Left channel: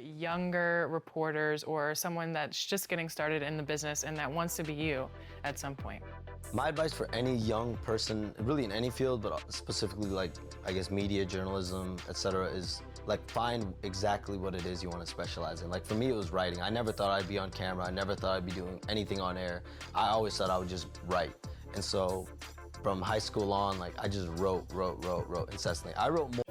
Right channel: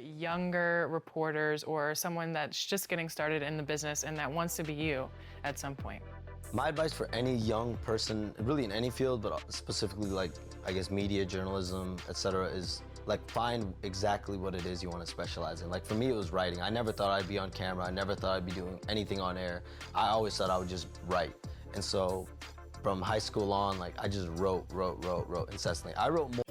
younger reporters or someone that's just getting started in the business and that wants to be you at some point? My advice for any young person, really in any field, but specifically like, I guess, media, journalism, etc., is like find exactly what it is you want to specialize in. Like for me, it was writing. I never thought I'd be on camera. I never thought I'd be doing anything on air. I always thought I would just write. And so from high school on, like I just wrote incessantly. I wrote more.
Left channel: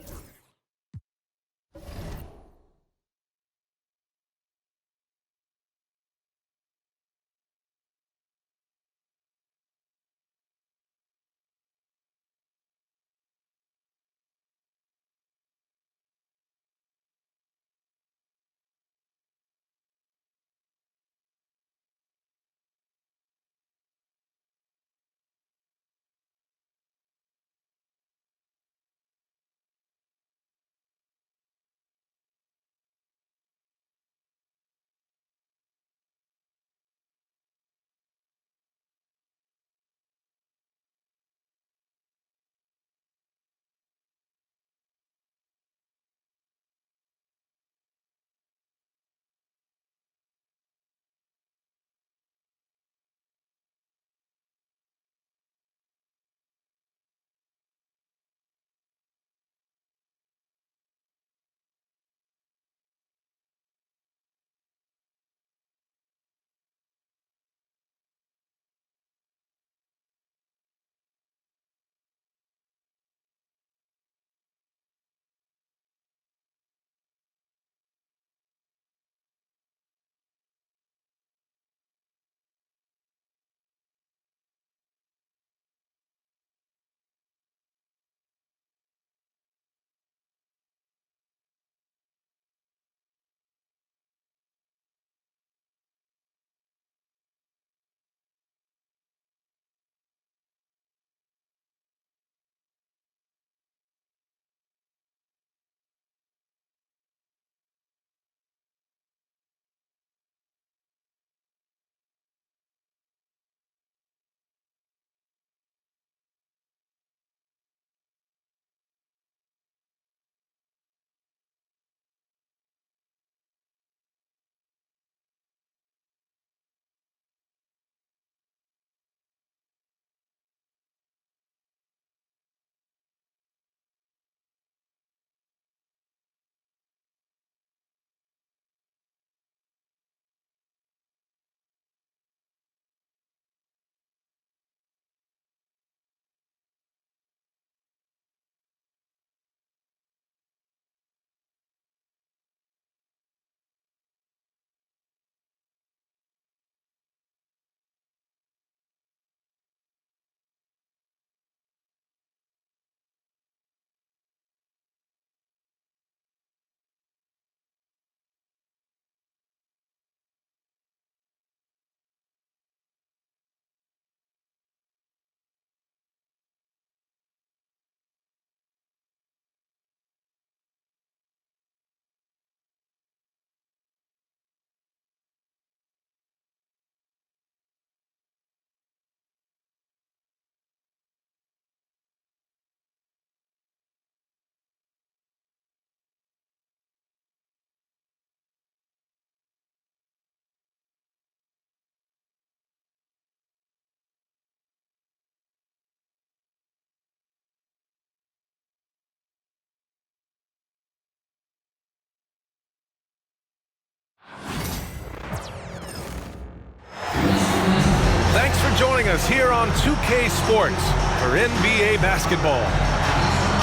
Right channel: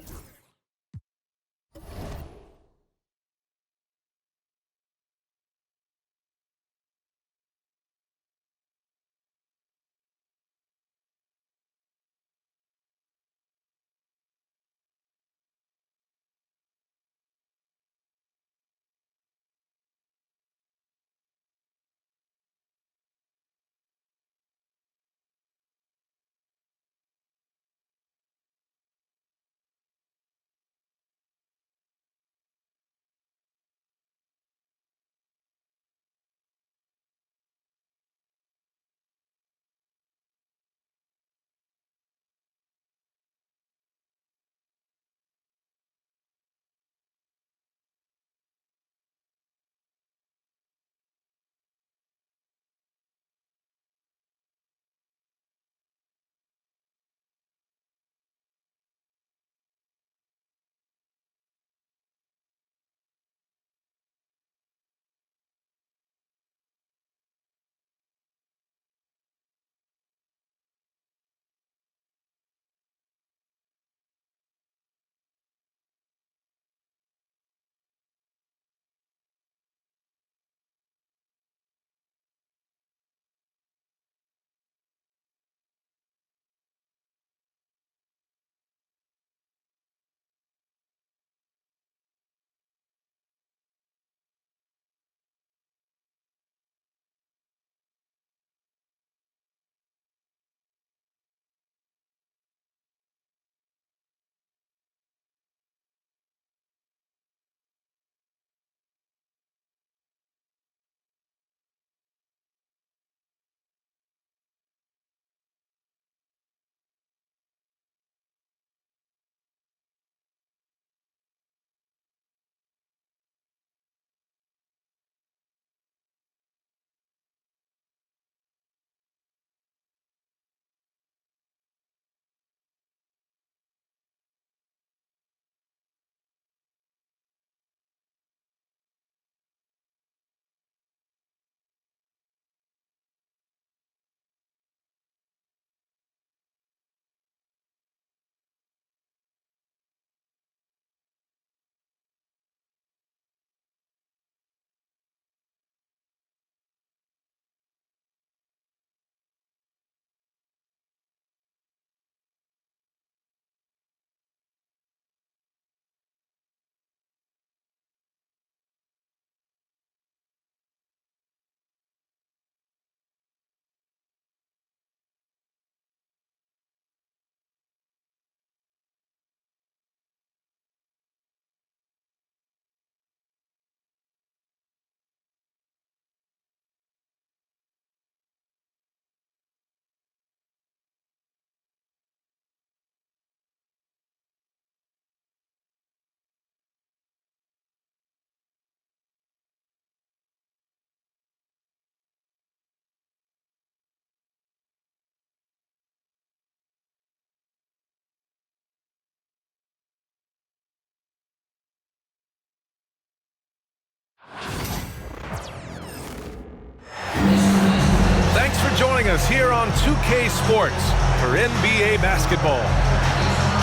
Thanks for joining us here on 2K Sports for NBA basketball.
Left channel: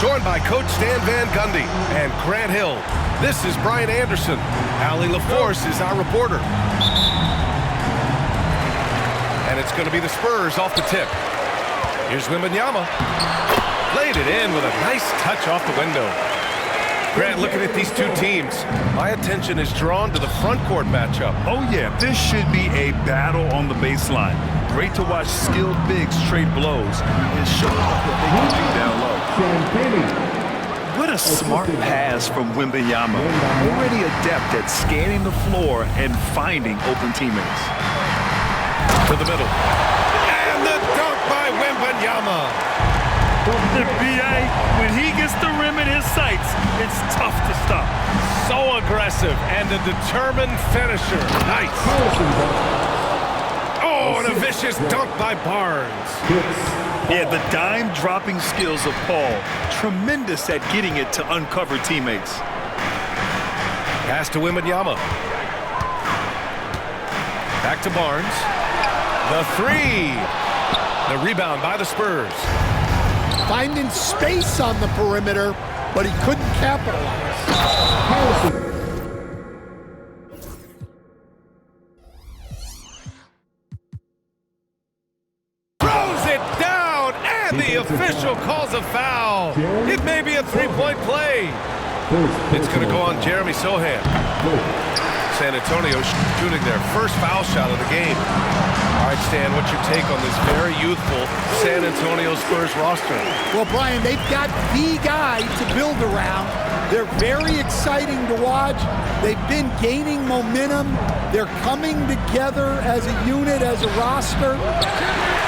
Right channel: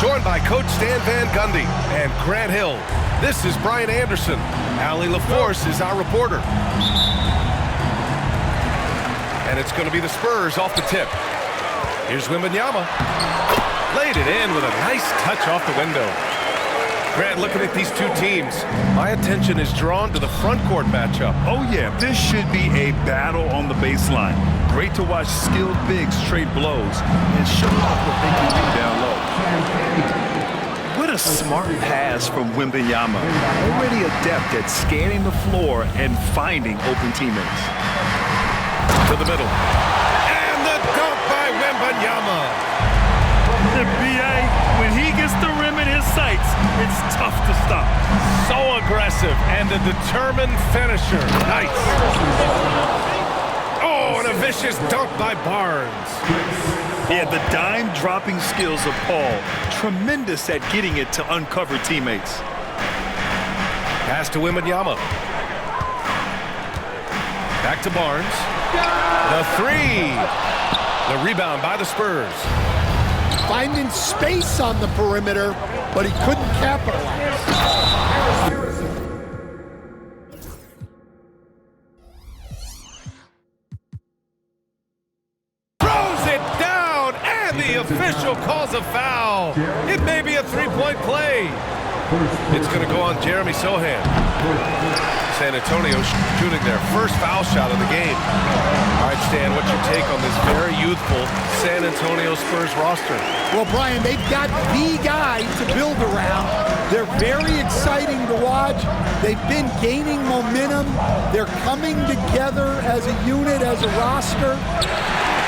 Joined by Coach Stan Van Gundy and Grant Hill, this is Brian Anderson. Allie LaForce is our reporter. And it's going to be the Spurs off the tip. Here's Wembanyama. Laid it in with a nice touch off the window. Grant, looking at these two teams, my attention is drawn to the front court matchup. Oh yeah, this should be a battle on the baseline. Great to watch skilled bigs trade blows and show off what they can do down low. What a smart pass from Wembanyama. Already adept at scanning the floor and finding open teammates. To the middle. And the dunk by Wembanyama. And B.A., when he gets the rim in his sights, it's tough to stop. So aggressive and a determined finisher. Nice. Oh, and a vicious dunk by Barnes. Yeah, the dime-dropping skills of Paul, tremendous at getting it to uncover teammates. Pass to Wembanyama. Back to Barnes. The three. The rebound by the Spurs. Finding space on the perimeter, but he couldn't capitalize. Throws it down, and the official calls a foul. It may be a three-point play. It's going to go on Jeremy Sohan. San Antonio shooting their first foul shot of the game. All right, Stan, what's your take on this very youthful San Antonio Spurs roster? Well, Brian, they've got the guy to build around. They're very exciting to watch. They've been gaining momentum. They're coming together as a unit, as a roster.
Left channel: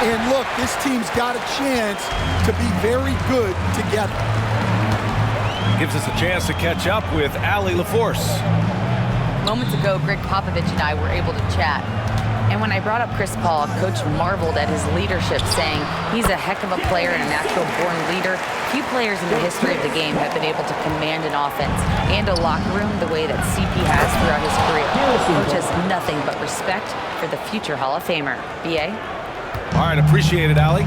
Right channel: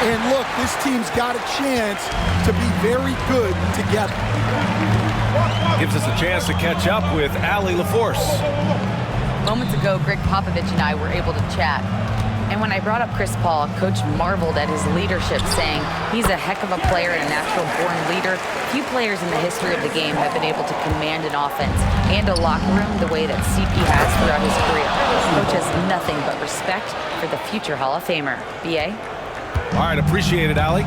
And look, this team's got a chance to be very good together. Gives us a chance to catch up with Allie LaForce. Moments ago, Greg Popovich and I were able to chat. And when I brought up Chris Paul, Coach marveled at his leadership, saying he's a heck of a player and a natural-born leader. Few players in the history of the game have been able to command an offense and a locker room the way that CP has throughout his career. Coach has nothing but respect for the future Hall of Famer. B.A.? All right, appreciate it, Allie.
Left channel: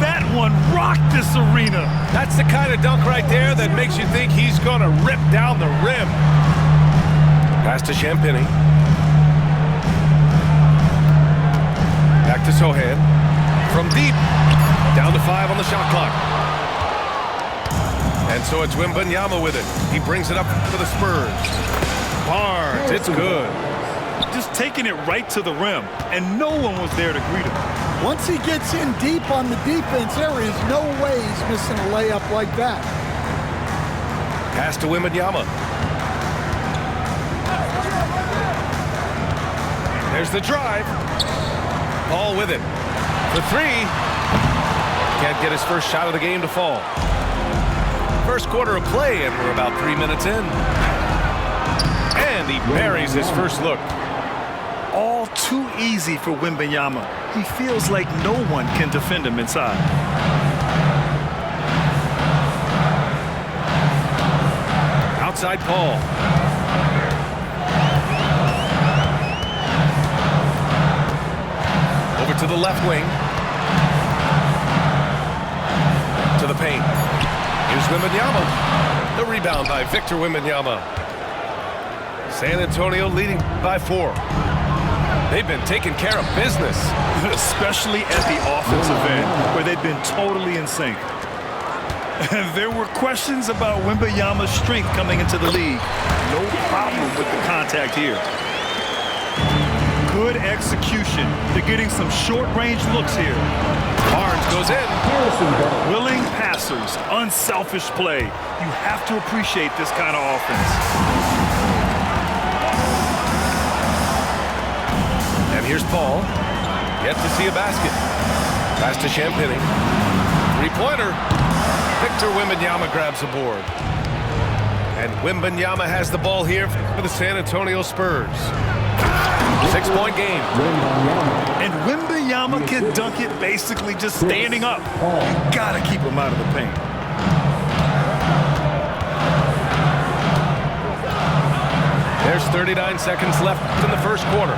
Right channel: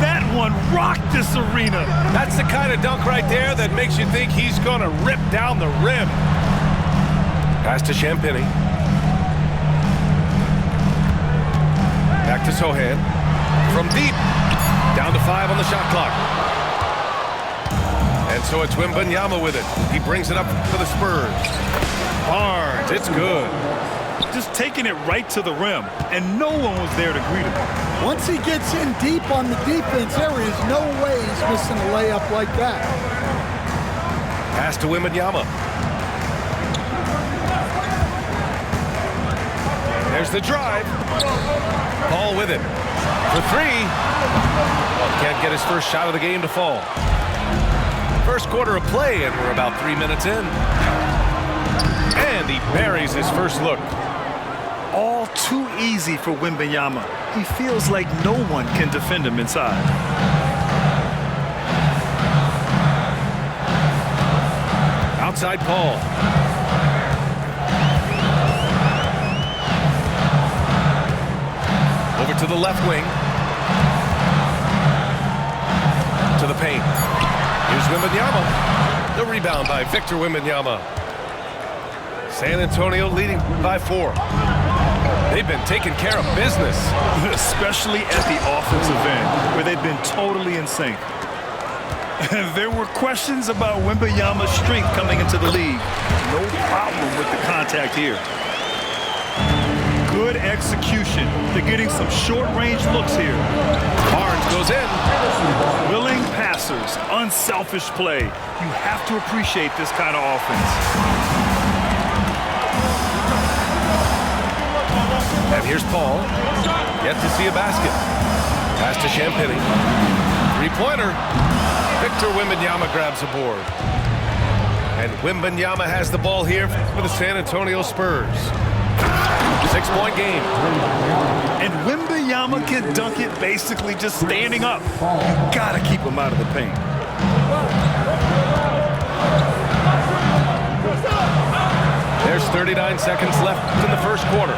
That one rocked this arena. That's the kind of dunk right there that makes you think he's going to rip down the rim. Pass to Champagny. Back to Sohan. From deep. Down to 5 on the shot clock. And so it's Wembanyama with it. He brings it up for the Spurs. Barnes, it's good. Just taking it right to the rim, and no one was there to greet him. Once he gets in deep on the defense, there is no way he's missing a layup like that. Pass to Wembanyama. There's the drive. Paul with it. For three. Can't get his first shot of the game to fall. First quarter of play, and we're about 3 minutes in. And he buries his first look. All too easy for Wembanyama. He feels like no one can defend him inside. Outside Paul. Over to the left wing. To the paint. Here's Wembanyama. The rebound by Victor Wembanyama. San Antonio leading by 4. They've been taking care of business. Especially at the offensive end, where they've been totally in sync. There were questions about Wembanyama's strength coming into the league. No problem with the contact here. Good execution. They're getting some short-range looks here. Barnes goes in. Willing passers, unselfish play. You have to appreciate this kind of offense. And here's Paul. Yet to see a basket. Pass to Champagny. Three-pointer. Victor Wembanyama grabs the board. And Wembanyama has the ball here for the San Antonio Spurs. 6-point game. And Wembanyama can dunk it basically just standing up. You gotta keep him out of the paint. There's 39 seconds left in the first quarter.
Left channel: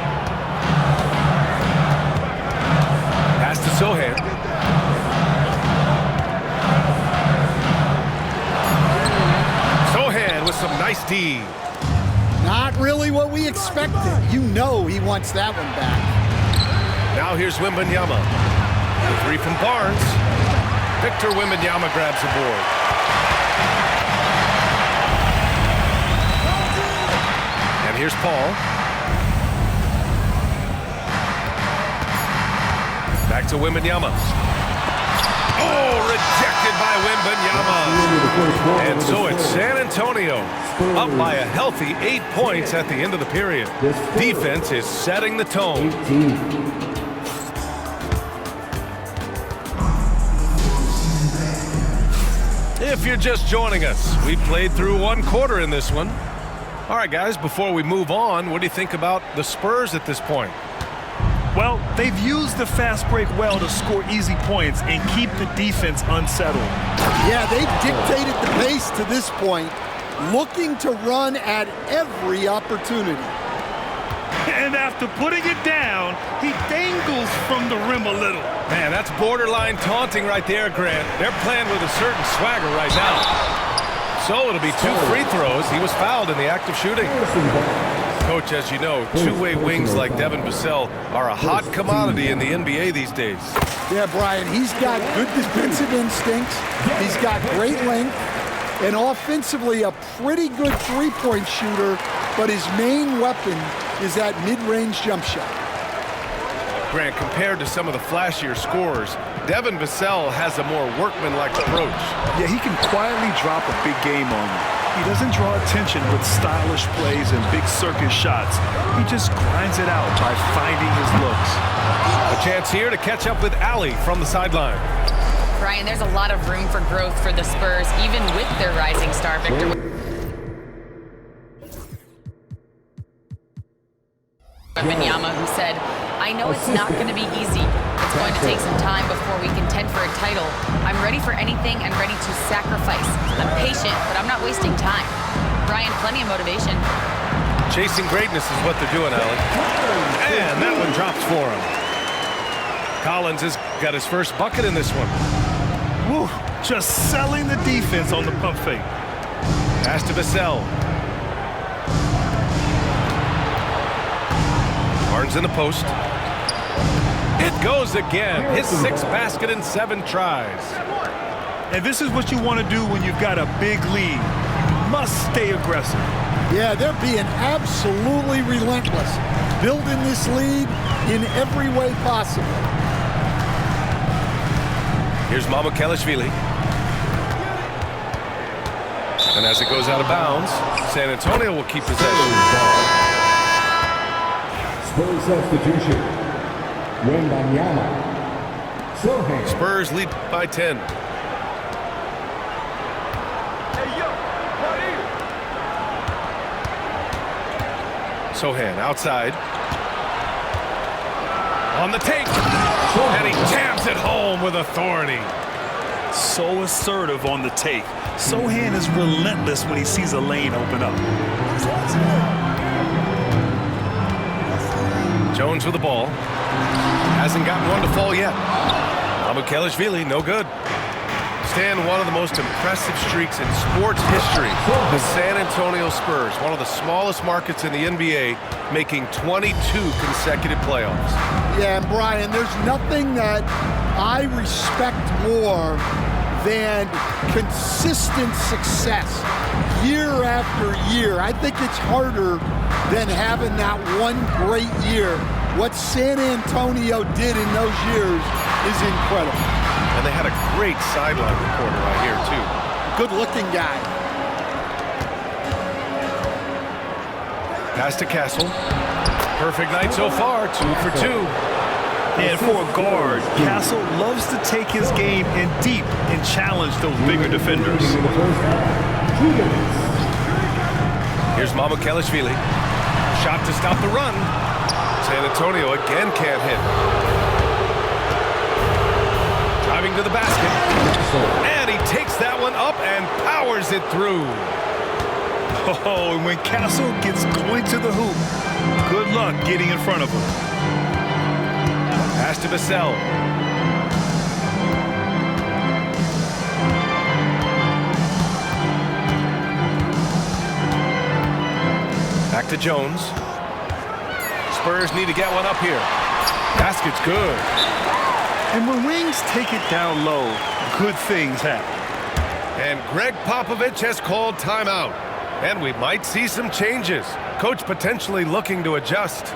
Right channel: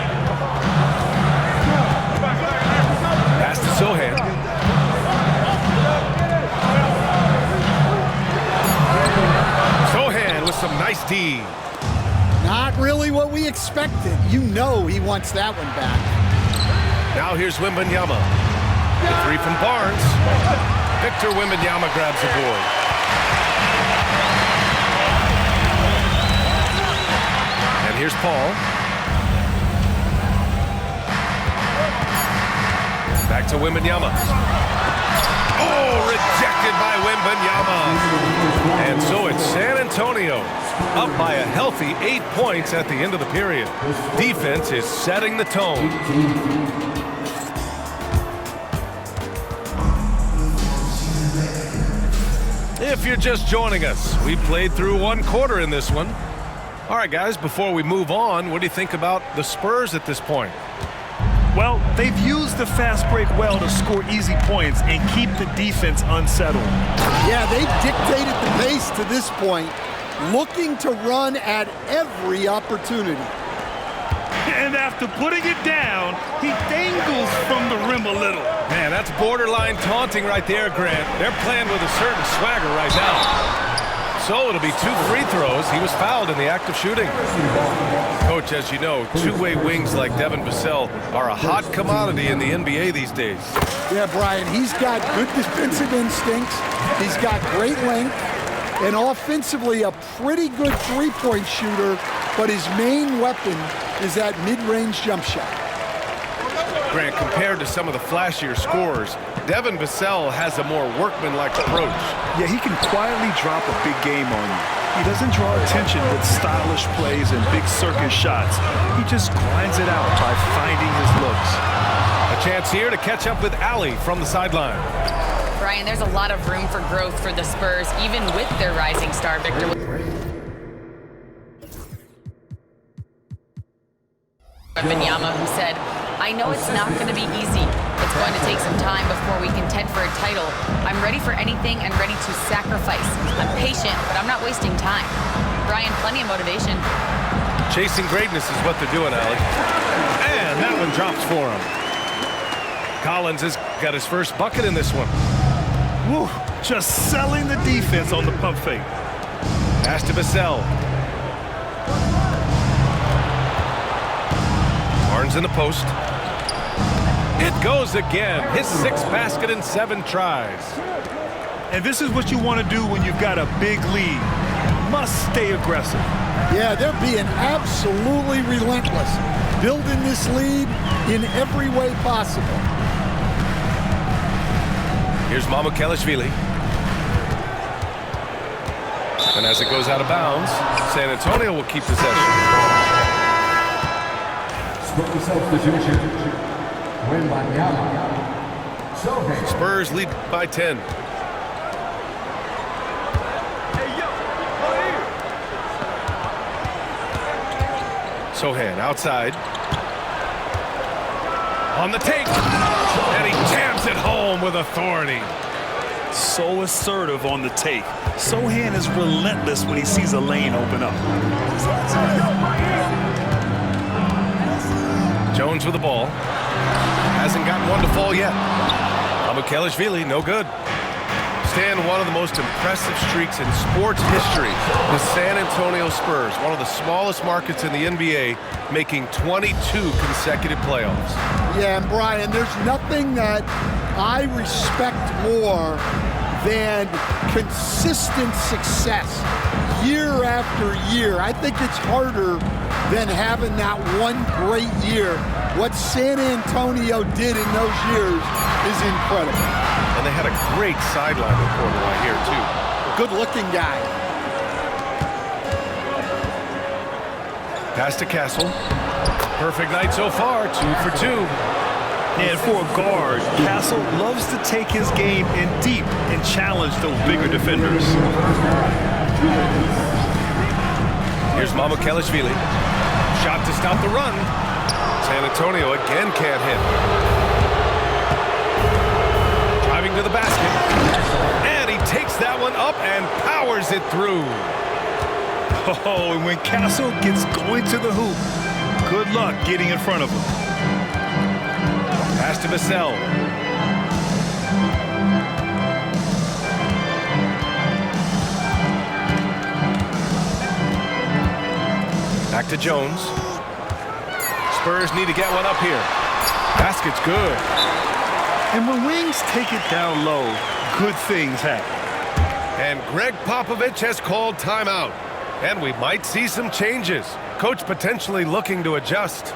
Pass to Sohan. Sohan with some nice D. Not really what we expected. You know he wants that one back. Now here's Wembanyama. The three from Barnes. Victor Wembanyama grabs the board. And here's Paul. Back to Wembanyama. Oh, rejected by Wembanyama. And so it's San Antonio up by a healthy 8 points at the end of the period. Defense is setting the tone. If you're just joining us, we played through one quarter in this one. All right, guys, before we move on, what do you think about the Spurs at this point? Well, they've used the fast break well to score easy points and keep the defense unsettled. Yeah, they've dictated the pace to this point, looking to run at every opportunity. And after putting it down, he dangles from the rim a little. Man, that's borderline taunting right there, Grant. They're playing with a certain swagger right now. So it'll be 2 free throws. He was fouled in the act of shooting. Coach, as you know, two-way wings like Devin Vassell are a hot commodity in the NBA these days. Yeah, Brian, he's got good defensive instincts. He's got great length. And offensively, a pretty good three-point shooter, but his main weapon is that mid-range jump shot. Grant, compared to some of the flashier scorers, Devin Vassell has a more workmanlike approach. Yeah, he can quietly drop a big game on you. He doesn't draw attention with stylish plays and big circus shots. He just grinds it out by finding his looks. A chance here to catch up with Allie from the sideline. Brian, there's a lot of room for growth for the Spurs, even with their rising star Victor. Wembanyama, who said, "I know it's not going to be easy. It's going to take some time before we contend for a title. I'm ready for anything and ready to sacrifice. I'm patient, but I'm not wasting time." Brian, plenty of motivation. Chasing greatness is what they're doing, Allie. And that one drops for him. Collins has got his first bucket in this one. Woo, just selling the defense on the pump fake. Pass to Vassell. Barnes in the post. It goes again. His 6th basket in 7 tries. And this is what you want to do when you've got a big lead. You must stay aggressive. Yeah, they're being absolutely relentless, building this lead in every way possible. Here's Mamukelashvili. And as it goes out of bounds, San Antonio will keep possession. Spurs substitution. Wembanyama. Spurs lead by 10. Sohan outside. On the take. And he jams it home with authority. So assertive on the take. Sohan is relentless when he sees a lane open up. Jones with the ball. Hasn't gotten one to fall yet. Mamukelashvili, no good. Stan, one of the most impressive streaks in sports history. The San Antonio Spurs, one of the smallest markets in the NBA, making 22 consecutive playoffs. Yeah, and Brian, there's nothing that I respect more than consistent success year after year. I think it's harder than having that one great year. What San Antonio did in those years is incredible. And they had a great sideline reporter right here, too. A good-looking guy. Pass to Castle. Perfect night so far, 2 for 2. And for a guard, Castle loves to take his game in deep and challenge those bigger defenders. Here's Mamukelashvili. Shot to stop the run. San Antonio again can't hit. Driving to the basket. And he takes that one up and powers it through. Oh, and when Castle gets going to the hoop, good luck getting in front of him. Pass to Vassell. Back to Jones. Spurs need to get one up here. Basket's good. And when wings take it down low, good things happen. And Greg Popovich has called timeout. And we might see some changes. Coach potentially looking to adjust.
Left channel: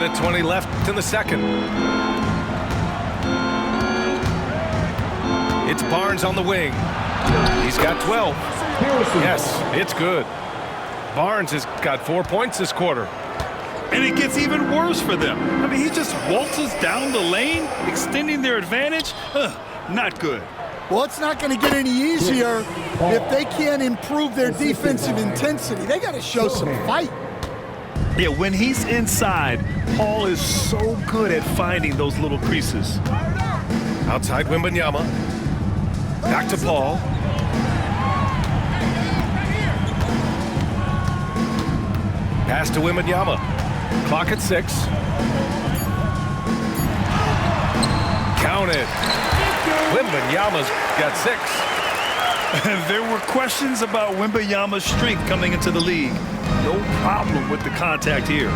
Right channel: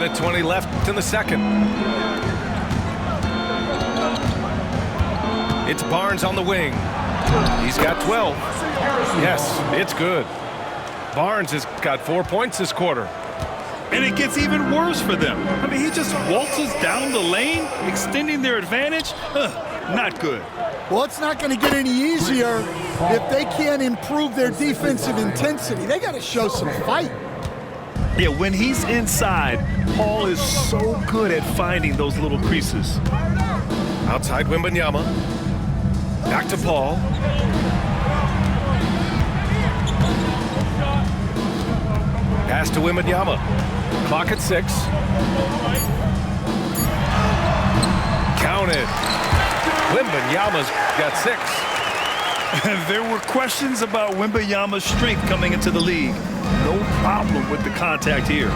minute 20 left in the second. It's Barnes on the wing. He's got 12. Yes, it's good. Barnes has got 4 points this quarter. And it gets even worse for them. I mean, he just waltzes down the lane, extending their advantage. Not good. Well, it's not going to get any easier if they can't improve their defensive intensity. They got to show some fight. Yeah, when he's inside, Paul is so good at finding those little creases. Outside Wembanyama. Back to Paul. Pass to Wembanyama. Clock at 6. Counted. Wembanyama's got 6. There were questions about Wembanyama's strength coming into the league. No problem with the contact here.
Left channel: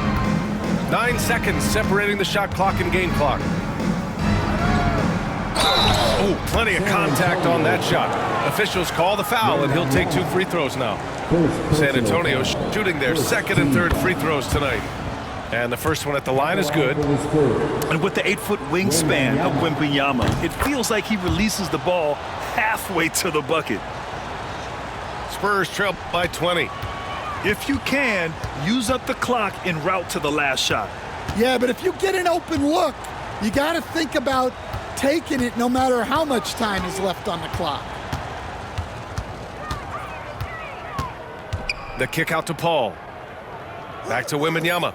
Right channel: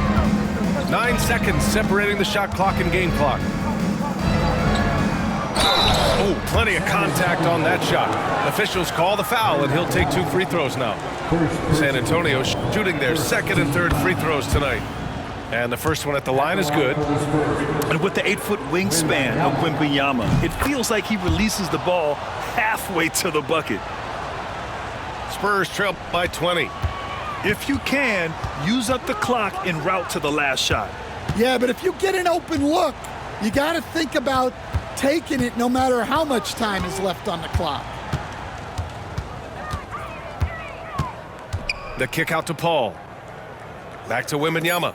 9 seconds separating the shot clock and game clock. Oh, plenty of contact on that shot. Officials call the foul, and he'll take 2 free throws now. San Antonio shooting their second and third free throws tonight. And the first one at the line is good. And with the 8-foot wingspan of Wembanyama, it feels like he releases the ball halfway to the bucket. Spurs trail by 20. If you can, use up the clock en route to the last shot. Yeah, but if you get an open look, you got to think about taking it no matter how much time is left on the clock. The kick out to Paul. Back to Wembanyama.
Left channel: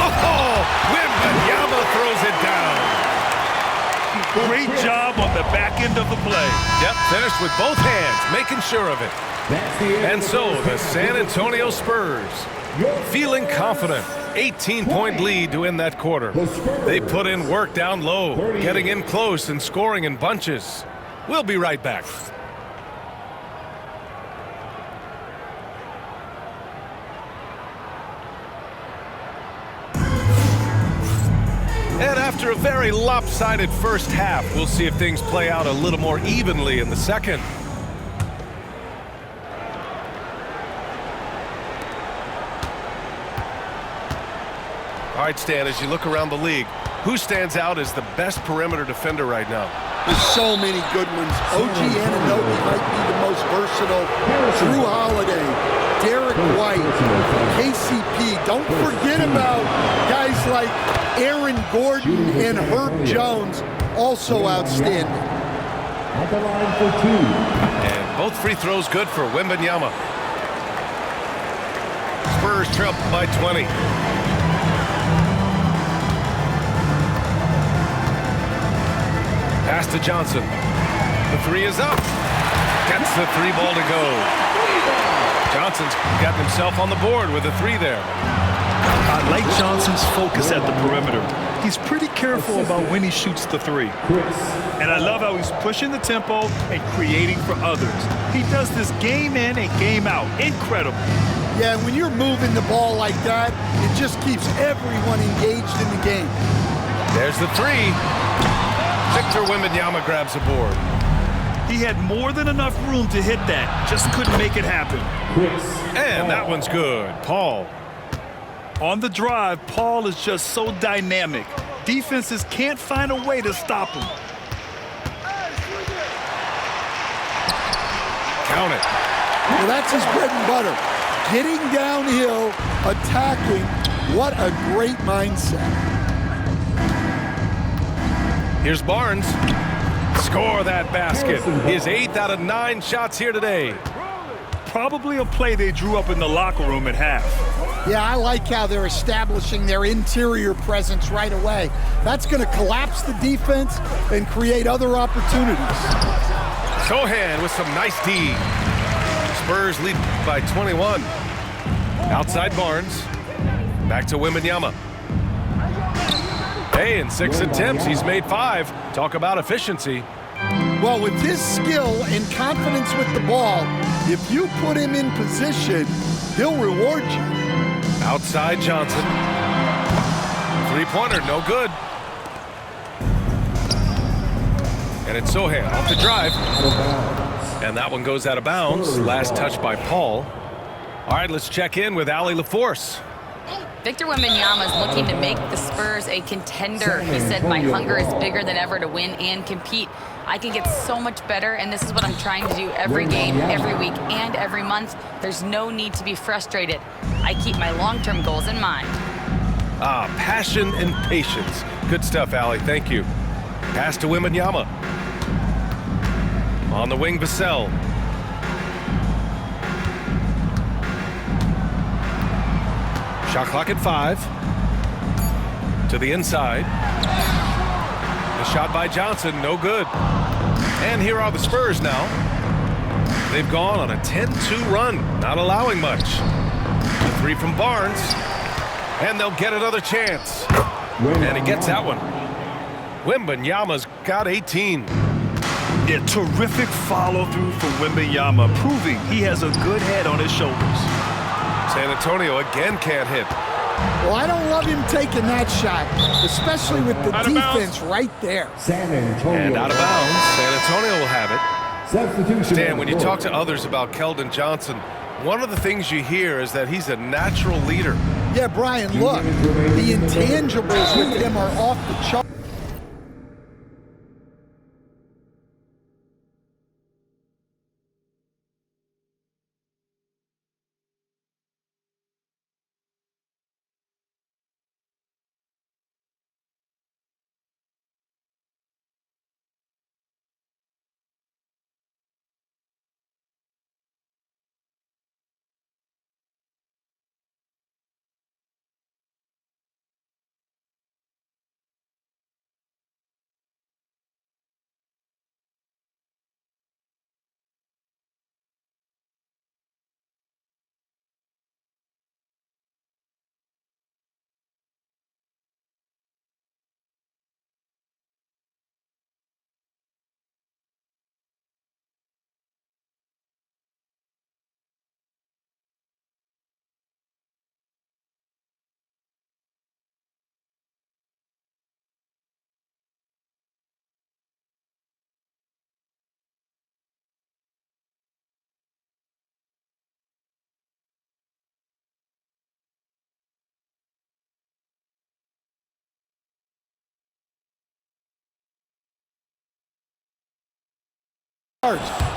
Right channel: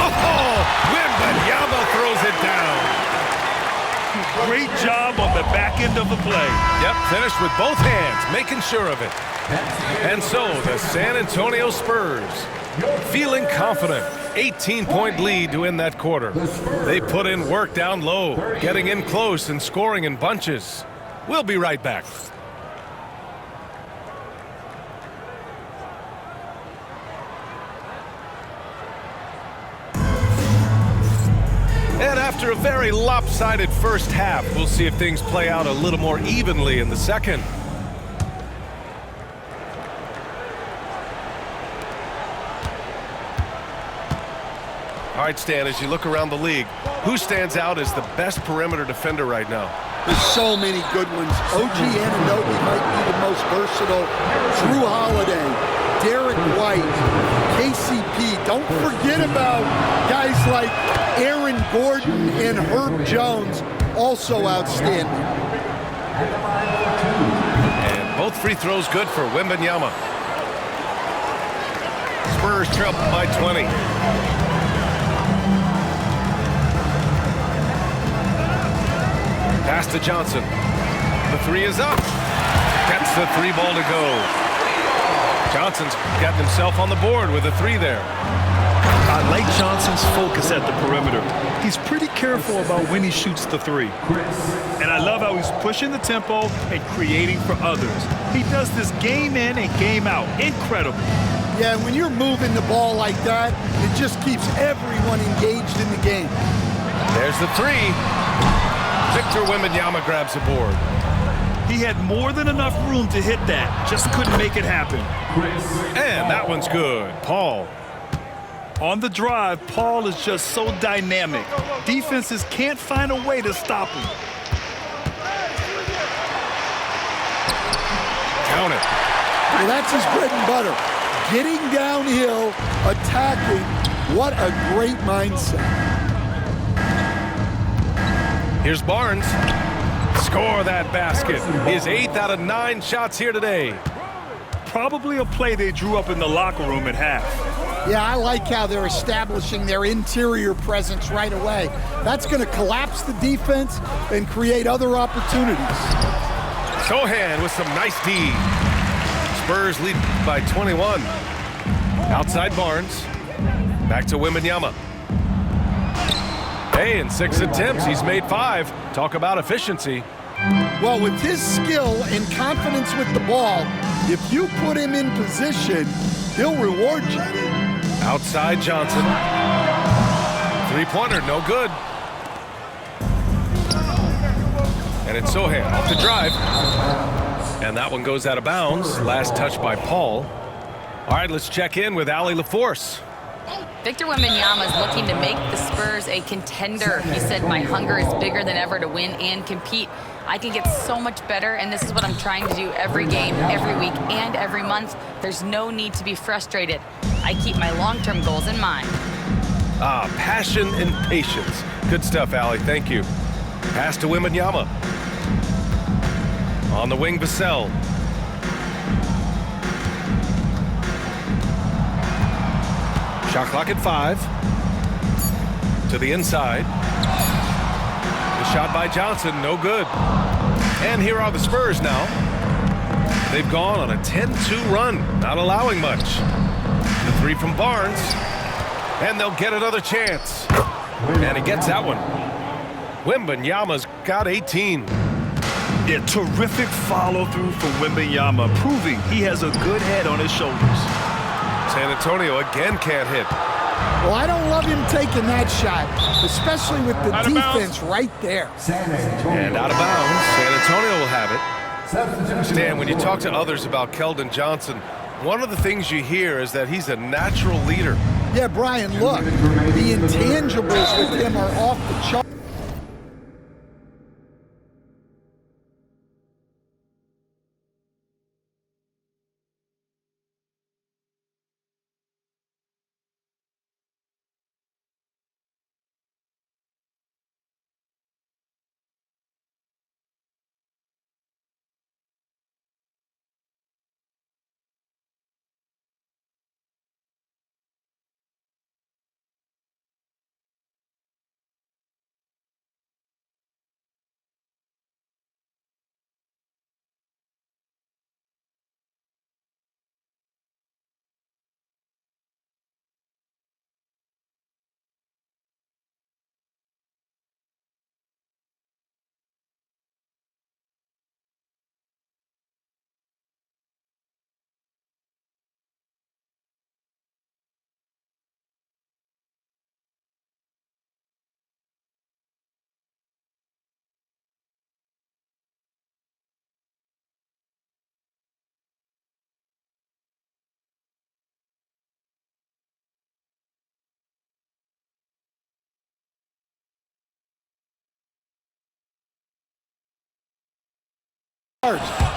Oh, Wembanyama throws it down. Great job on the back end of the play. Yep, finished with both hands, making sure of it. And so the San Antonio Spurs, feeling confident, 18-point lead to end that quarter. They put in work down low, getting in close and scoring in bunches. We'll be right back. And after a very lopsided first half, we'll see if things play out a little more evenly in the second. All right, Stan, as you look around the league, who stands out as the best perimeter defender right now? There's so many good ones. OG Anunoby might be the most versatile. Drew Holiday, Derek White, KCP. Don't forget about guys like Aaron Gordon and Herb Jones, also outstanding. And both free throws good for Wembanyama. Spurs trail by 20. Pass to Johnson. The 3 is up. Gets the 3 ball to go. Johnson's gotten himself on the board with a 3 there. I like Johnson's focus at the perimeter. He's pretty careful about when he shoots the 3. And I love how he's pushing the tempo and creating for others. He does this game in and game out. Incredible. Yeah, when you're moving the ball like that, it just keeps everyone engaged in the game. There's the 3. Victor Wembanyama grabs a board. He had more than enough room to hit that, just couldn't make it happen. And that one's good. Paul. On the drive, Paul is just so dynamic. Defenses can't find a way to stop him. Count it. Well, that's his bread and butter. Getting downhill, attacking. What a great mindset. Here's Barnes. Score that basket. His 8th out of 9 shots here today. Probably a play they drew up in the locker room at half. Yeah, I like how they're establishing their interior presence right away. That's going to collapse the defense and create other opportunities. Sohan with some nice D. Spurs lead by 21. Outside Barnes. Back to Wembanyama. Hey, in 6 attempts, he's made 5. Talk about efficiency. Well, with his skill and confidence with the ball, if you put him in position, he'll reward you. Outside Johnson. 3-pointer, no good. And it's Sohan off the drive. And that one goes out of bounds. Last touch by Paul. All right, let's check in with Allie LaForce. Victor Wembanyama is looking to make the Spurs a contender. He said, "My hunger is bigger than ever to win and compete. I can get so much better, and this is what I'm trying to do every game, every week, and every month. There's no need to be frustrated. I keep my long-term goals in mind." Passion and patience. Good stuff, Allie. Thank you. Pass to Wembanyama. On the wing, Vassell. Shot clock at 5. To the inside. The shot by Johnson, no good. And here are the Spurs now. They've gone on a 10-2 run, not allowing much. The 3 from Barnes. And they'll get another chance. And he gets that one. Wembanyama's got 18. Yeah, terrific follow-through from Wembanyama, proving he has a good head on his shoulders. San Antonio again can't hit. Well, I don't love him taking that shot, especially with the defense right there. San Antonio. And out of bounds, San Antonio will have it. Substitution. Stan, when you talk to others about Keldon Johnson, one of the things you hear is that he's a natural leader. Yeah, Brian, look, the intangibles with him are off the chart.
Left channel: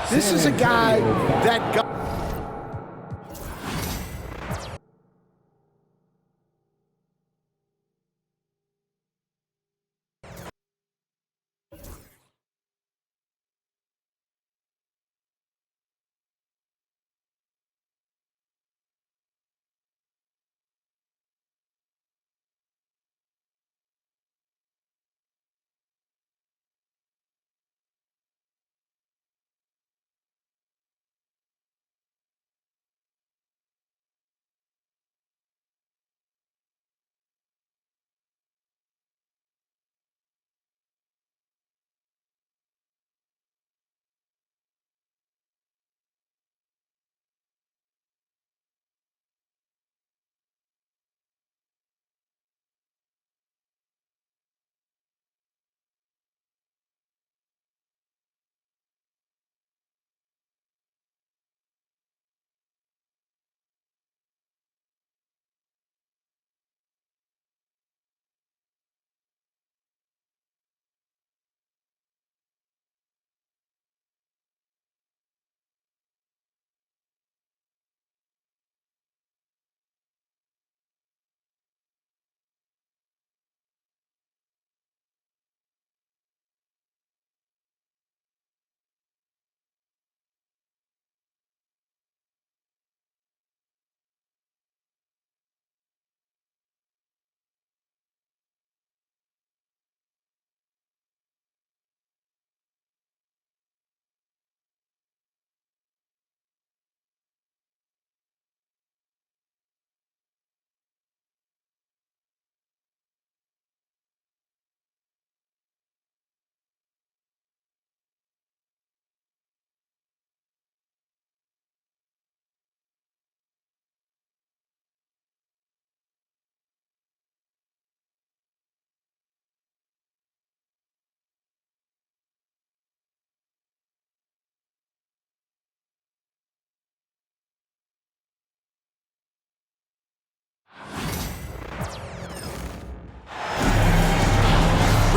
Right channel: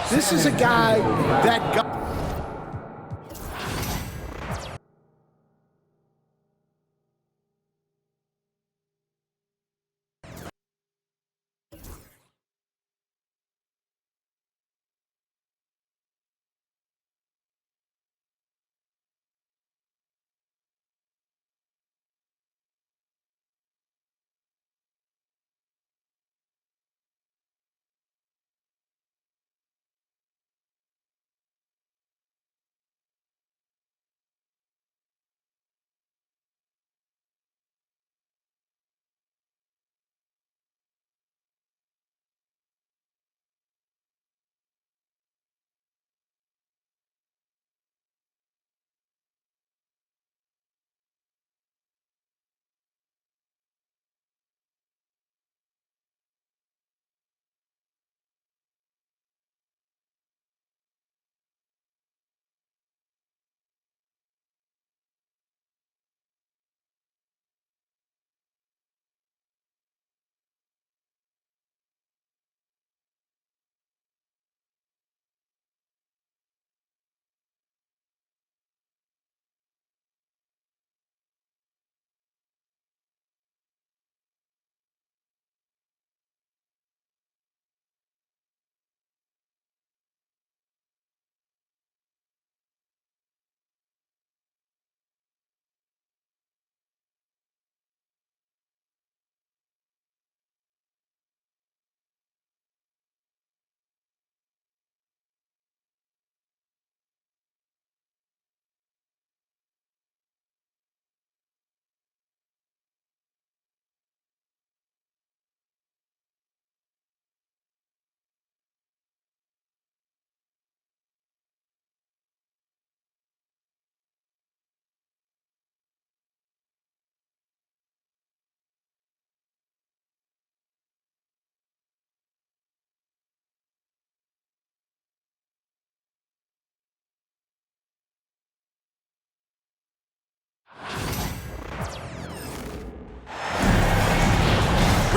This is a guy that got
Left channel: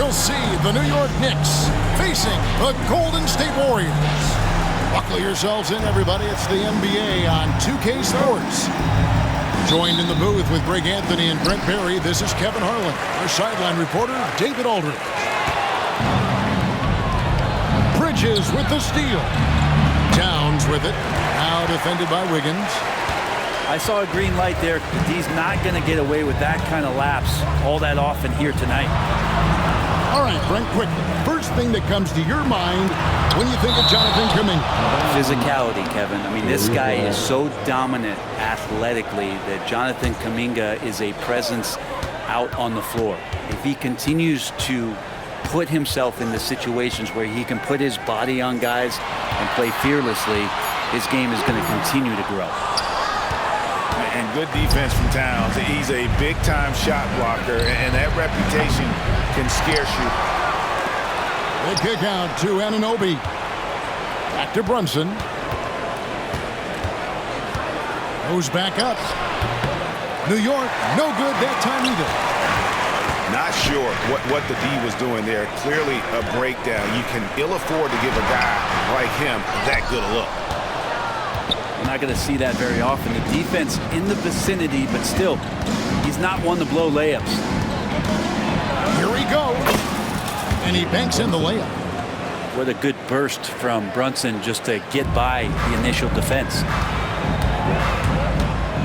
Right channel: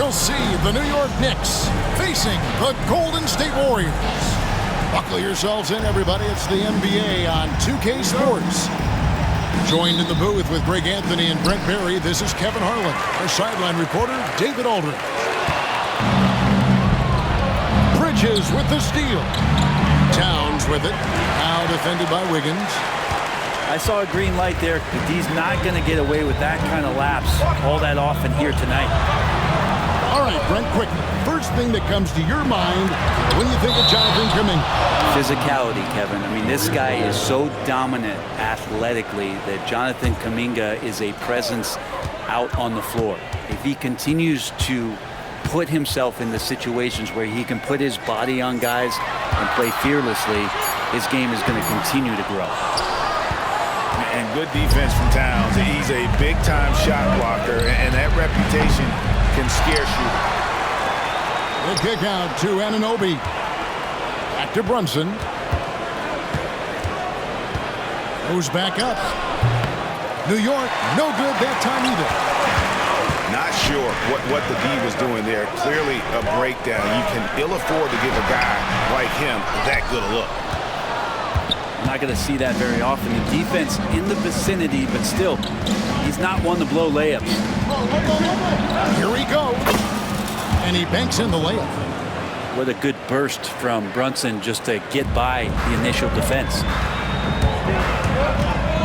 we'll see the New York Knicks facing the Golden State Warriors. Buckle yourselves in, everybody. It's the NBA on 2K Sports. Joined in the booth with Greg Anthony and Brent Barry, this is Kevin Harlan. Our sideline reporter, David Aldridge. Bridges with the steal. Towns with it. Now defended by Wiggins. I saw a green light there, but he's not going to get away with that kind of lapse all that often here tonight. All right, Brent, quickly. First thing that comes to your mind when you think of Jonathan Kuminga. Physicality, Kevin. I mean, this guy is so dominant athletically that Jonathan Kuminga is a presence out on the floor. If he continues to put himself in the situations where he can put his body on guys and play fearlessly, his game is going to continue to grow. And good defense from Towns. He's a big-time shot blocker, and that reputation can scare you. The kick out to Anunoby. Back to Brunson. Goes back up. New York, no good that time either. Not sure what the D was doing there. Clearly a breakdown. You can ill afford to give a guy like him that good a look. You're not going to see that very often. The defense in the vicinity, but still, he's not one to blow layups. Here he goes. And he banks in the layup. What a good burst from Brunson just to get by the initial defense.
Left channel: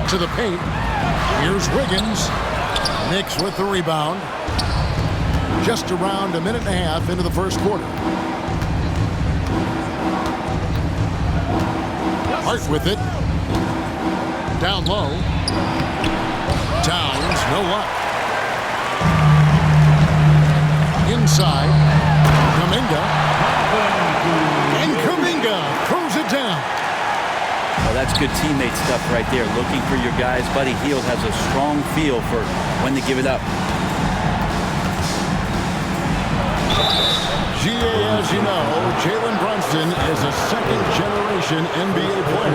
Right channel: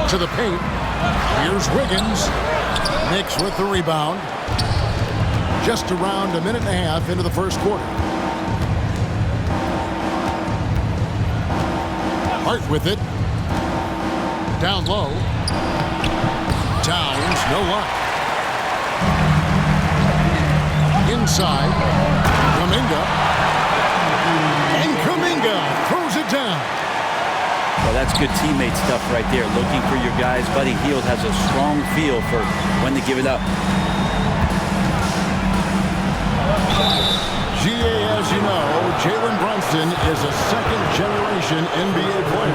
To the paint. Here's Wiggins. Knicks with the rebound. Just around a minute and a half into the first quarter. Hart with it. Down low. Towns, no luck. Inside. Kuminga. And Kuminga throws it down. Well, that's good teammate stuff right there. Looking for your guys. Buddy Hield has a strong feel for when to give it up. GA, as you know, Jalen Brunson is a second-generation NBA player.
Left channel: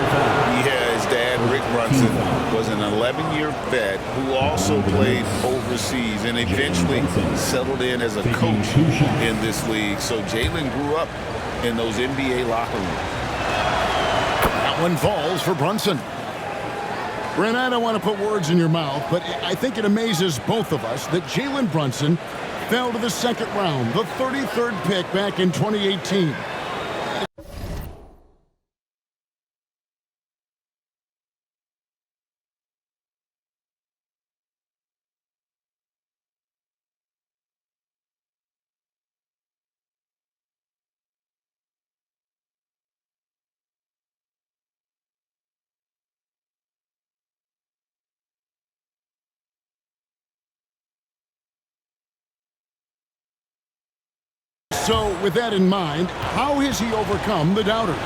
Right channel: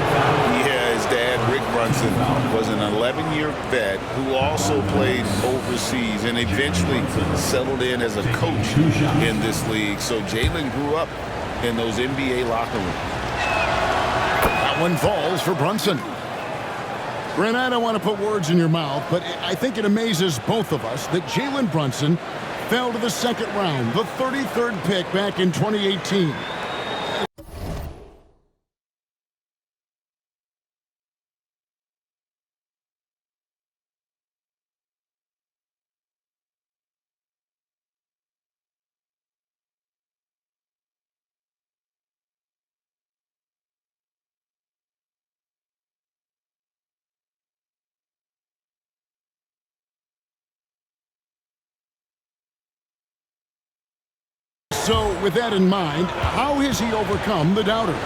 Yeah, his dad, Rick Brunson, was an 11-year vet who also played overseas and eventually settled in as a coach in this league. So Jalen grew up in those NBA locker rooms. That one falls for Brunson. Brent, I don't want to put words in your mouth, but I think it amazes both of us that Jalen Brunson fell to the second round, the 33rd pick back in 2018. So, with that in mind, how has he overcome the doubters?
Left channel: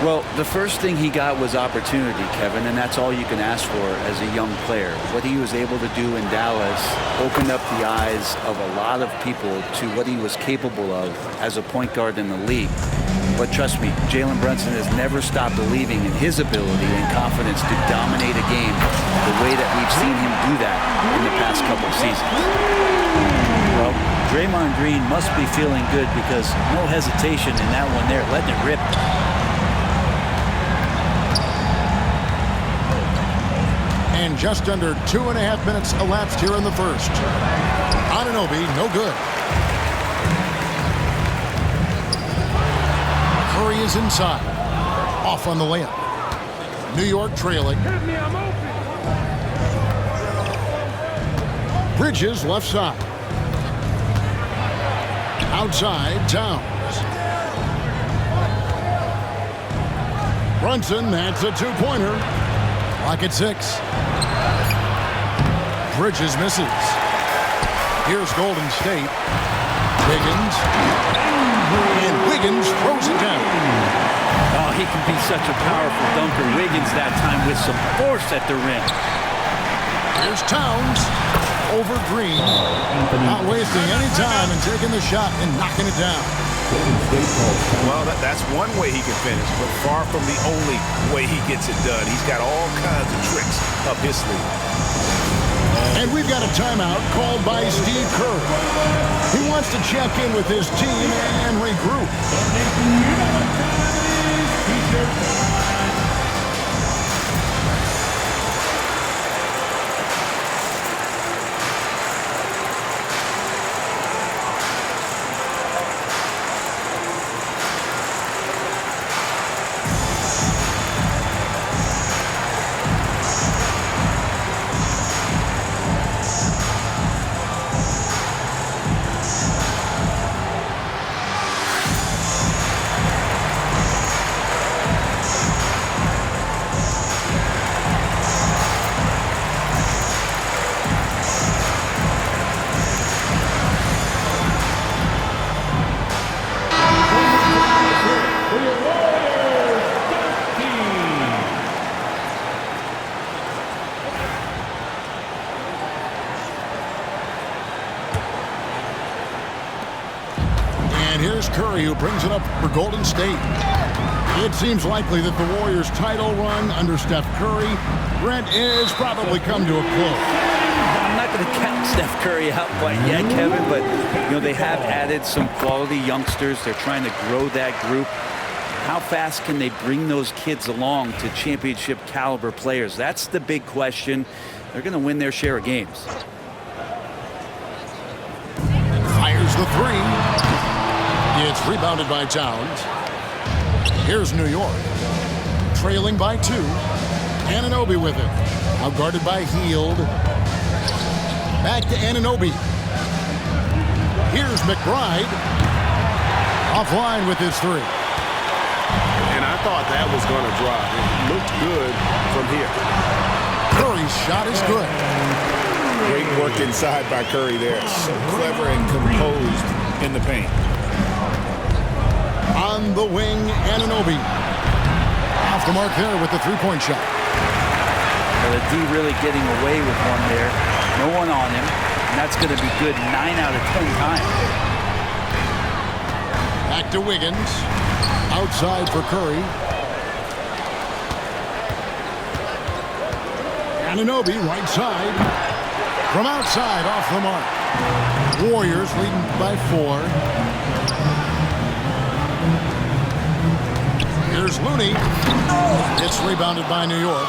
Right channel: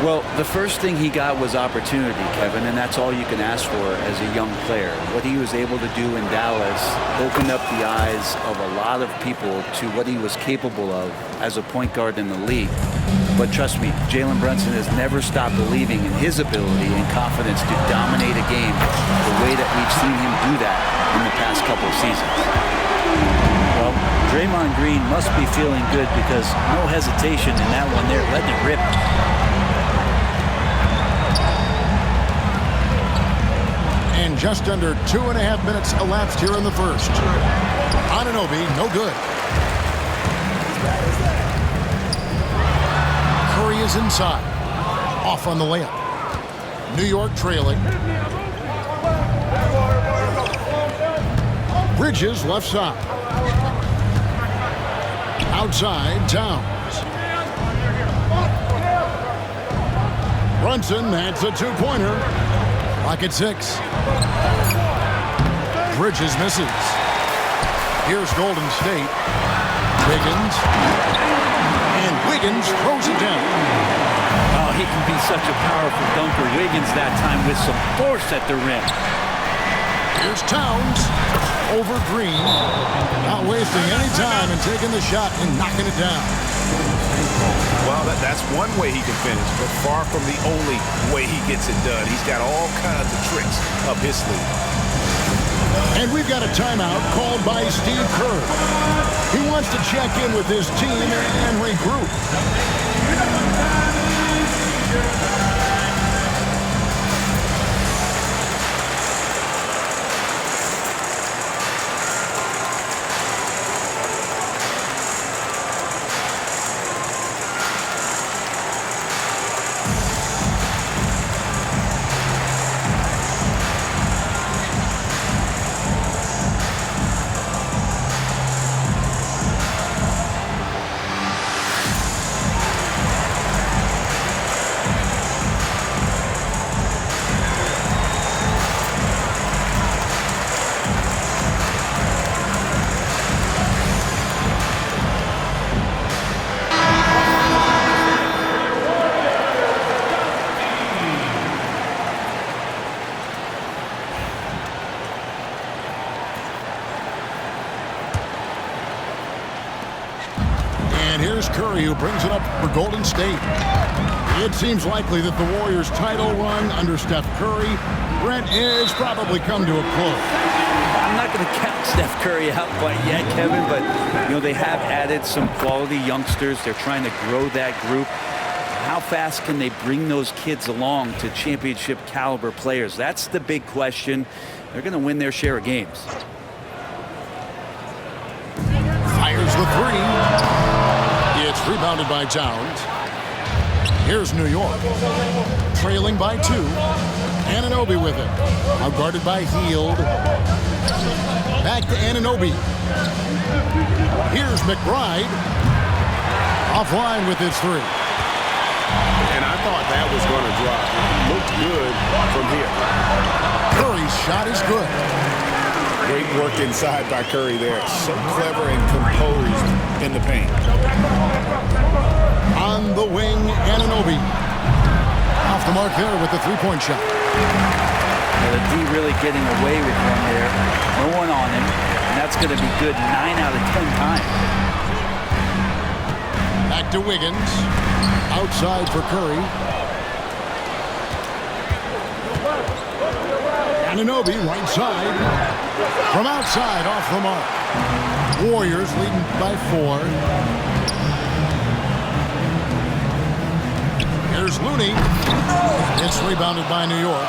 Well, the first thing he got was opportunity, Kevin, and that's all you can ask for as a young player. What he was able to do in Dallas opened up the eyes of a lot of people to what he was capable of as a point guard in the league. But trust me, Jalen Brunson has never stopped believing in his ability and confidence to dominate a game the way that we've seen him do that in the past couple of seasons. Well, Draymond Green must be feeling good because no hesitation in that one there, letting it rip. And just under 2.5 minutes elapsed here in the first. Anunoby, no good. Curry is inside. Off on the layup. New York trailing. Bridges left side. Outside, Towns. Brunson, that's a two-pointer. Clock at 6. Bridges misses. Here's Golden State. Wiggins. And Wiggins throws it down. Oh, he can be such a powerful dunker. Wiggins that time with some force at the rim. Here's Towns. Over Green. Not wasting any time and taking the shot and knocking it down. Well, that's one way he can finish, but far from the only way he gets it done. He's got all kinds of tricks up his sleeve. And we've got a timeout called by Steve Kerr. He wants to check in with his team and regroup. And here's Curry, who brings it up for Golden State. It seems likely that the Warriors' title run under Steph Curry, Brent, is probably come to a close. I'm not going to count Steph Curry out quite yet, Kevin, but they have added some quality youngsters. They're trying to grow that group. How fast can they bring those kids along to championship caliber players? That's the big question. They're going to win their share of games. Fires the three. It's rebounded by Towns. Here's New York. Trailing by 2. Anunoby with it. Now guarded by Hield. Back to Anunoby. Here's McBride. Offline with his 3. And I thought that was going to drop. It looked good from here. Curry's shot is good. Great work inside by Curry there. So clever and composed in the paint. On the wing, Anunoby. Off the mark there with the three-point shot. Well, the D really getting away with one there. No one on him. And that's going to be good 9 out of 10 times. Back to Wiggins. Outside for Curry. Anunoby, right side. From outside, off the mark. Warriors leading by 4. Here's Looney. It's rebounded by New York.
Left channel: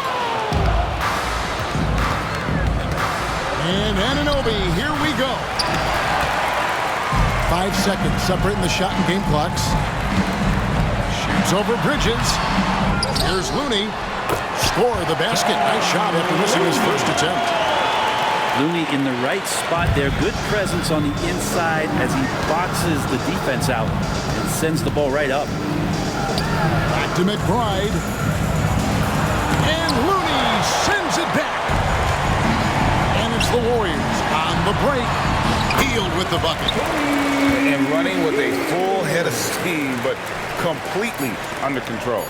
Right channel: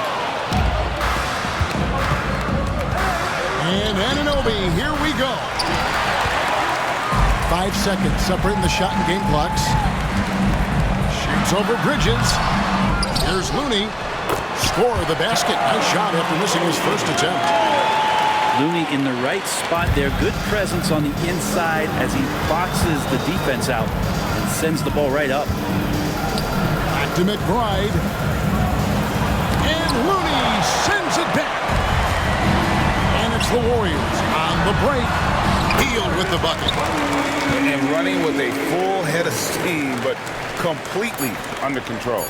And Anunoby, here we go. 5 seconds separating the shot and game clocks. Shoots over Bridges. Here's Looney. Score the basket. Nice shot after missing his first attempt. Looney in the right spot there. Good presence on the inside as he boxes the defense out and sends the ball right up. Back to McBride. And Looney sends it back. And it's the Warriors on the break. Hield with the bucket. And running with a full head of steam, but completely under control.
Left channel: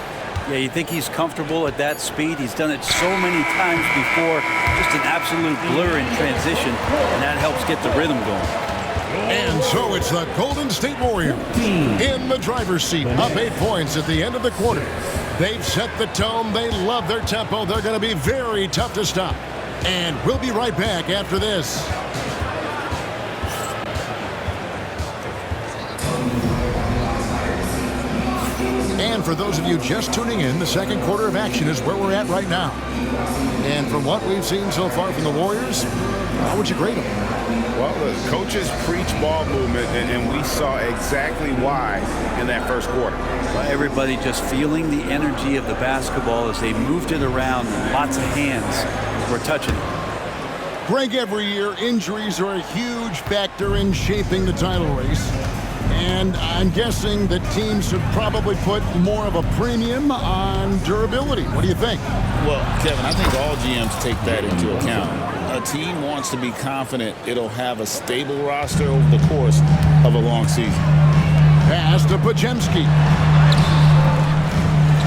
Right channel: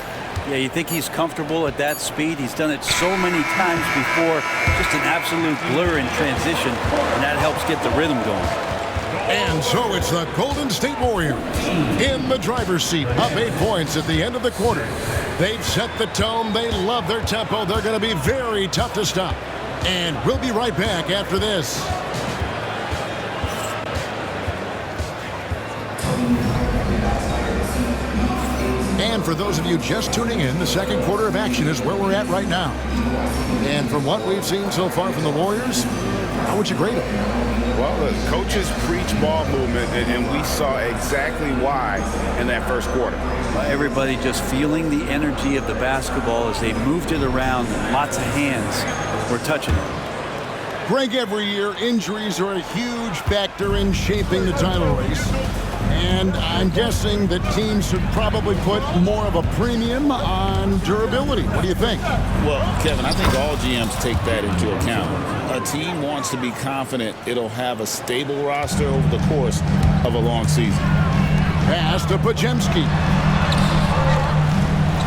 Yeah, you think he's comfortable at that speed. He's done it so many times before. Just an absolute blur in transition, and that helps get the rhythm going. And so it's the Golden State Warriors in the driver's seat, up 8 points at the end of the quarter. They've set the tone. They love their tempo. They're going to be very tough to stop. And we'll be right back after this. And for those of you just tuning in, the second quarter of action is where we're at right now. And from what we've seen so far from the Warriors, how would you grade them? Well, the coaches preach ball movement, and we saw exactly why in that first quarter. Everybody just feeling the energy of the basketball as they moved it around, and lots of hands were touching it. Greg, every year, injuries are a huge factor in shaping the title race. And I'm guessing that teams should probably put more of a premium on durability. What do you think? Well, Kevin, I think all GMs take that into account. A team wants to be confident it'll have a stable roster over the course of a long season. Pass to Podziemski.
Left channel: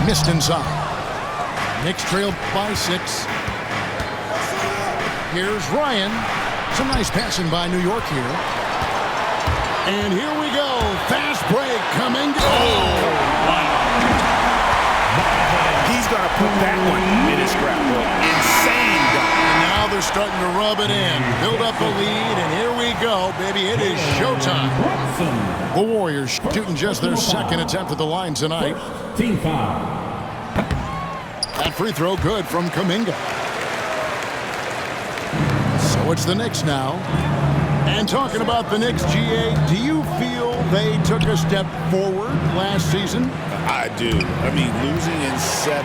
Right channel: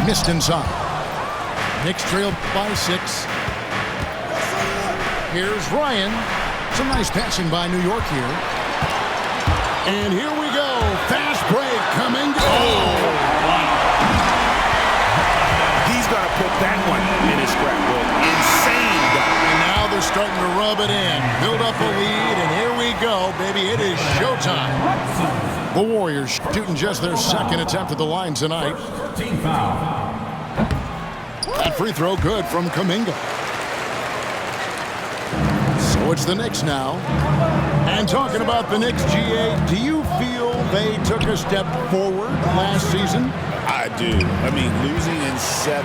Missed inside. Knicks trailed by 6. Here's Ryan. Some nice passing by New York here. And here we go. Fast break coming. Oh, wow. He's he's going to put that one in his scrapbook. Insane dunk. And now they're starting to rub it in, build up a lead, and here we go, baby. It is showtime. The Warriors shooting just their second attempt at the line tonight. Team foul. That free throw good from Kuminga. So it's the Knicks now. And talking about the Knicks, GA, do you feel they took a step forward last season? I do. I mean, losing in 7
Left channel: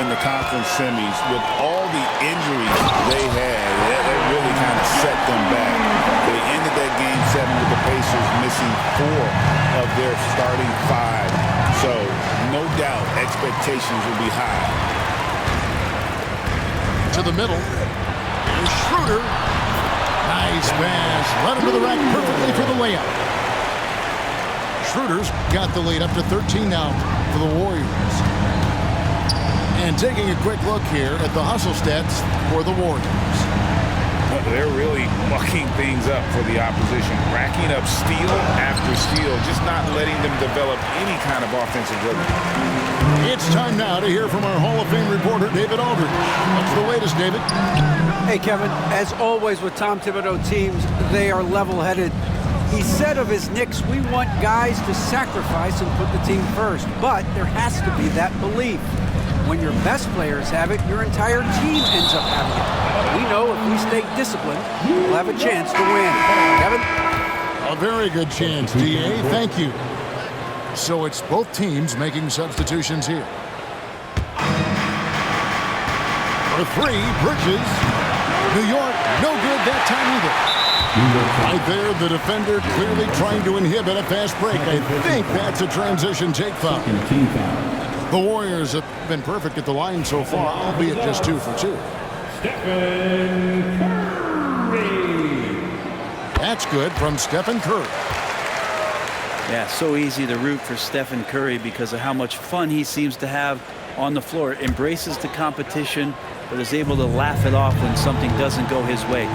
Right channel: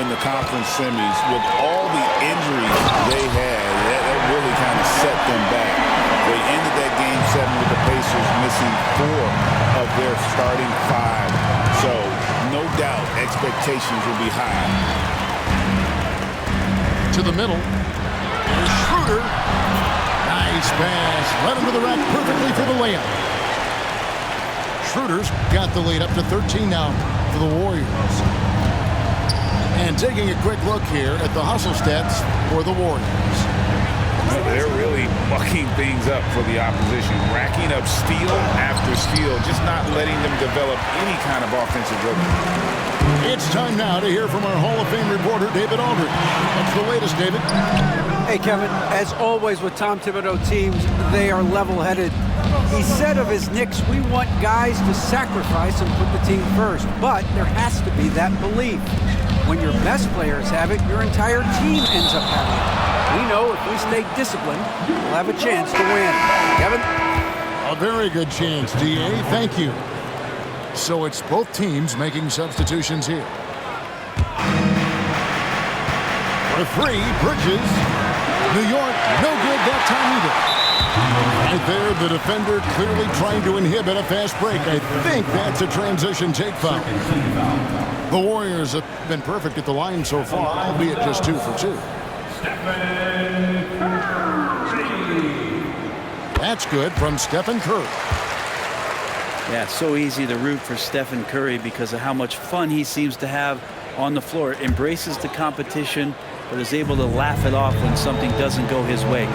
in the conference semis with all the injuries they had, that really kind of set them back. They ended that game 7 with the Pacers missing 4 of their starting 5. So, no doubt, expectations will be high. To the middle. Here's Schroeder. Nice pass. Led him to the rack perfectly for the layup. Schroeder's got the lead up to 13 now for the Warriors. And taking a quick look here at the hustle stats for the Warriors. They're really mucking things up for the opposition, racking up steal after steal, just not letting them develop any kind of offensive rhythm. It's time now to hear from our Hall of Fame reporter, David Aldridge. What's the latest, David? Hey, Kevin, as always with Tom Thibodeau teams, they are level-headed. He said of his Knicks, we want guys to sacrifice and put the team first, but there has to be that belief. When your best players have it, your entire team ends up having it. We know if we stay disciplined, we'll have a chance to win. Kevin? A very good chance, DA. Thank you. So it's both teams making substitutions here. For 3, Bridges. New York, no good that time either. Right there, the defender clearly trying to inhibit a fast break. I think that's a transition take foul. The Warriors have been perfect at the line so far, albeit just 2 for 2. Stephen Curry. That's good from Stephen Curry. Yeah, so easy to root for Stephen Curry because of how much fun he seems to have on the floor. Embraces the competition, but is able to laugh it off when something doesn't go his way.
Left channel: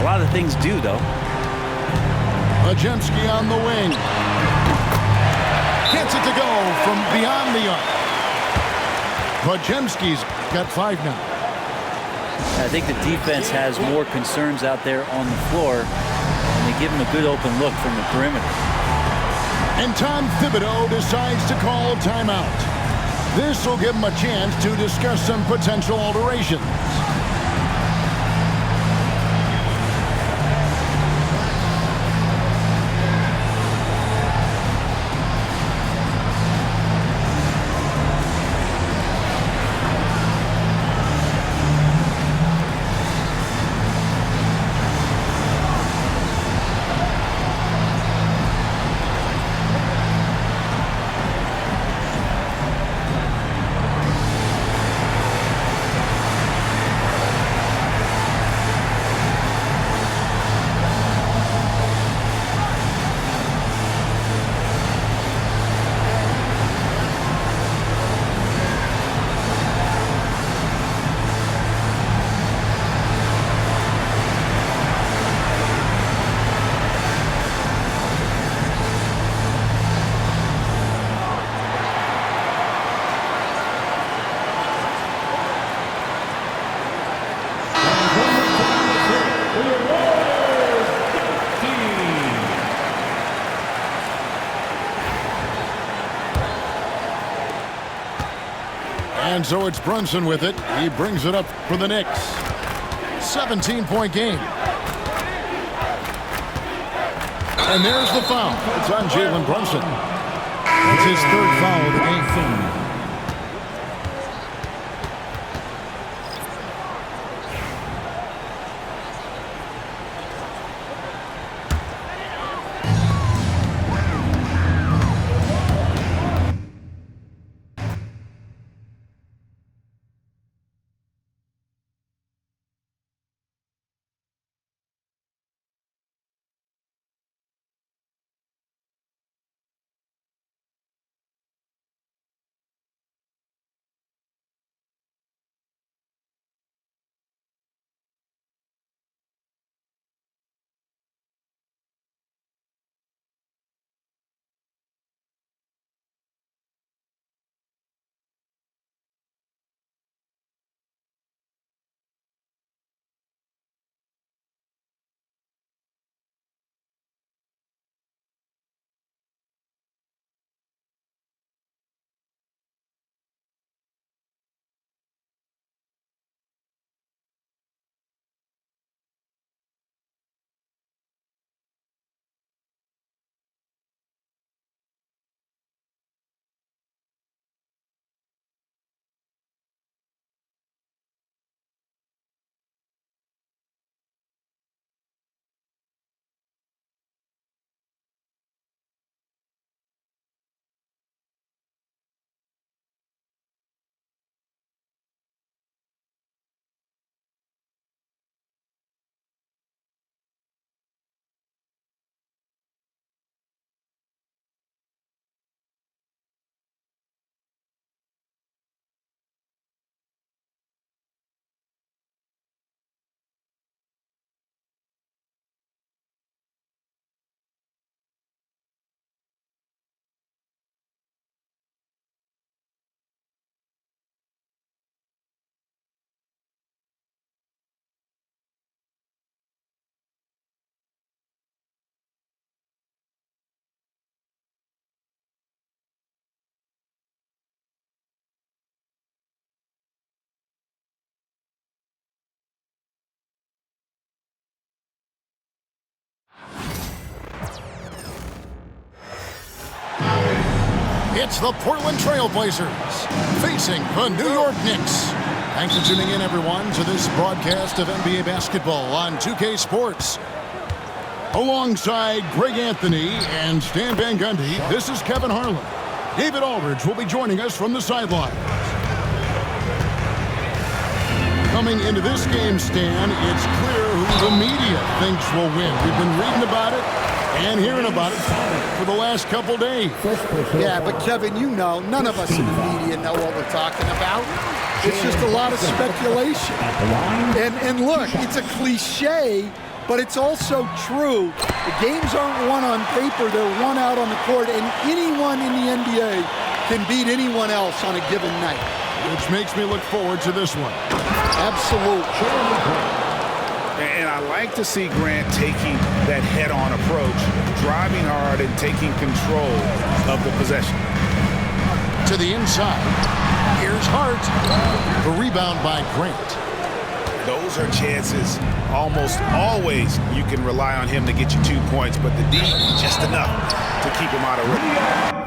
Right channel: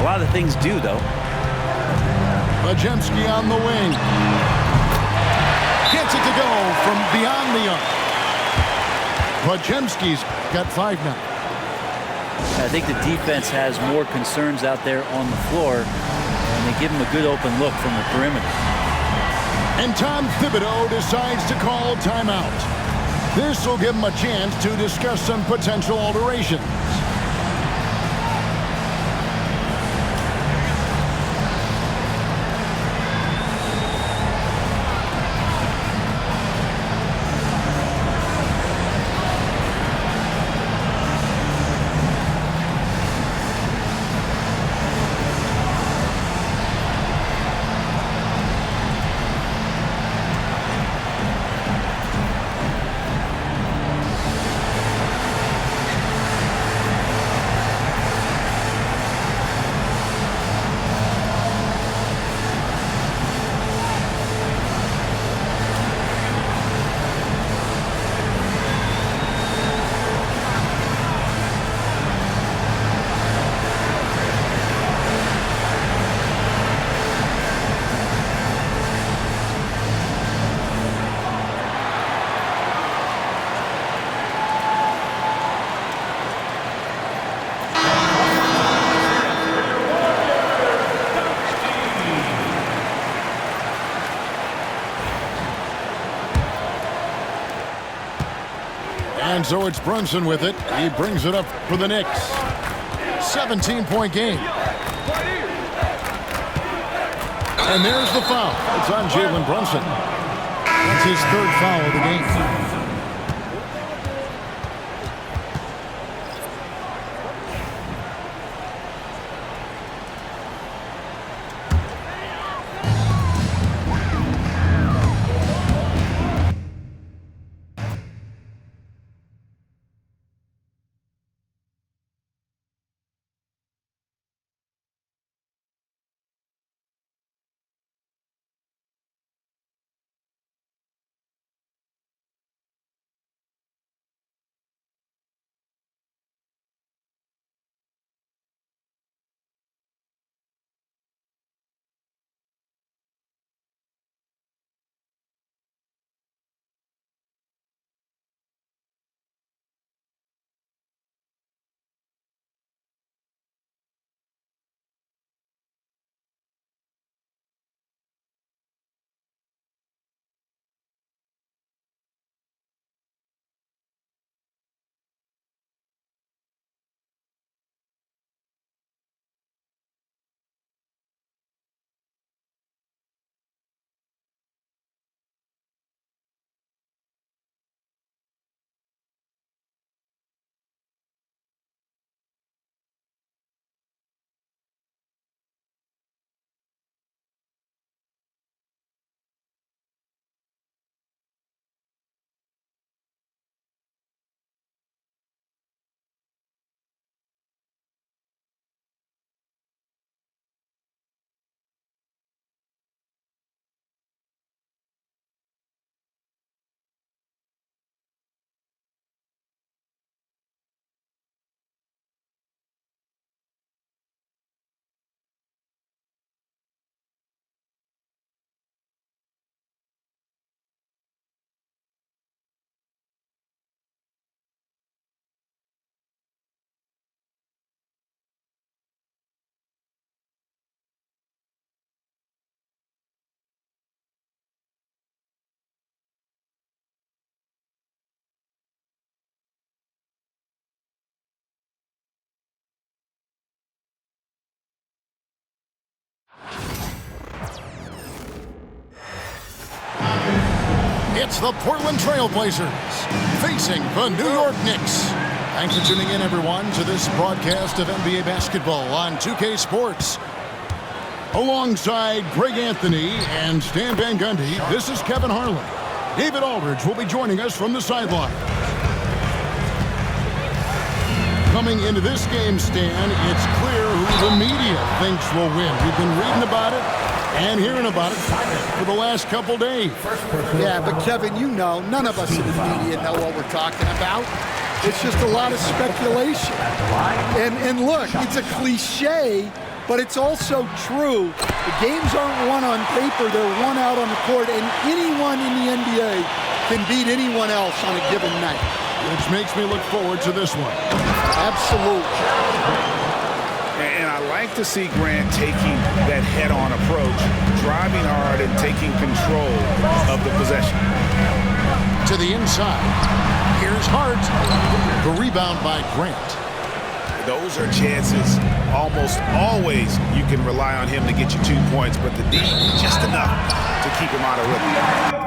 A lot of things do, though. Majemski on the wing. Gets it to go from beyond the arc. Majemski's got 5 now. I think the defense has more concerns out there on the floor, and they give him a good open look from the perimeter. And Tom Thibodeau decides to call timeout. This will give him a chance to discuss some potential alterations. And so it's Brunson with it. He brings it up for the Knicks. 17-point game. And there's the foul. It's on Jalen Brunson. That's his 3rd foul of the game. It's the Portland Trailblazers facing the New York Knicks. Thanks for tuning in, everyone, to this broadcast of NBA basketball on 2K Sports. Alongside Greg Anthony and Stan Van Gundy, this is Kevin Harlan. David Aldridge will be joining us from the sideline. Coming into this game, Stan, it's clear who the media thinks will win. We've been reading about it and hearing about it for the last couple days. Yeah, but Kevin, you know, none of us in the media know what we're talking about. It's just a lot of speculation. And look, it's a cliche, but it's also true. The games aren't won on paper, they're won out on the court, and anyone in the NBA can beat anyone else on a given night. Which makes me look forward to this one. Absolutely. And I like to see Grant taking that head-on approach, driving hard and taking control of the possession. To the inside, here's Hart. The rebound by Grant. Those are chances almost always you can rely on him to get you 2 points, but the D, just enough to keep him out of rhythm.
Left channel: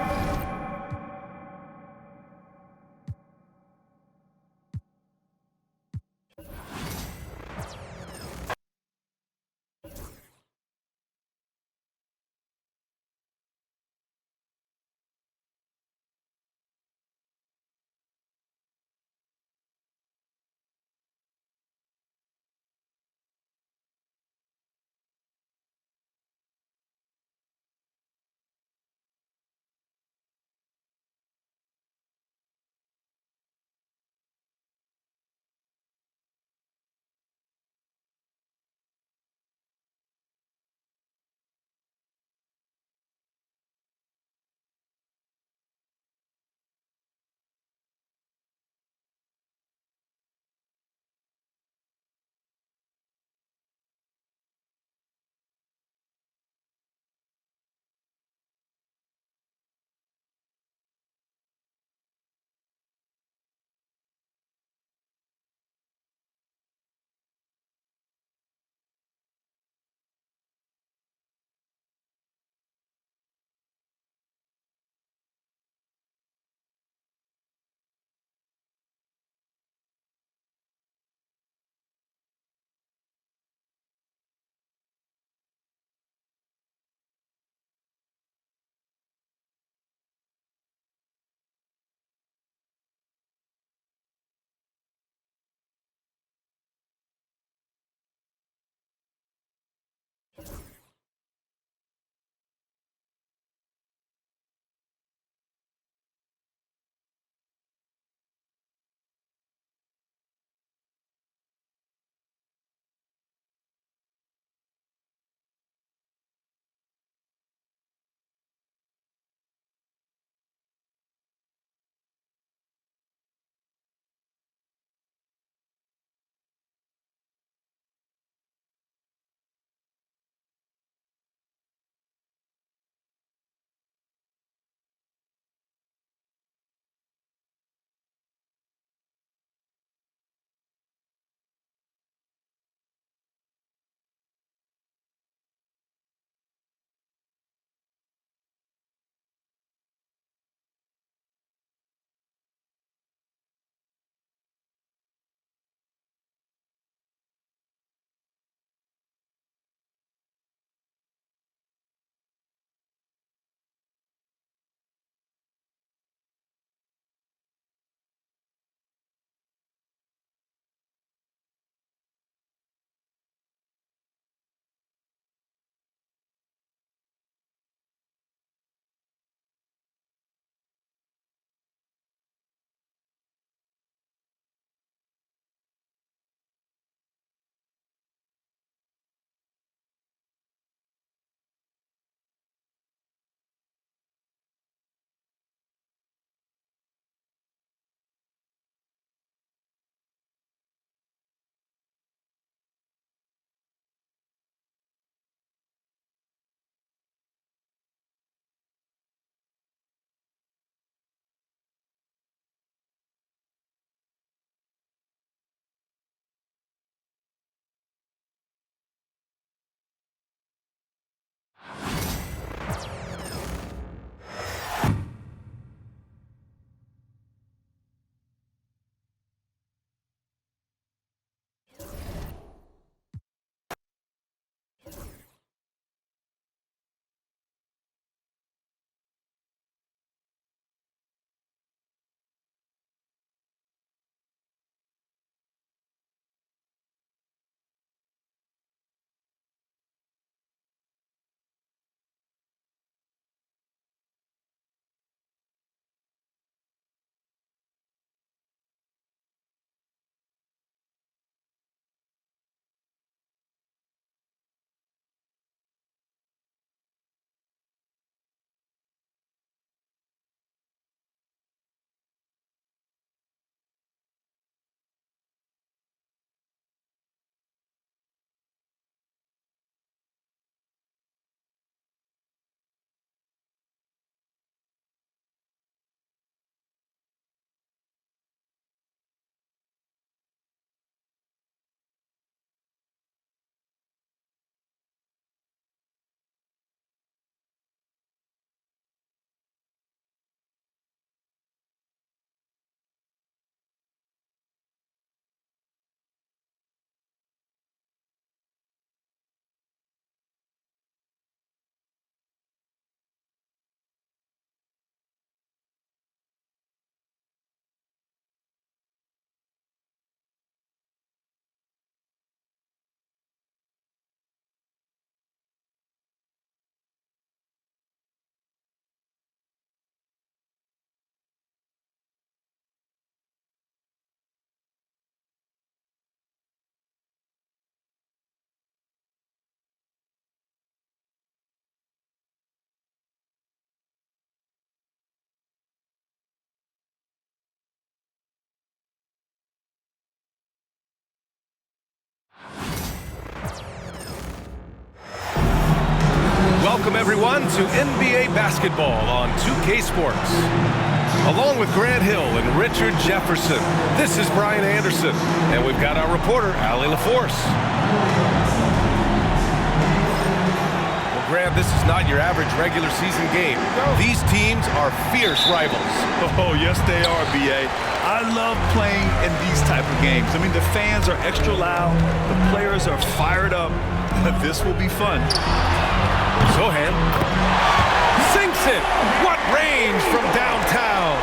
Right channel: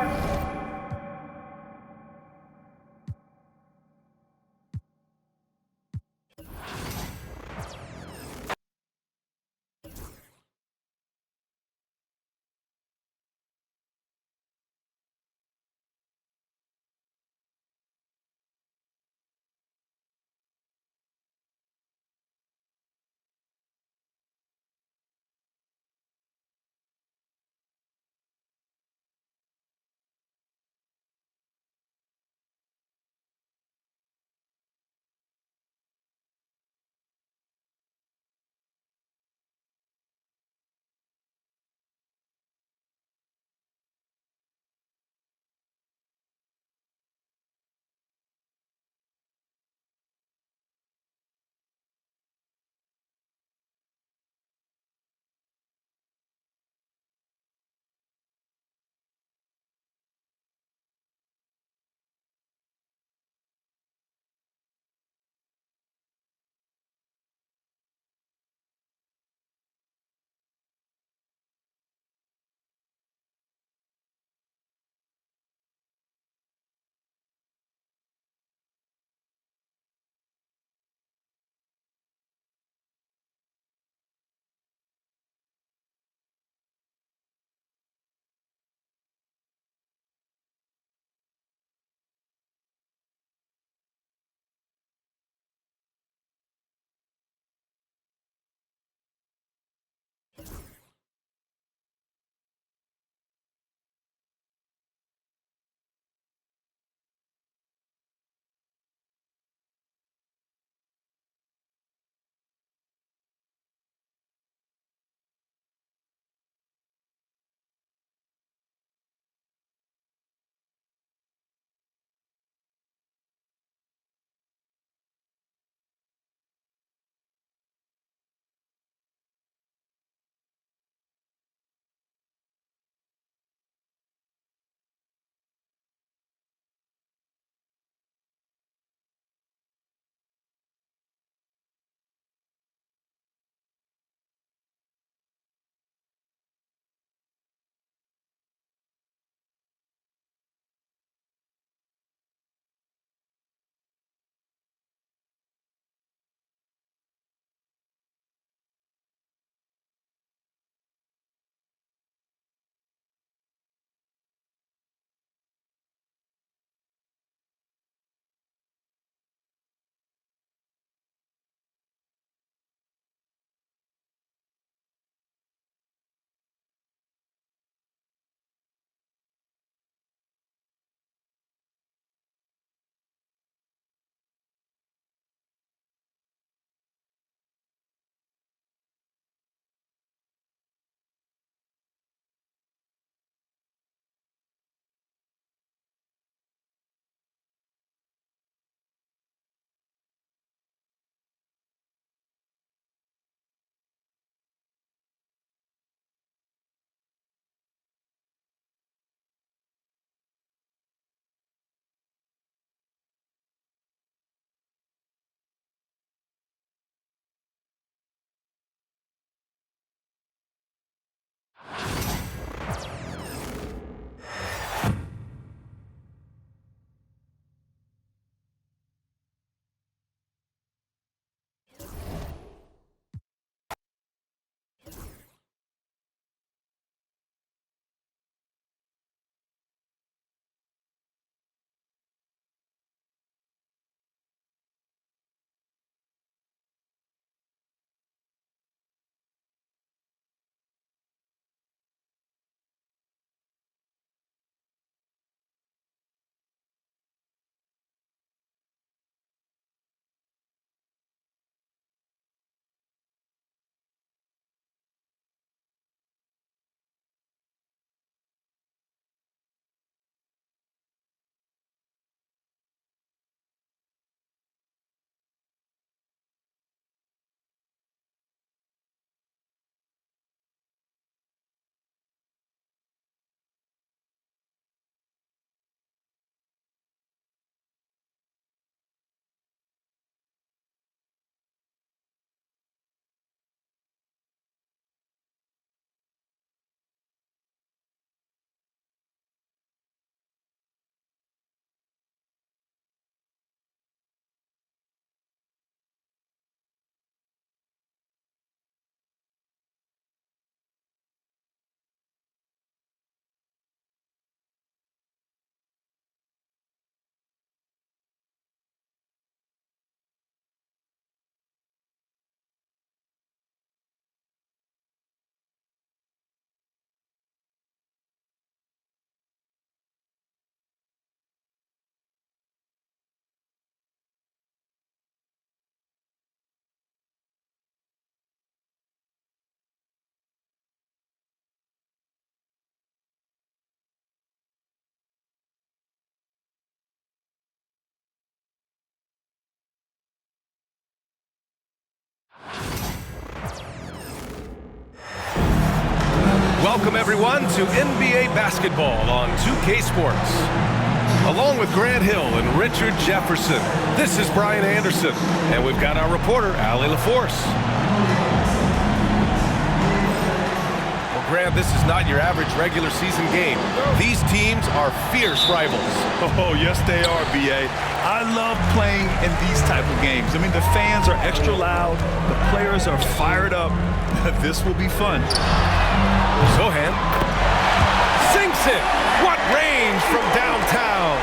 Welcome everyone to NBA basketball on 2K Sports. Along with Grant Hill and Richard Jefferson, this is Brian Anderson, and we've got our reporter, Allie LaForce. Well, Grant, this is not your average regular season game. These teams are fierce rivals. Oh, yes, they are, B.A. I love playing in these type of games. I mean, the fans are extra loud. The players are fired up. This will be fun. Sohan sinks it. What range from downtown.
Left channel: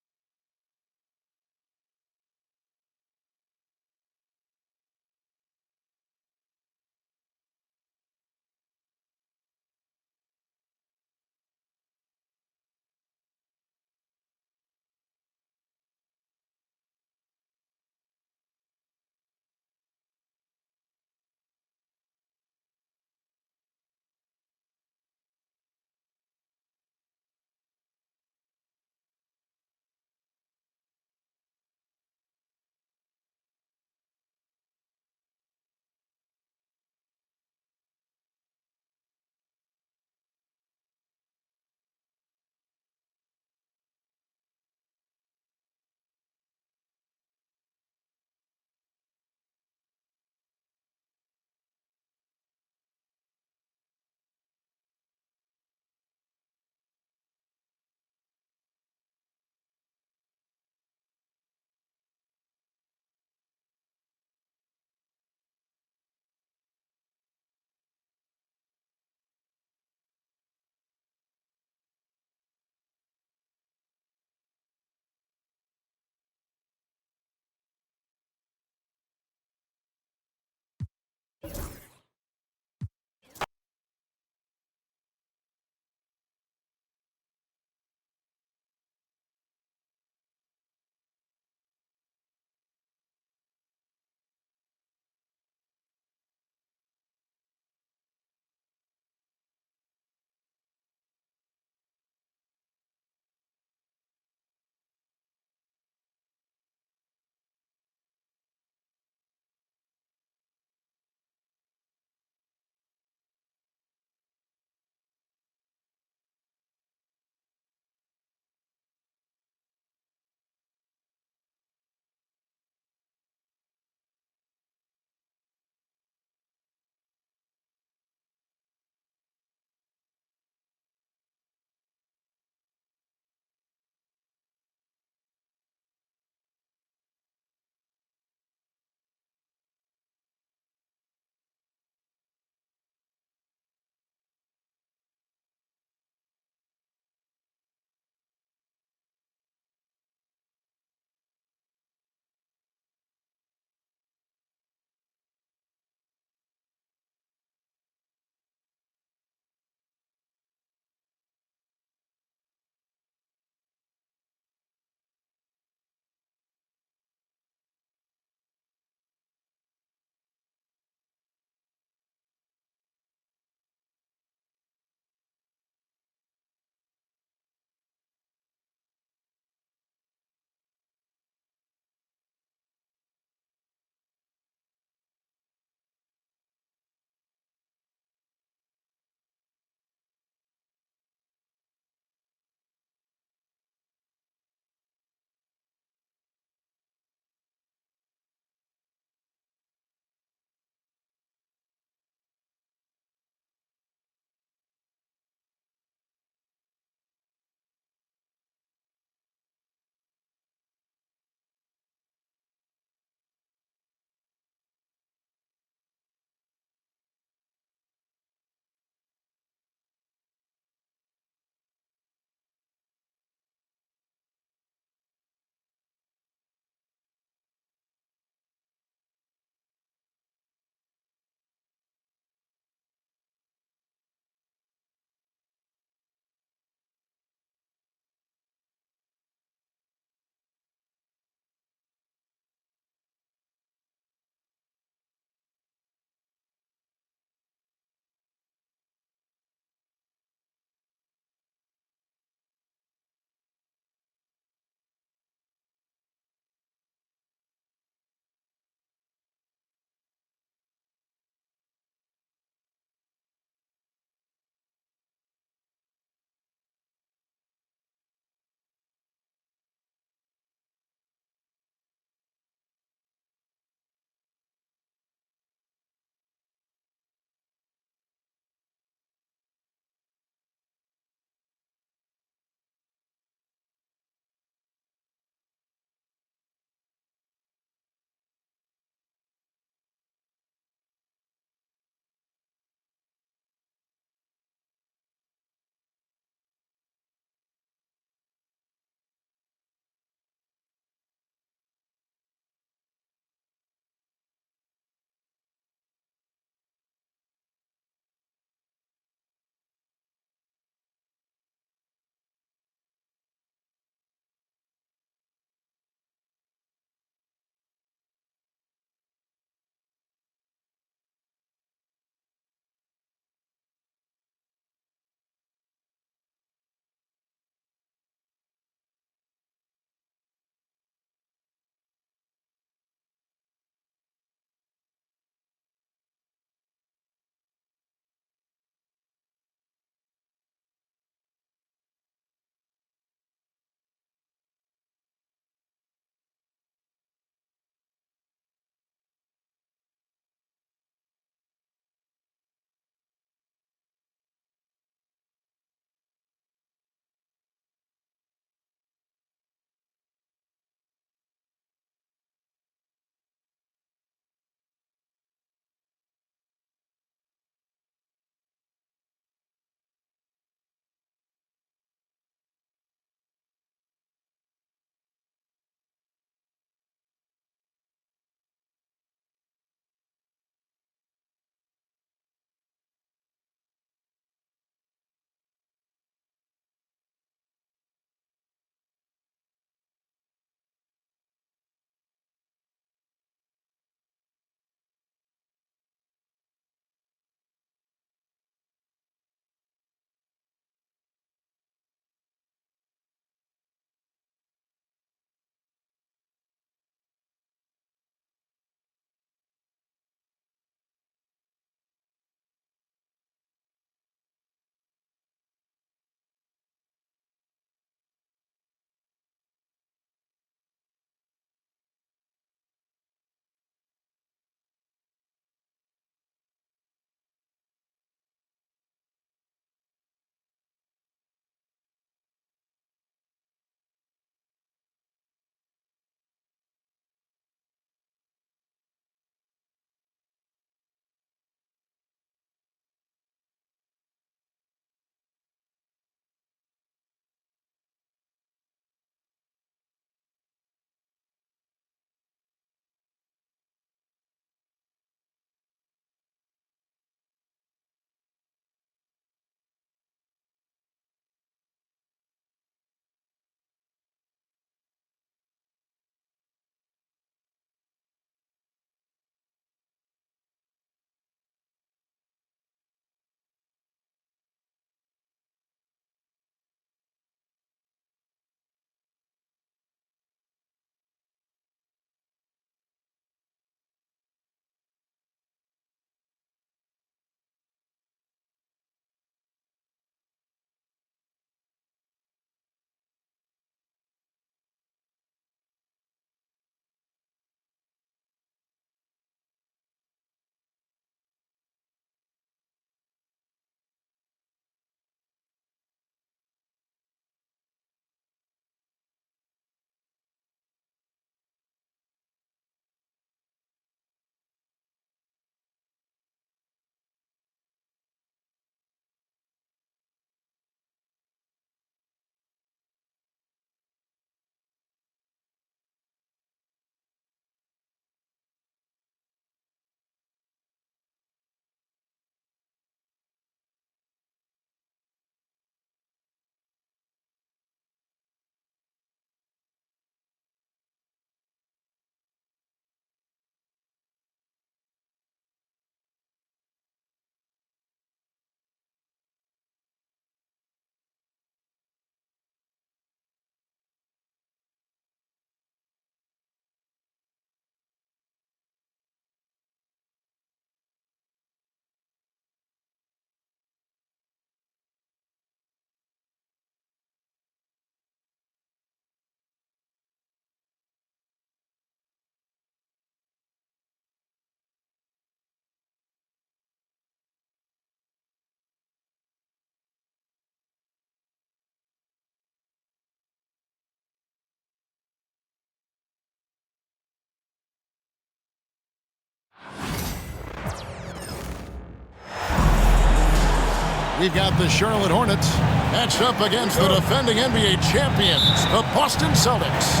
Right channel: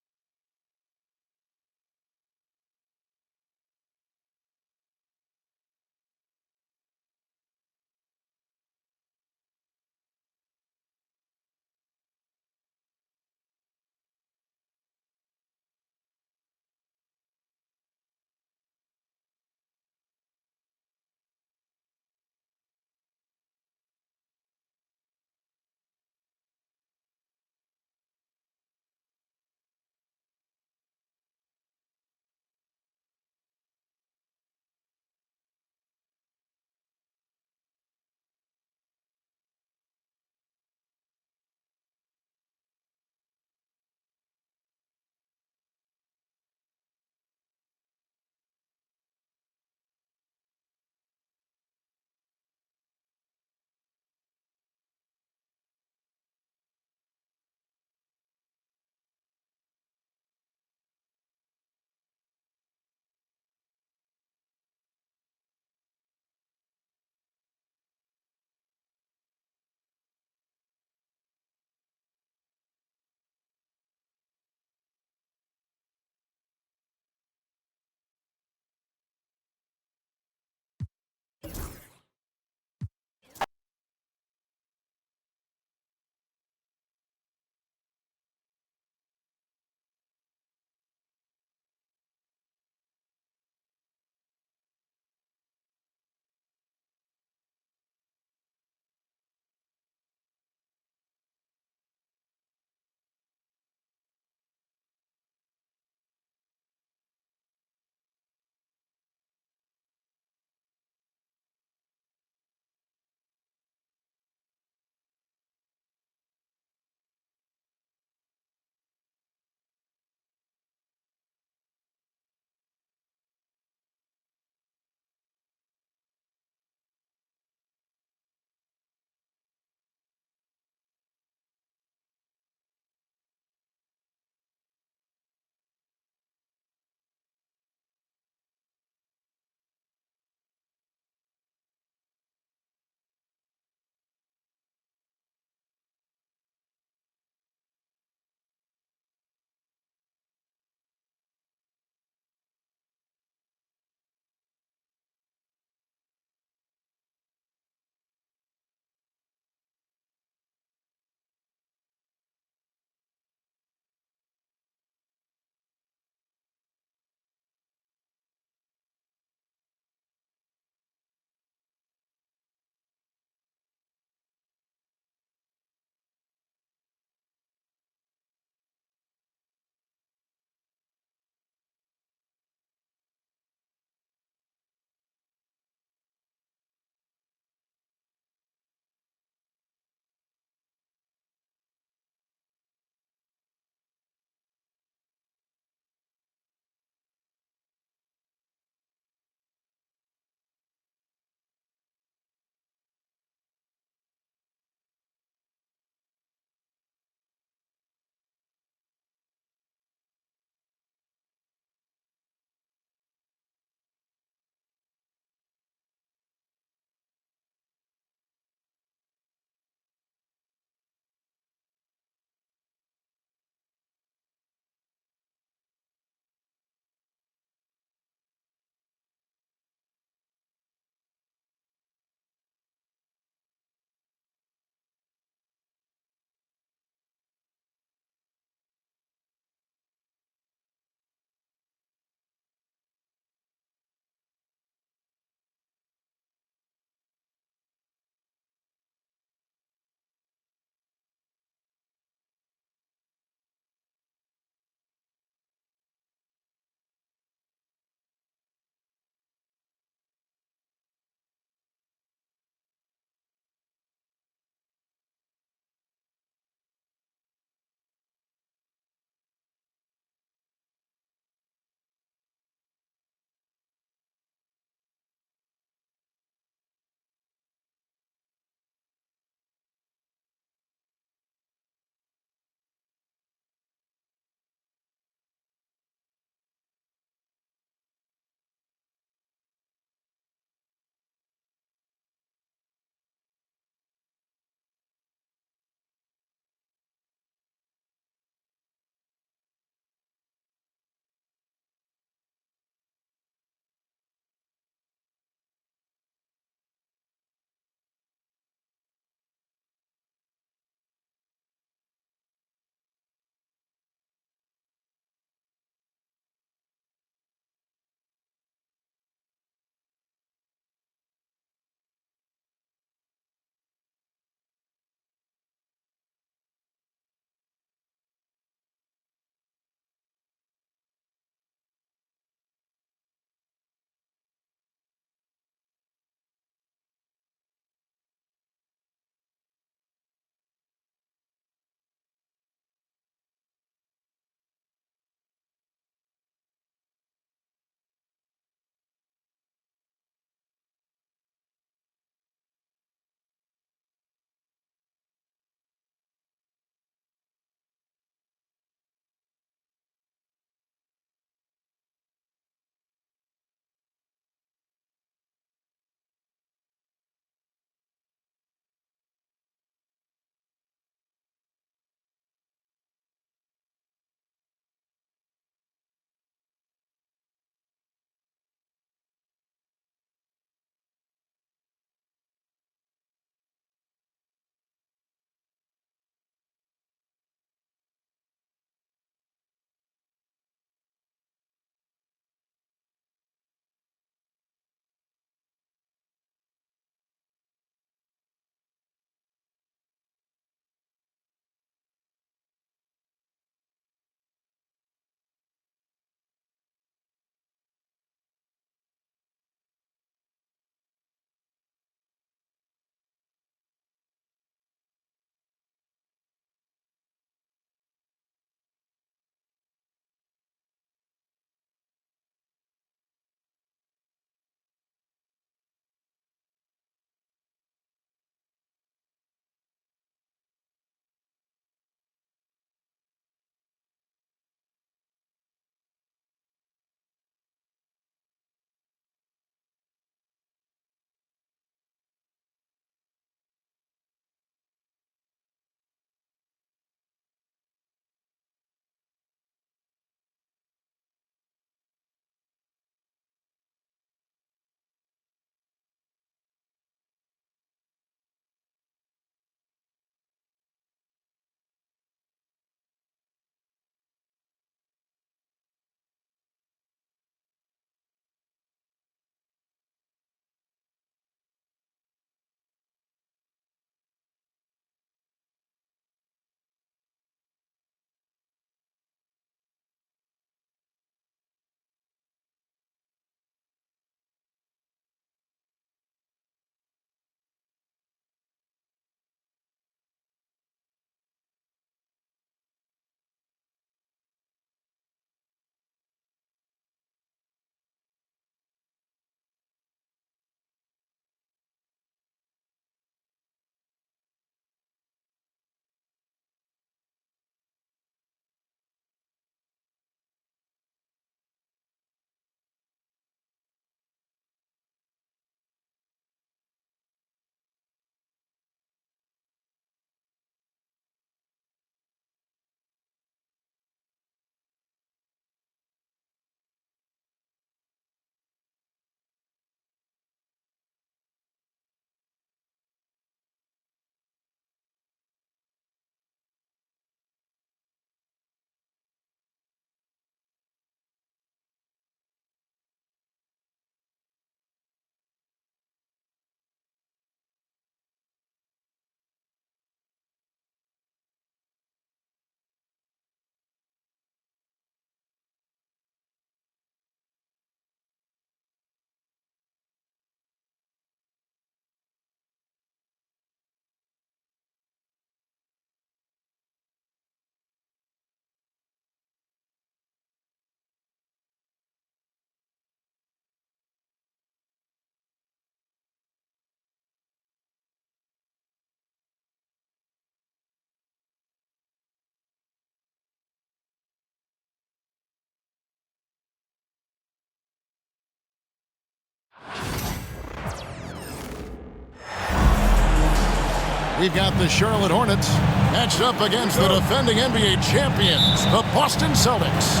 We've got the Charlotte Hornets matched up against the defending NBA champions, the Boston Celtics.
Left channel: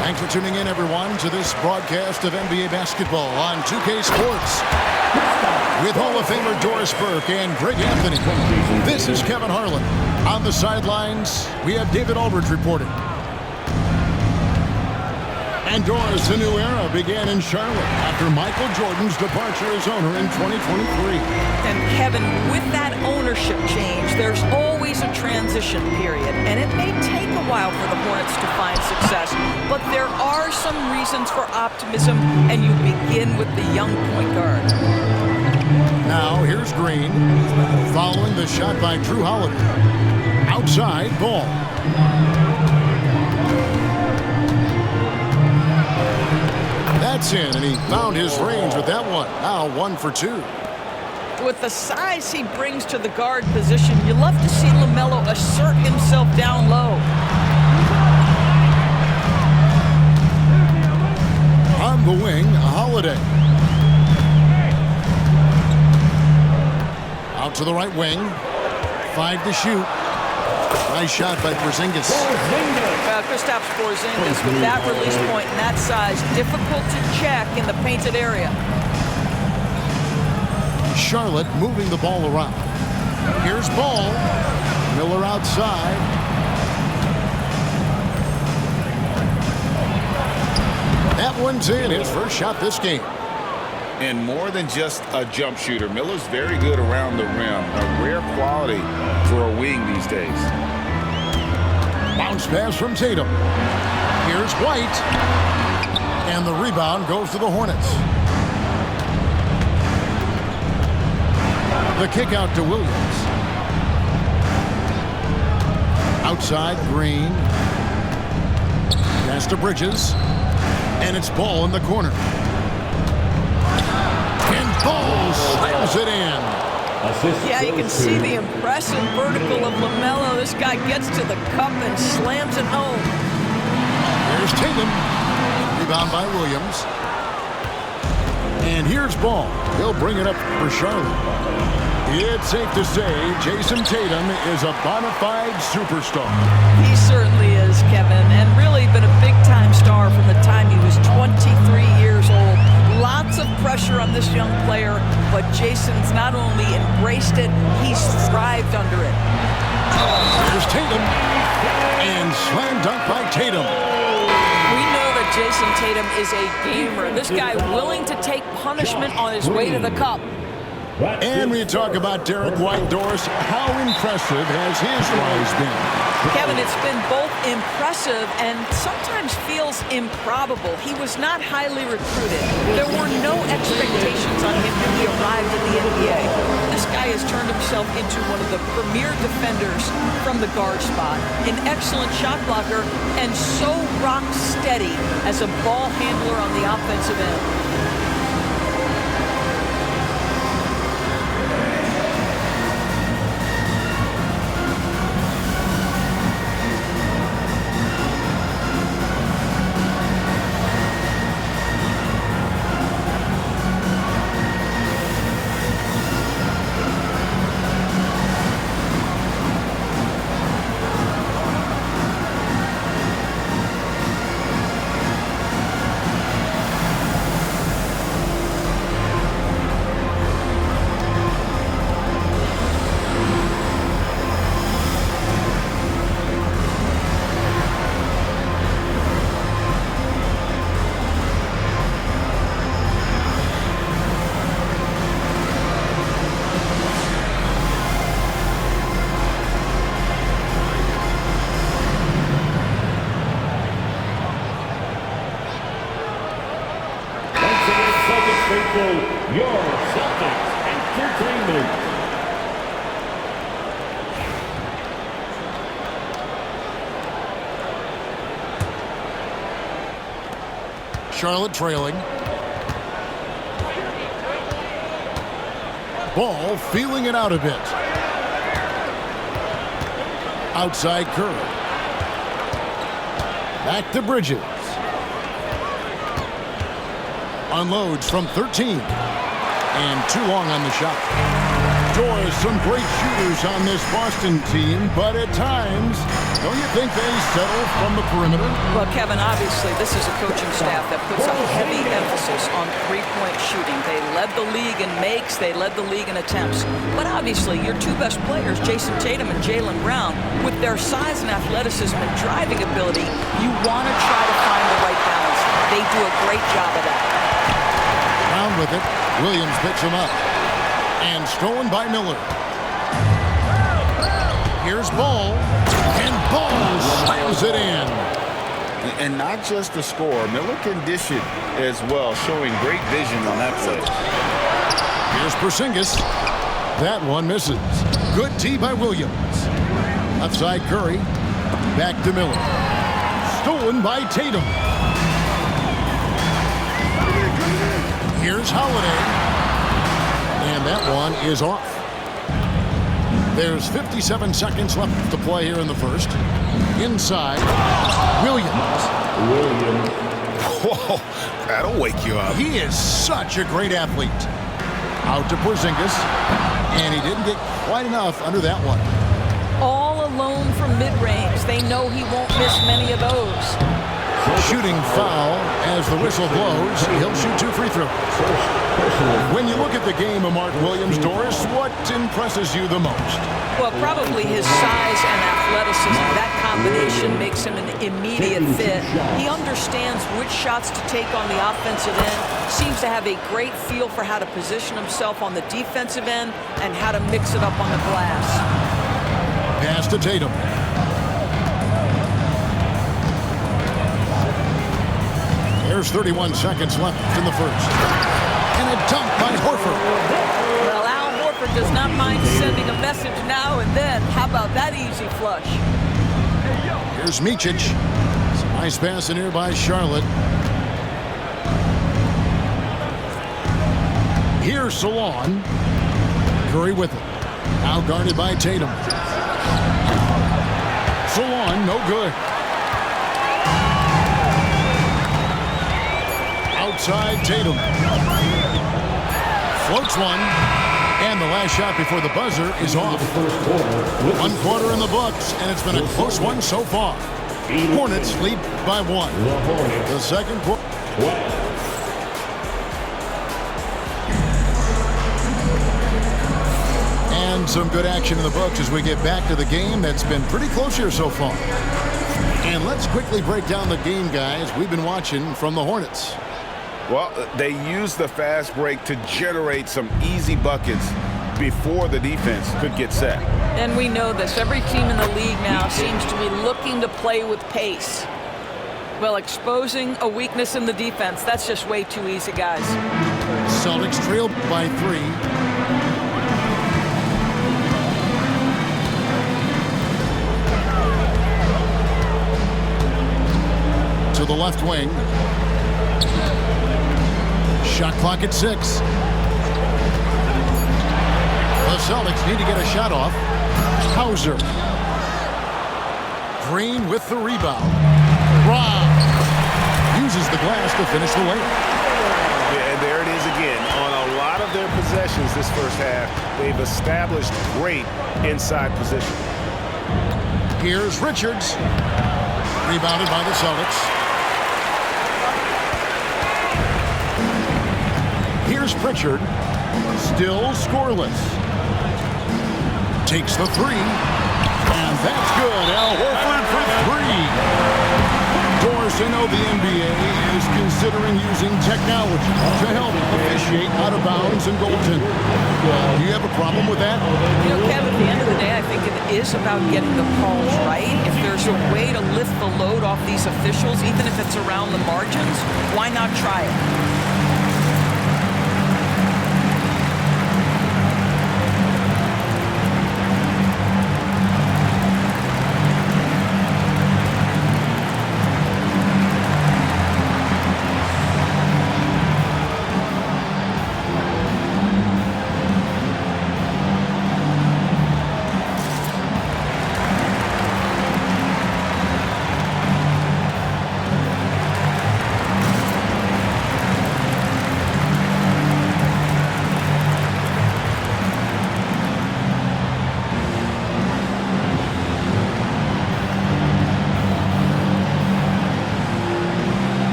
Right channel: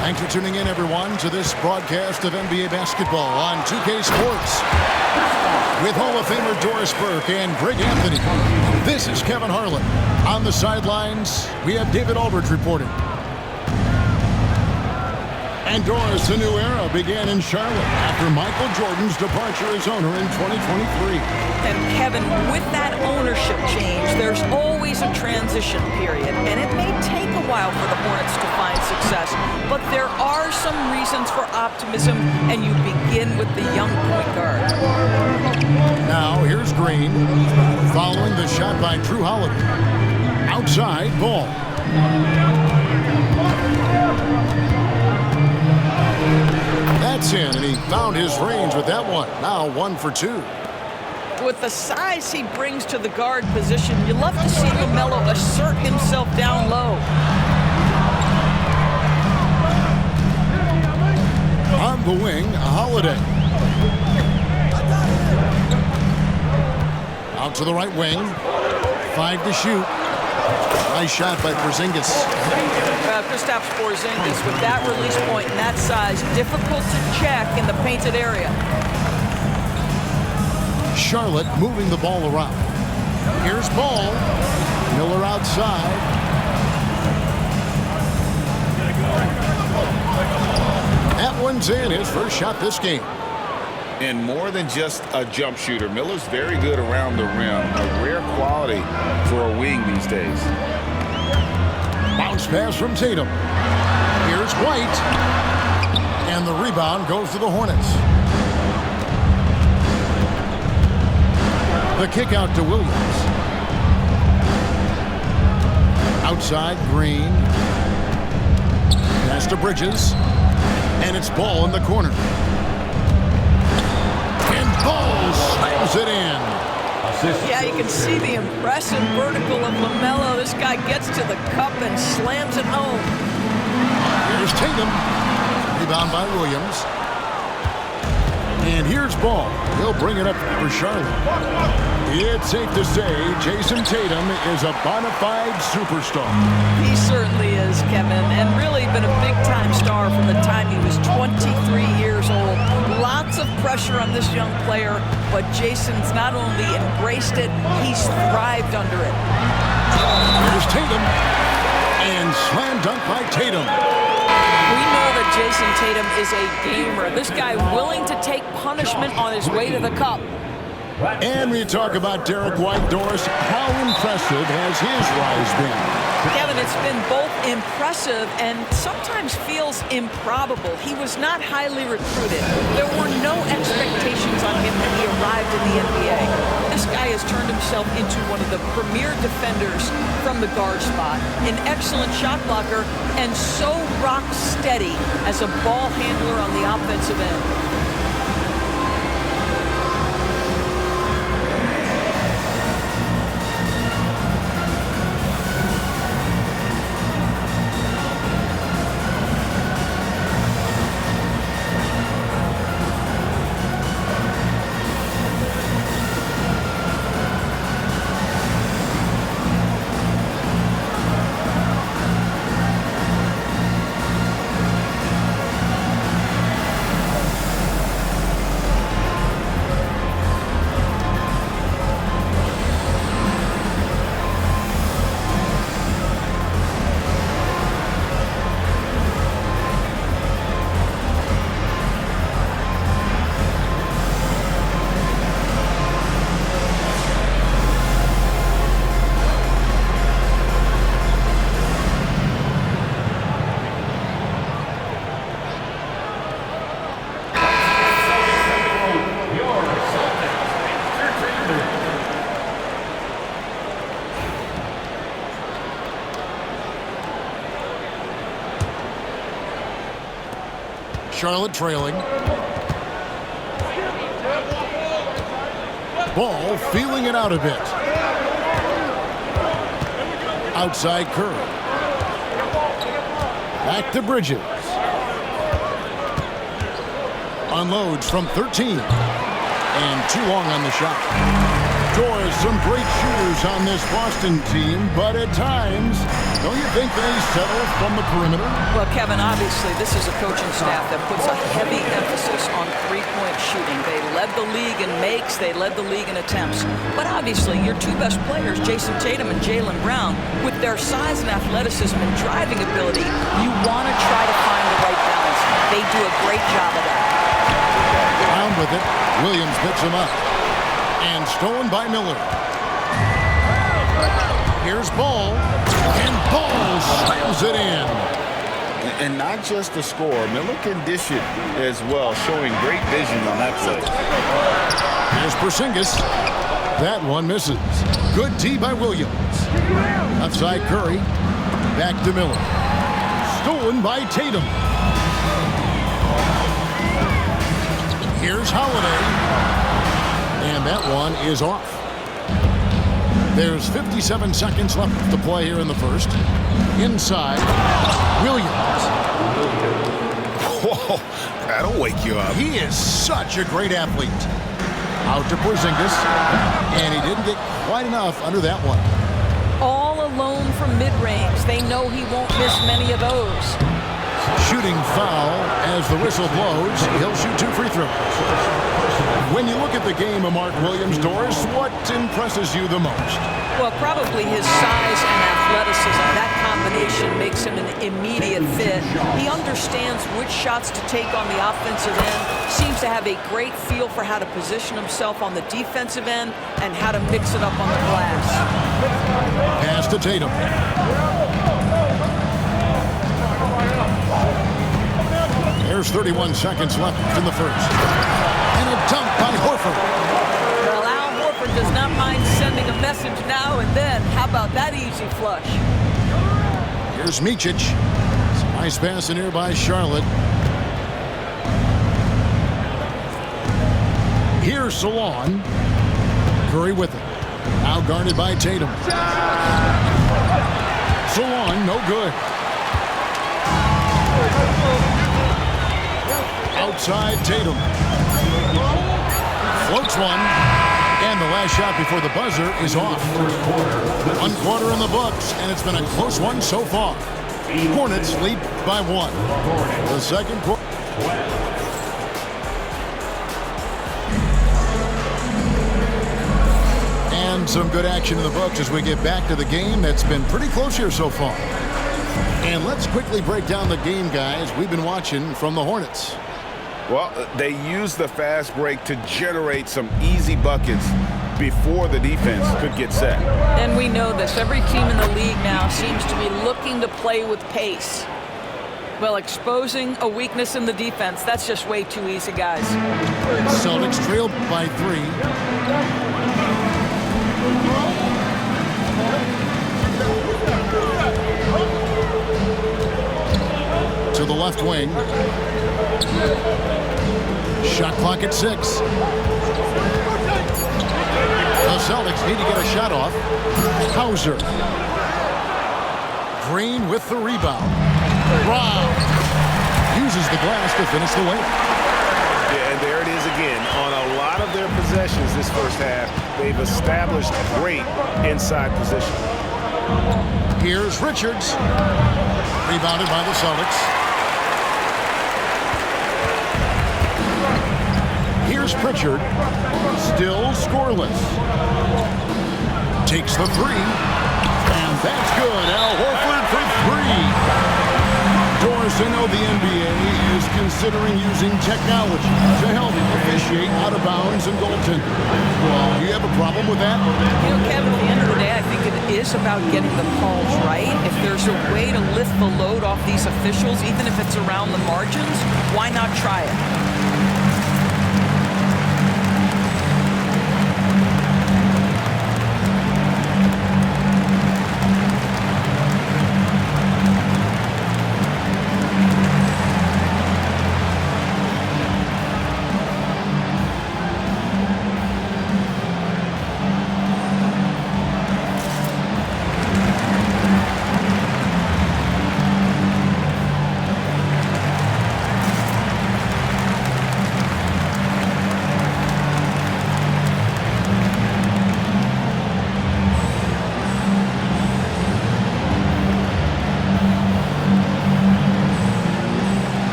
Thanks for tuning in, everyone, to this broadcast of NBA basketball on 2K Sports. With Hall of Famer Doris Burke and Greg Anthony, this is Kevin Harlan. On the sidelines, we have David Aldridge reporting. And Doris, a new era began in Charlotte after Michael Jordan's departure as owner in 2023. And Kevin, with that ownership change, there's always a transition period, and it may take a while for the Hornets to find success, but there are some reasons for optimism, and you begin with the young point guard. Now here's Green, following the shot by Drew Holiday. Outside, Ball. That's in, and he found his range with that one. Now 1 for 2. With the size he brings to the guard position, you love to see LaMelo assert himself down low. On the wing, Holiday. Out to the right wing. 5 to shoot. Nice shot by Porzingis. Kristaps Porzingis with that release point and that size, difficult to check in the painted area. Charlotte moving the ball around. Here's Ball. Miller outside. That one's in, his first shot this game. And more than just a jump shooter, Miller's very good around the rim. A rare quality for a wing these days. Bounce pass from Tatum. Here's White. And the rebound goes to the Hornets. The kick out to Williams. Outside, Green. Pass to Bridges. And it's Ball in the corner. And Ball slams it in. Yeah, you can see the impressive vertical of LaMelo. This guy gets to the cup and slams it home. Here's Tatum. Rebound by Williams. And here's Ball. He'll bring it up for Charlotte. It's safe to say Jason Tatum is a bona fide superstar. He certainly is, Kevin, and really been a big-time star from the time he was 23 years old. Lots of pressure on this young player, but Jason's not only embraced it, he's thrived under it. Here's Tatum. And slam dunk by Tatum. We know that Jason Tatum is a gamer. This guy willing to take punishment on his way to the cup. And we talk about Derek White, Doris. How impressive has his rise been? Kevin, it's been both impressive and sometimes feels improbable. He was not highly recruited. There were no expectations on him when he arrived in the NBA. This guy has turned himself into one of the premier defenders from the guard spot, an excellent shot blocker, and so rock steady as a ball handler on the offensive end. Charlotte trailing. Ball feeling it out a bit. Outside Curry. Back to Bridges. Unloads from 13. And too long on the shot. Doris, some great shooters on this Boston team, but at times, don't you think they settle from the perimeter? Well, Kevin, obviously, this is a coaching staff that puts a heavy emphasis on three-point shooting. They led the league in makes. They led the league in attempts. But obviously, your two best players, Jason Tatum and Jaylen Brown, with their size and athleticism and driving ability, you want to try to find the right balance. They do a great job of that. Brown with it. Williams picks him up. And stolen by Miller. Here's Ball. And Ball slams it in. And not just the score. Miller can dish it as well, showing great vision on that play. Here's Porzingis. That one misses. Good tee by Williams. Left side Curry. Back to Miller. Stolen by Tatum. Here's Holiday. And that one is off. There's 57 seconds left to play here in the first. Inside, Williams. Whoa, that'll wake you up. He is such a great athlete. Out to Porzingis, and he didn't get quite enough under that one. All alone from mid-range. They know he won't miss many of those. Shooting foul as the whistle blows. He'll shoot 2 free throws. When you look at the game of Mark Williams, Doris, what impresses you the most? Well, probably his size and athleticism. That combination makes him an immediate fit. He understands which shots to take on the offensive end, seems to have a great feel for how to position himself on the defensive end and how to mix it up on the glass. Pass to Tatum. There's 31 seconds left in the first. And a dunk by Horford. Well, Al Horford does not mind sending a message now and then. How about that easy flush? Here's Micic. Some nice pass in here by Charlotte. Here's Salon. Curry with it. Now guarded by Tatum. Salon, no good. Outside Tatum. Floats one. And the last shot before the buzzer is off. 1 quarter in the books, and it's been a close one so far. Hornets lead by 1. The second quarter. And some good action in the books as we get back to the game that's been pretty close here so far. And let's quickly break down the game, guys, we've been watching from the Hornets. Well, they use the fast break to generate some easy buckets before the defense could get set. And we know this. Every team in the league now seems to be looking to play with pace. Well, exposing a weakness in the defense, that's just way too easy, guys. Celtics trail by 3. To the left wing. Shot clock at 6. The Celtics need to get a shot off. Hauser. Green with the rebound. Rob uses the glass to finish the layup. Yeah, and there it is again. On a lot of their possessions this first half, they've established great inside position. Here's Richards. Rebounded by the Celtics. Here's Pritchard. Still scoreless. Takes the 3. And that's good. Al Horford for 3. Doris, I know the NBA is considering using technology to help officiate out of bounds and goaltending. Do you have a problem with that? You know, Kev, at the end of the day, I think it is about getting the calls right. If there's a way to lift the load off these officials, even if it's around the margins, why not try it?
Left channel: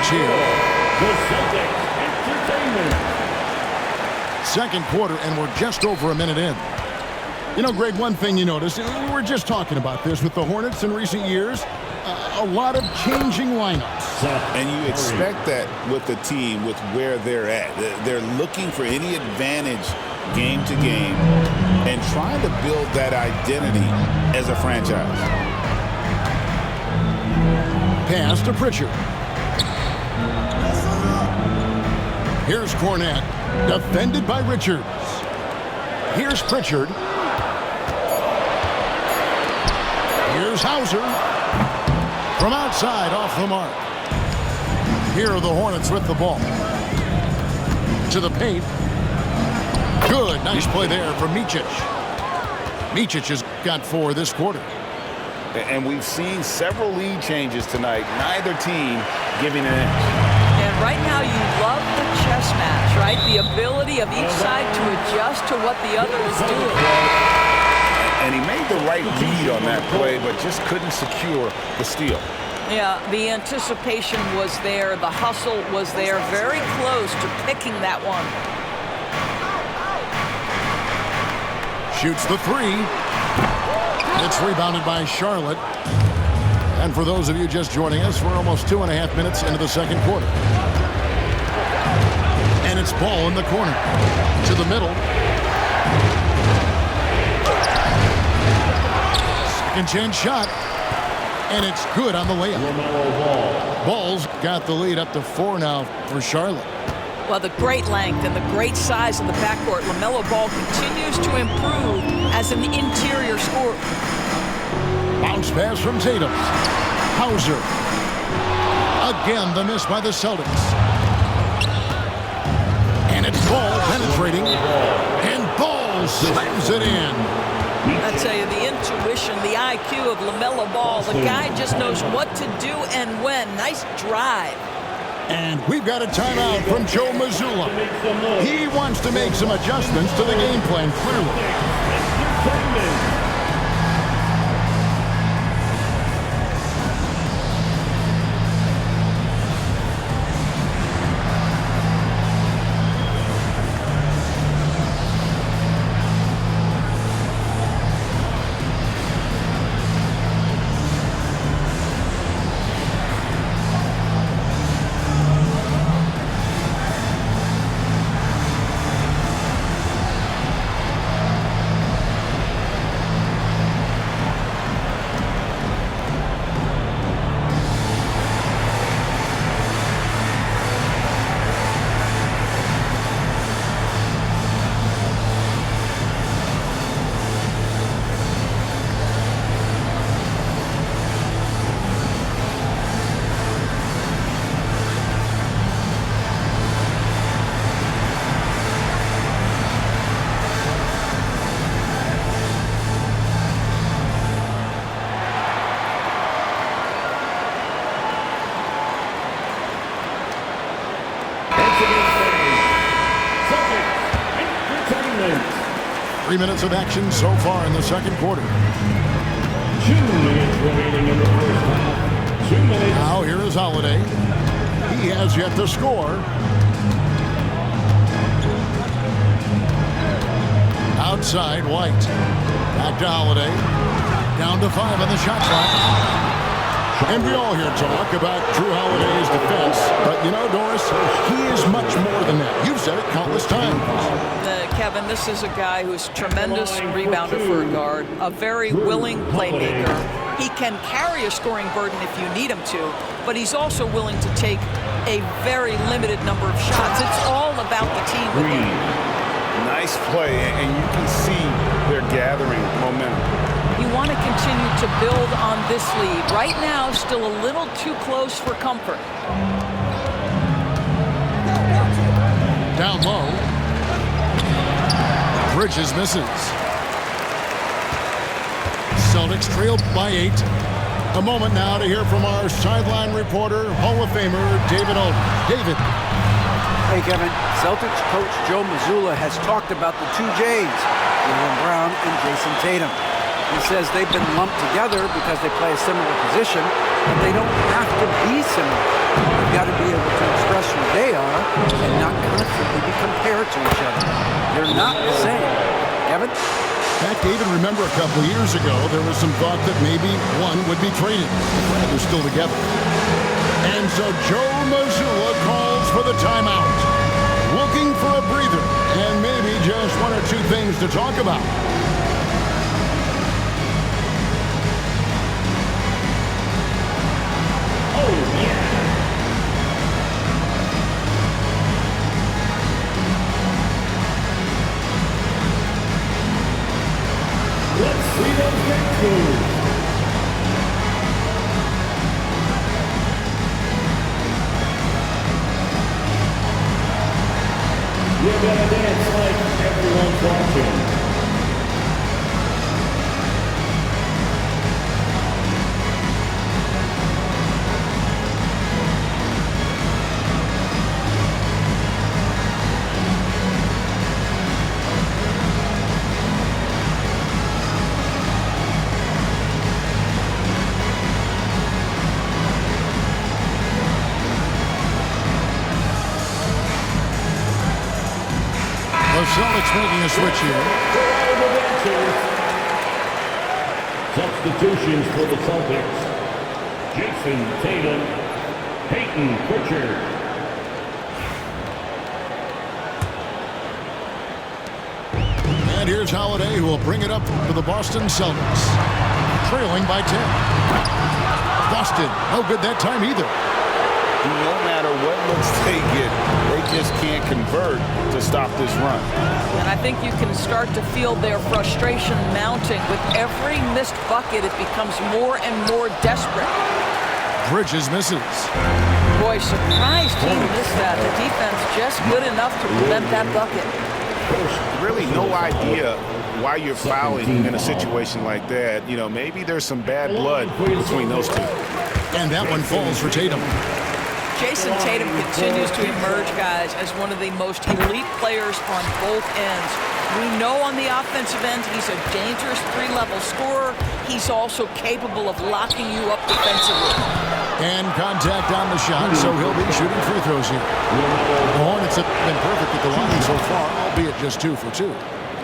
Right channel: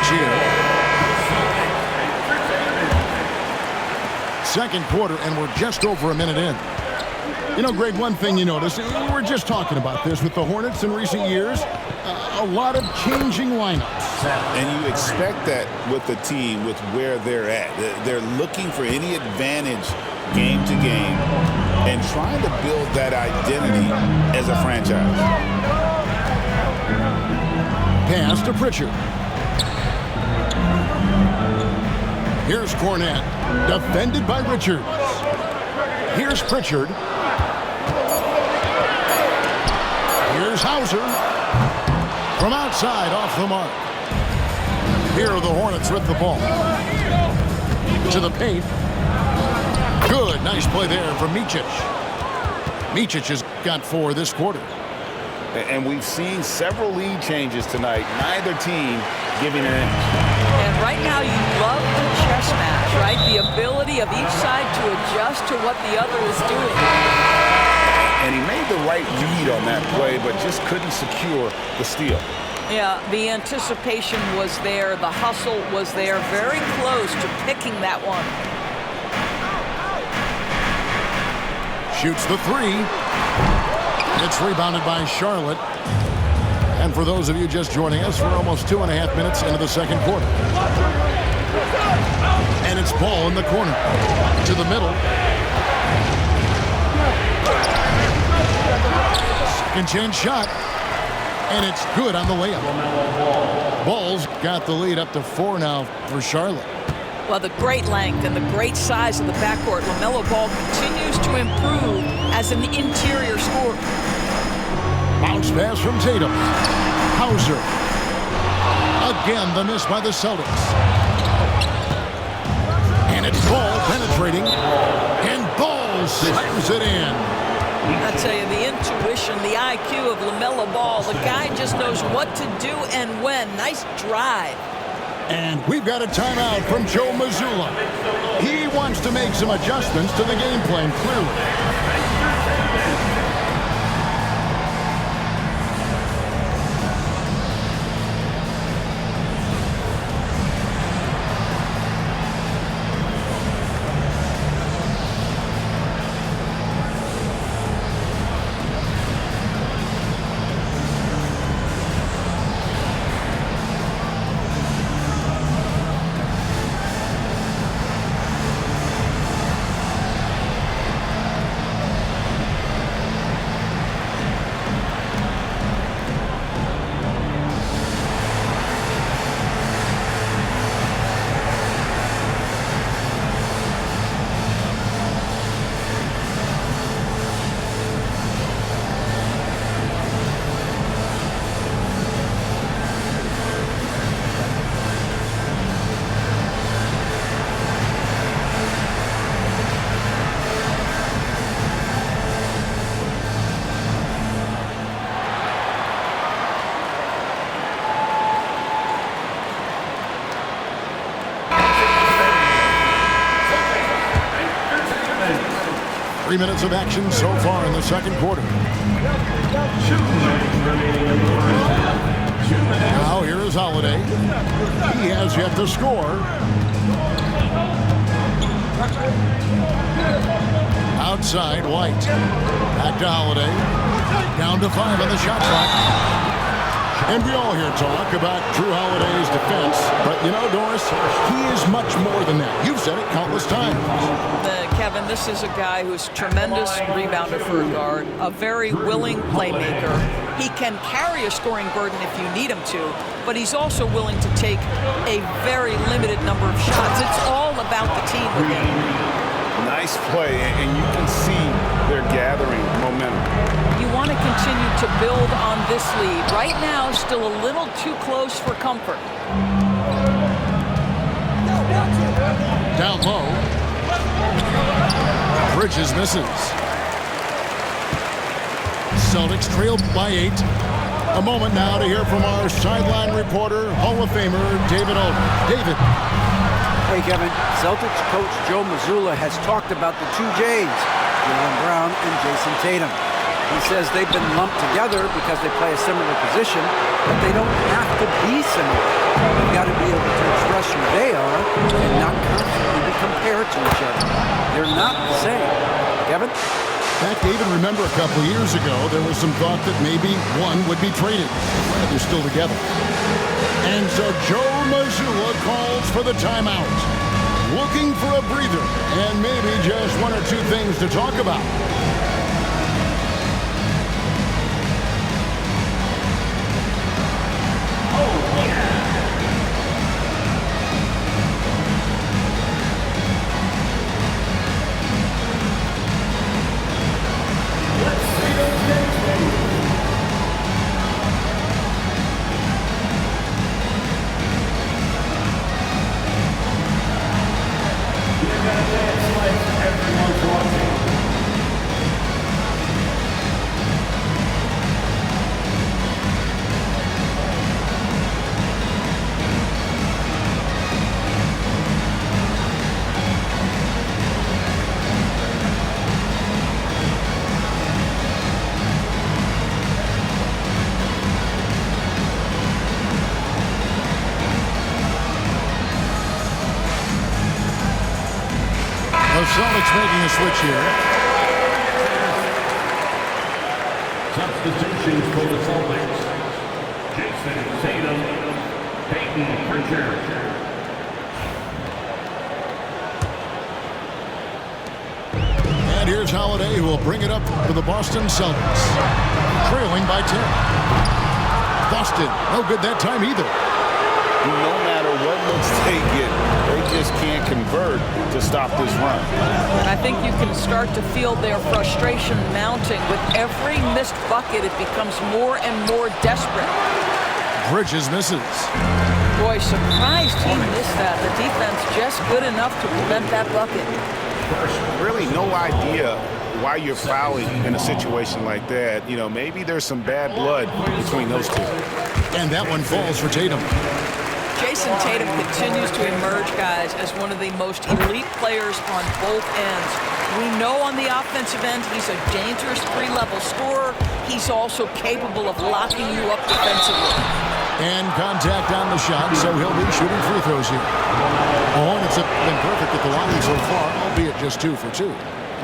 Pitch here. The Celtics Entertainment. Second quarter, and we're just over a minute in. You know, Greg, one thing you notice, we were just talking about this with the Hornets in recent years, a lot of changing lineups. And you expect that with the team, with where they're at. They're looking for any advantage game to game and trying to build that identity as a franchise. Pass to Pritchard. Here's Cornette, defended by Richards. Here's Pritchard. Here's Hauser. From outside, off the mark. Here are the Hornets with the ball. To the paint. Good, nice play there from Micic. Micic has got 4 this quarter. And we've seen several lead changes tonight, neither team giving an inch. And right now you love the chess match, right? The ability of each side to adjust to what the other is doing. And he made the right read on that play, but just couldn't secure the steal. Yeah, the anticipation was there. The hustle was there. Very close to picking that one. Shoots the 3. It's rebounded by Charlotte. And for those of you just joining us, we're almost 2.5 minutes into the second quarter. And it's Ball in the corner. To the middle. Second chance shot. And it's good on the layup. Ball's got the lead up to 4 now for Charlotte. Well, the great length and the great size of the backcourt, LaMelo Ball continues to improve as an interior scorer. Bounce pass from Tatum. Hauser. Again, the miss by the Celtics. And it's Ball penetrating. And Ball slams it in. I tell you, the intuition, the IQ of LaMelo Ball, the guy just knows what to do and when. Nice drive. And we've got a timeout from Joe Mazzulla. He wants to make some adjustments to the game plan, clearly. Entertainment. 3 minutes of action so far in the second quarter. 2 minutes remaining in the first half. 2 minutes. Now here is Holiday. He has yet to score. Outside, White. Back to Holiday. Down to 5 on the shot clock. And we all hear talk about Drew Holiday's defense. But you know, Doris, he is much more than that. You've said it countless times. Kevin, this is a guy who's a tremendous rebounder for a guard, a very willing playmaker. He can carry a scoring burden if you need him to, but he's also willing to take a very limited number of shots. It's all about the team with him. Nice play, and you can see they're gathering momentum. You want to continue to build on this lead. Right now, still a little too close for comfort. Down low. Bridges misses. Celtics trail by 8. A moment now to hear from our sideline reporter, Hall of Famer David Aldridge. David. Hey, Kevin. Celtics coach Joe Mazzulla has talked about the 2 J's, Jaylen Brown and Jason Tatum. He says they've been lumped together because they play a similar position, but they don't have to be similar. They've got to be able to express who they are and not constantly be compared to each other. They're not the same. Kevin? Pat, David, remember a couple years ago, there was some thought that maybe one would be traded. Glad they're still together. And so Joe Mazzulla calls for the timeout. Looking for a breather and maybe just one or two things to talk about. Everyone's watching. The Celtics making a switch here. Substitutions for the Celtics. Jason Tatum, Peyton Pritchard. And here's Holiday, who will bring it up for the Boston Celtics. Trailing by 10. Boston, no good that time either. No matter what looks they get, they just can't convert to stop this run. And I think you can start to feel their frustration mounting. With every missed bucket, it becomes more and more desperate. Bridges misses. Boy, surprised he missed that. The defense just good enough to prevent that bucket. Really no idea why you're fouling in a situation like that. You know, maybe there's some bad blood between those two. And that one falls for Tatum. Jason Tatum continues to emerge, guys, as one of the most elite players on both ends. We know on the offensive end he's a dangerous three-level scorer. He's also capable of locking you up defensively. And contact on the shot, so he'll be shooting free throws here. The Hornets have been perfect at the line so far, albeit just 2 for 2.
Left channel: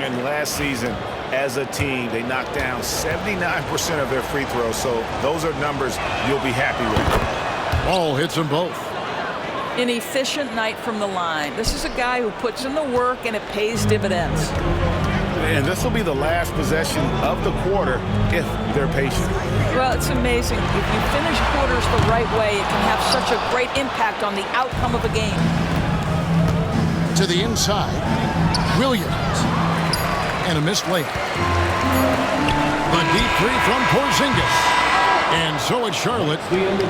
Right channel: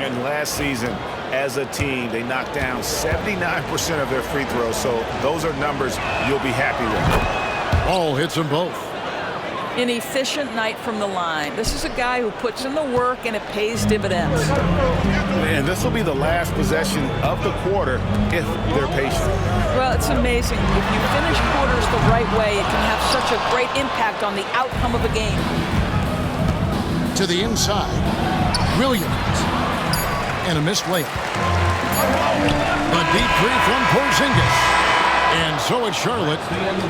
And last season, as a team, they knocked down 79% of their free throws, so those are numbers you'll be happy with. Ball hits them both. An efficient night from the line. This is a guy who puts in the work, and it pays dividends. And this will be the last possession of the quarter if they're patient. Well, it's amazing. If you finish quarters the right way, it can have such a great impact on the outcome of a game. To the inside, Williams. And a missed layup. The deep three from Porzingis. And so it's Charlotte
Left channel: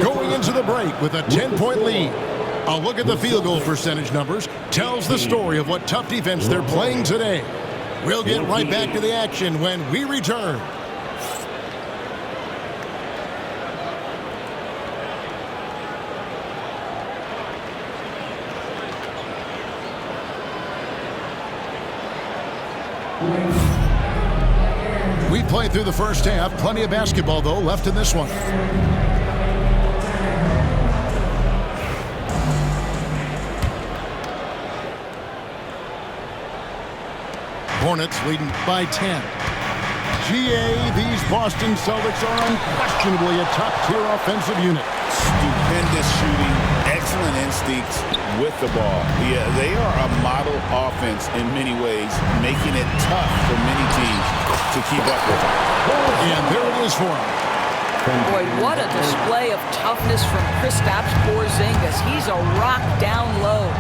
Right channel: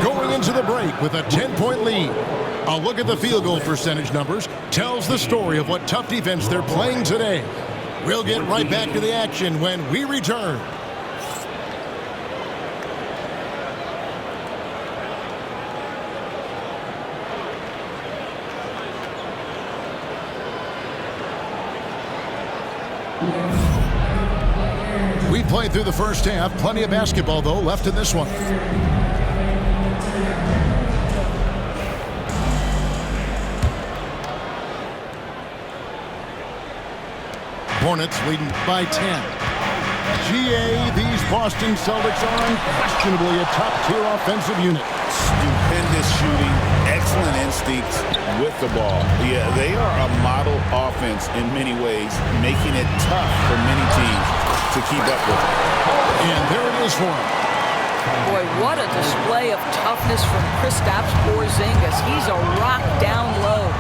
going into the break with a 10-point lead. A look at the field goal percentage numbers tells the story of what tough defense they're playing today. We'll get right back to the action when we return. We played through the first half. Plenty of basketball, though, left in this one. Hornets leading by 10. GA, these Boston Celtics are unquestionably a top-tier offensive unit. Stupendous shooting, excellent instincts with the ball. Yeah, they are a model offense in many ways, making it tough for many teams to keep up with them. And there it is for him. Boy, what a display of toughness from Kristaps Porzingis. He's a rock down low.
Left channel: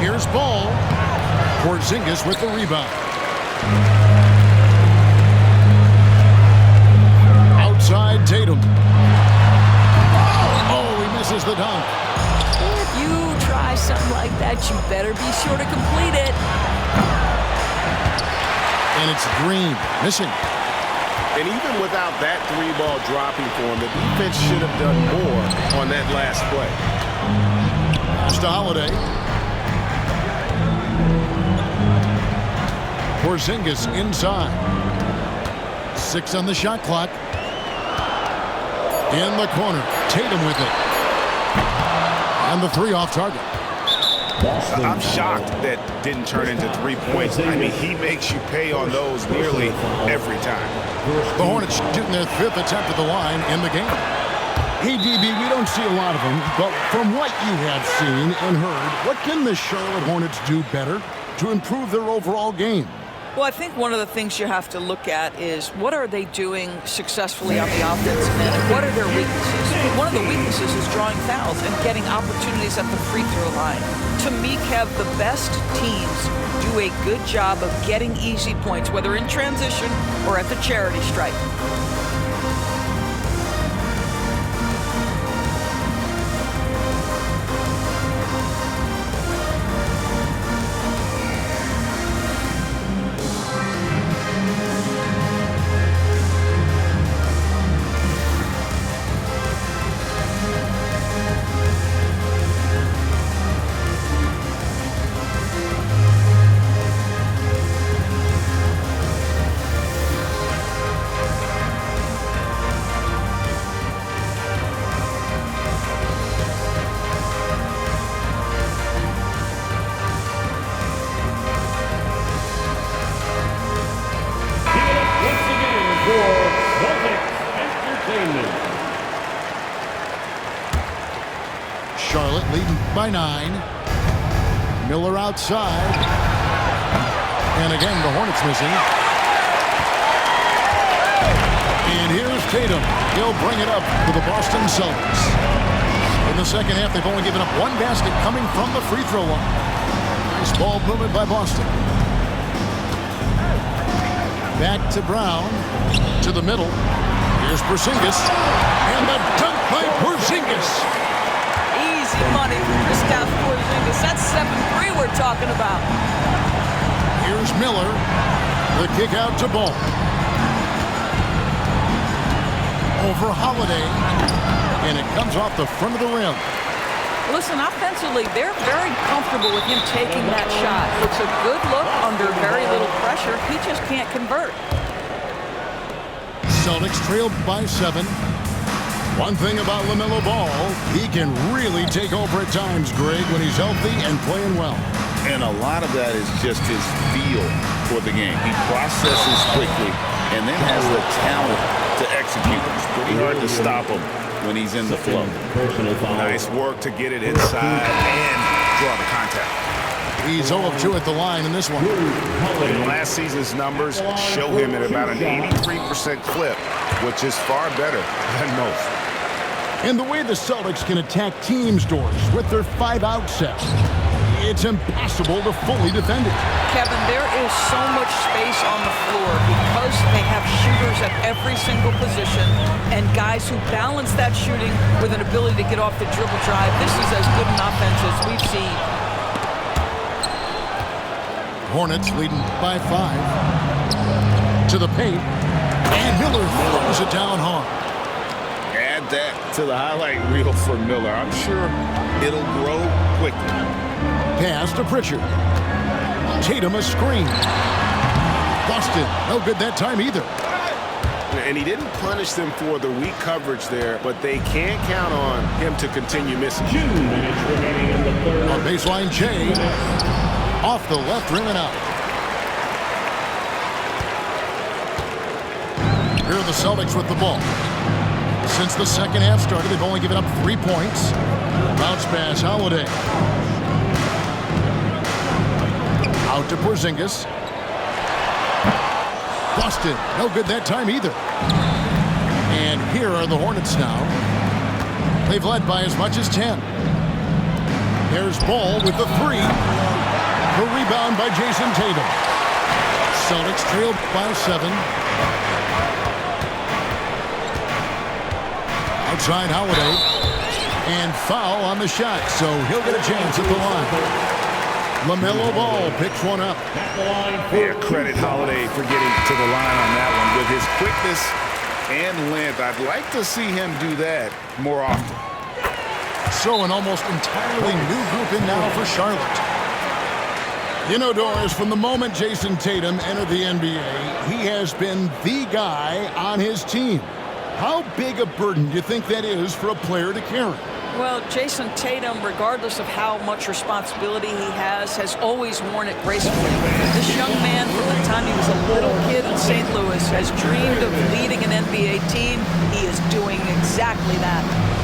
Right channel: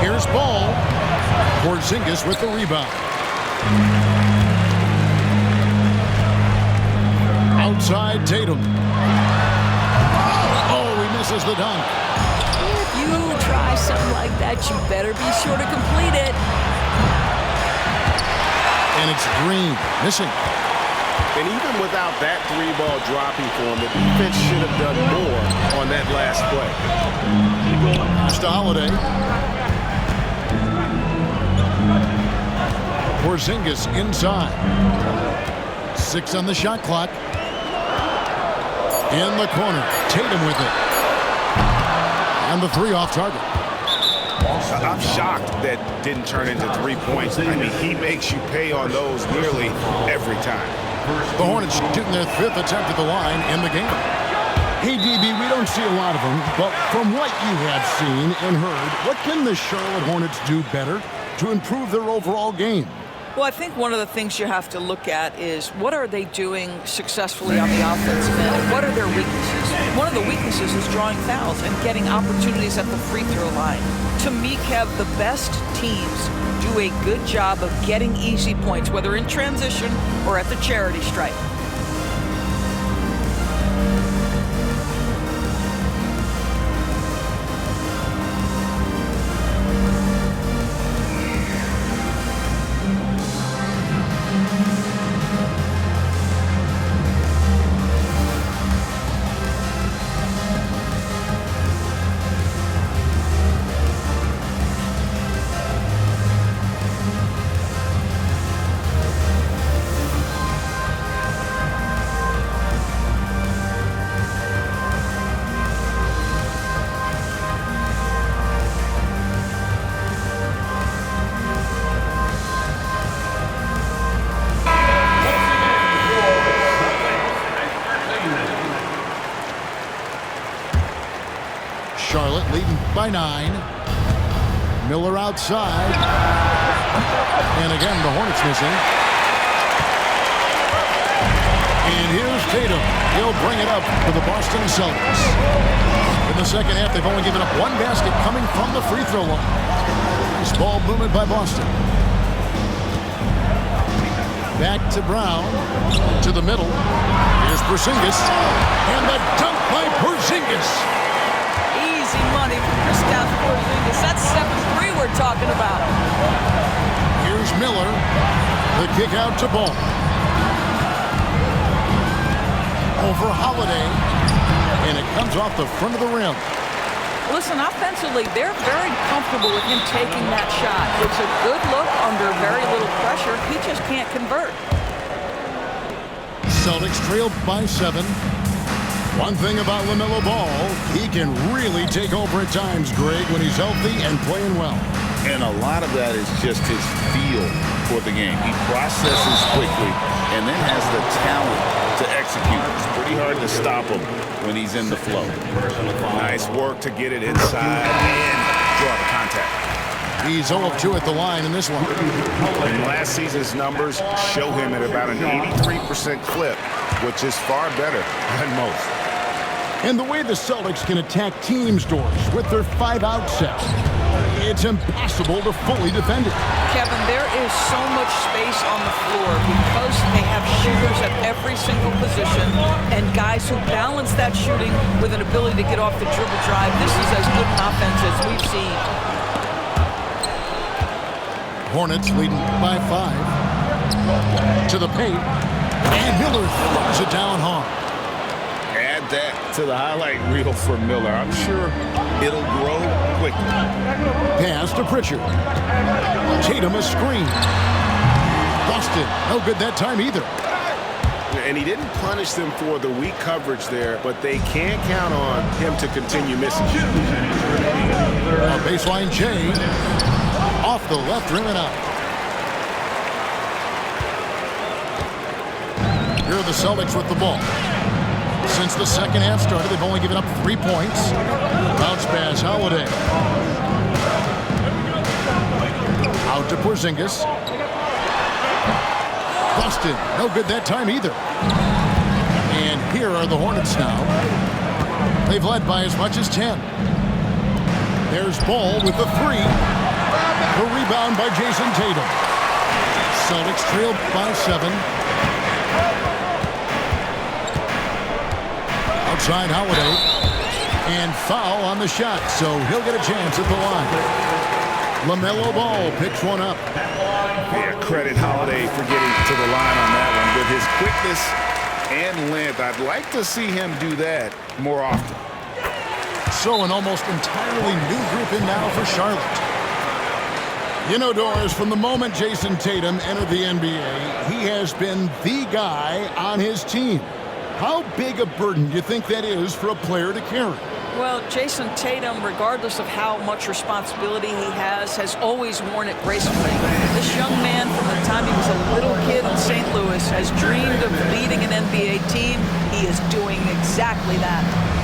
Here's Ball. Porzingis with the rebound. Outside Tatum. Oh, he misses the dunk. If you try something like that, you better be sure to complete it. And it's Green missing. And even without that three ball dropping for him, the defense should have done more on that last play. Pass to Holiday. Porzingis inside. 6 on the shot clock. In the corner, Tatum with it. And the three off target. I'm shocked that didn't turn into 3 points. I mean, he makes you pay on those nearly every time. The Hornets shooting their 5th attempt at the line in the game. Hey, DB, we don't see a lot of them, but from what you have seen and heard, what can the Charlotte Hornets do better to improve their overall game? Well, I think one of the things you have to look at is what are they doing successfully on the offensive end and what are their weaknesses? One of the weaknesses is drawing fouls and getting opportunities at the free throw line. To me, Kev, the best teams do a good job of getting easy points, whether in transition or at the charity stripe. Charlotte leading by 9. Miller outside. And again, the Hornets missing. And here's Tatum. He'll bring it up for the Boston Celtics. In the second half, they've only given up 1 basket coming from the free throw line. Nice ball movement by Boston. Back to Brown. To the middle. Here's Porzingis. And the dunk by Porzingis. Easy money for Kristaps Porzingis. That's 7-3 we're talking about. Here's Miller. The kick out to Ball. Over Holiday. And it comes off the front of the rim. Listen, offensively, they're very comfortable with him taking that shot. It's a good look under very little pressure. He just can't convert. Celtics trailed by 7. One thing about LaMelo Ball, he can really take over at times, Greg, when he's healthy and playing well. And a lot of that is just his feel for the game. He processes quickly and then has the talent to execute. It's pretty hard to stop him when he's in the flow. Nice work to get it inside and draw the contact. He's 0 of 2 at the line in this one. And last season's numbers show him at about an 83% clip, which is far better than most. And the way the Celtics can attack teams' doors with their 5-out set, it's impossible to fully defend it. Kevin, there is so much space on the floor because they have shooters at every single position and guys who balance that shooting with an ability to get off the dribble drive. This is as good an offense as we've seen. Hornets leading by 5. To the paint. And Miller throws it down hard. Add that to the highlight reel for Miller. I'm sure it'll grow quickly. Pass to Pritchard. Tatum a screen. Boston, no good that time either. And he didn't punish them for the weak coverage there, but they can't count on him to continue missing. A baseline J. Off the left rim and out. Here are the Celtics with the ball. Since the second half started, they've only given up 3 points. Bounce pass, Holiday. Out to Porzingis. Boston, no good that time either. And here are the Hornets now. They've led by as much as 10. There's Ball with the 3. The rebound by Jason Tatum. Celtics trailed by 7. Outside Holiday. And foul on the shot, so he'll get a chance at the line. LaMelo Ball picks one up. Yeah, credit Holiday for getting to the line on that one. With his quickness and length, I'd like to see him do that more often. So an almost entirely new group in now for Charlotte. You know, Doris, from the moment Jason Tatum entered the NBA, he has been the guy on his team. How big a burden do you think that is for a player to carry? Well, Jason Tatum, regardless of how much responsibility he has always worn it gracefully. This young man, from the time he was a little kid in St. Louis, has dreamed of leading an NBA team. He is doing exactly that.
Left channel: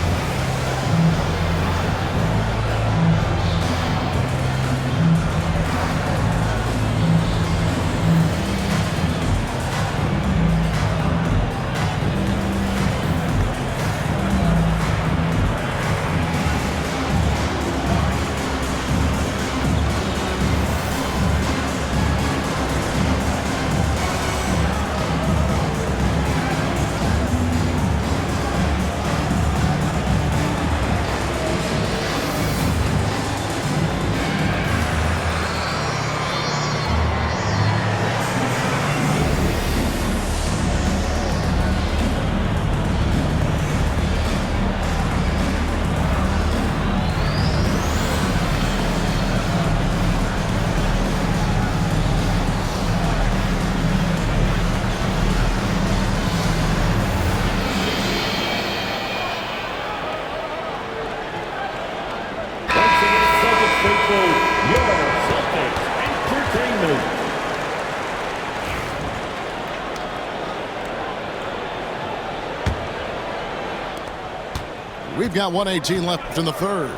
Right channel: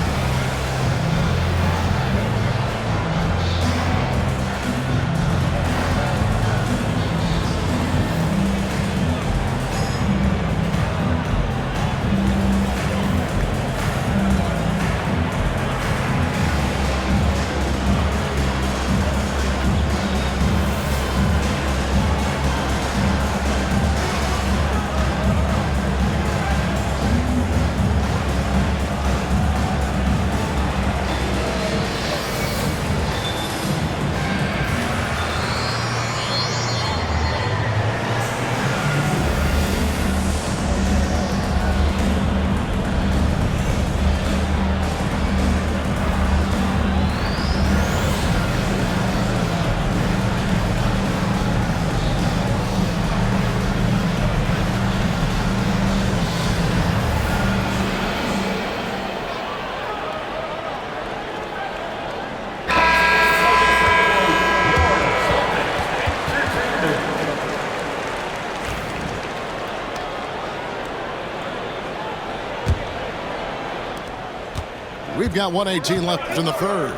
We've got 1:18 left in the third.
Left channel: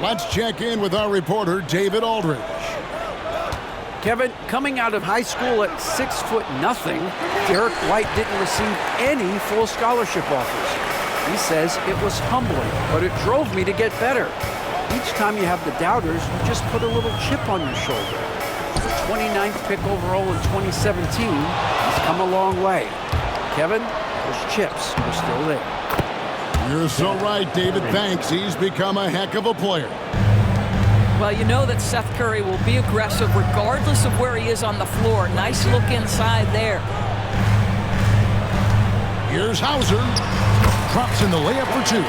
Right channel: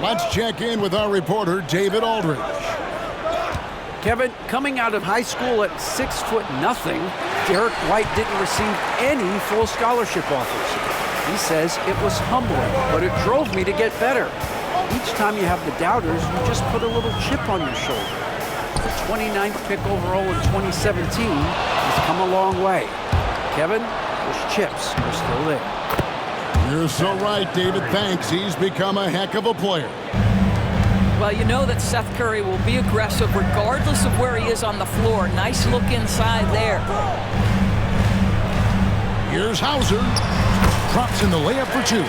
Let's check in with our reporter, David Aldridge. Kevin, coming out of high school at 6'0", Derek White didn't receive any full scholarship offers. He says it was humbling, but it drove me to get better. Each time you have the doubters, you just put a little chip on your shoulder. The 29th pick overall in 2017, he's come a long way. Kevin, those chips are still there. You're so right, David. Thanks. He's become a heck of a player. Well, you know that Seth Curry will be aggressive regardless of where he is on the floor. Nice look inside there. Here's Hauser. Drops in the layup for two.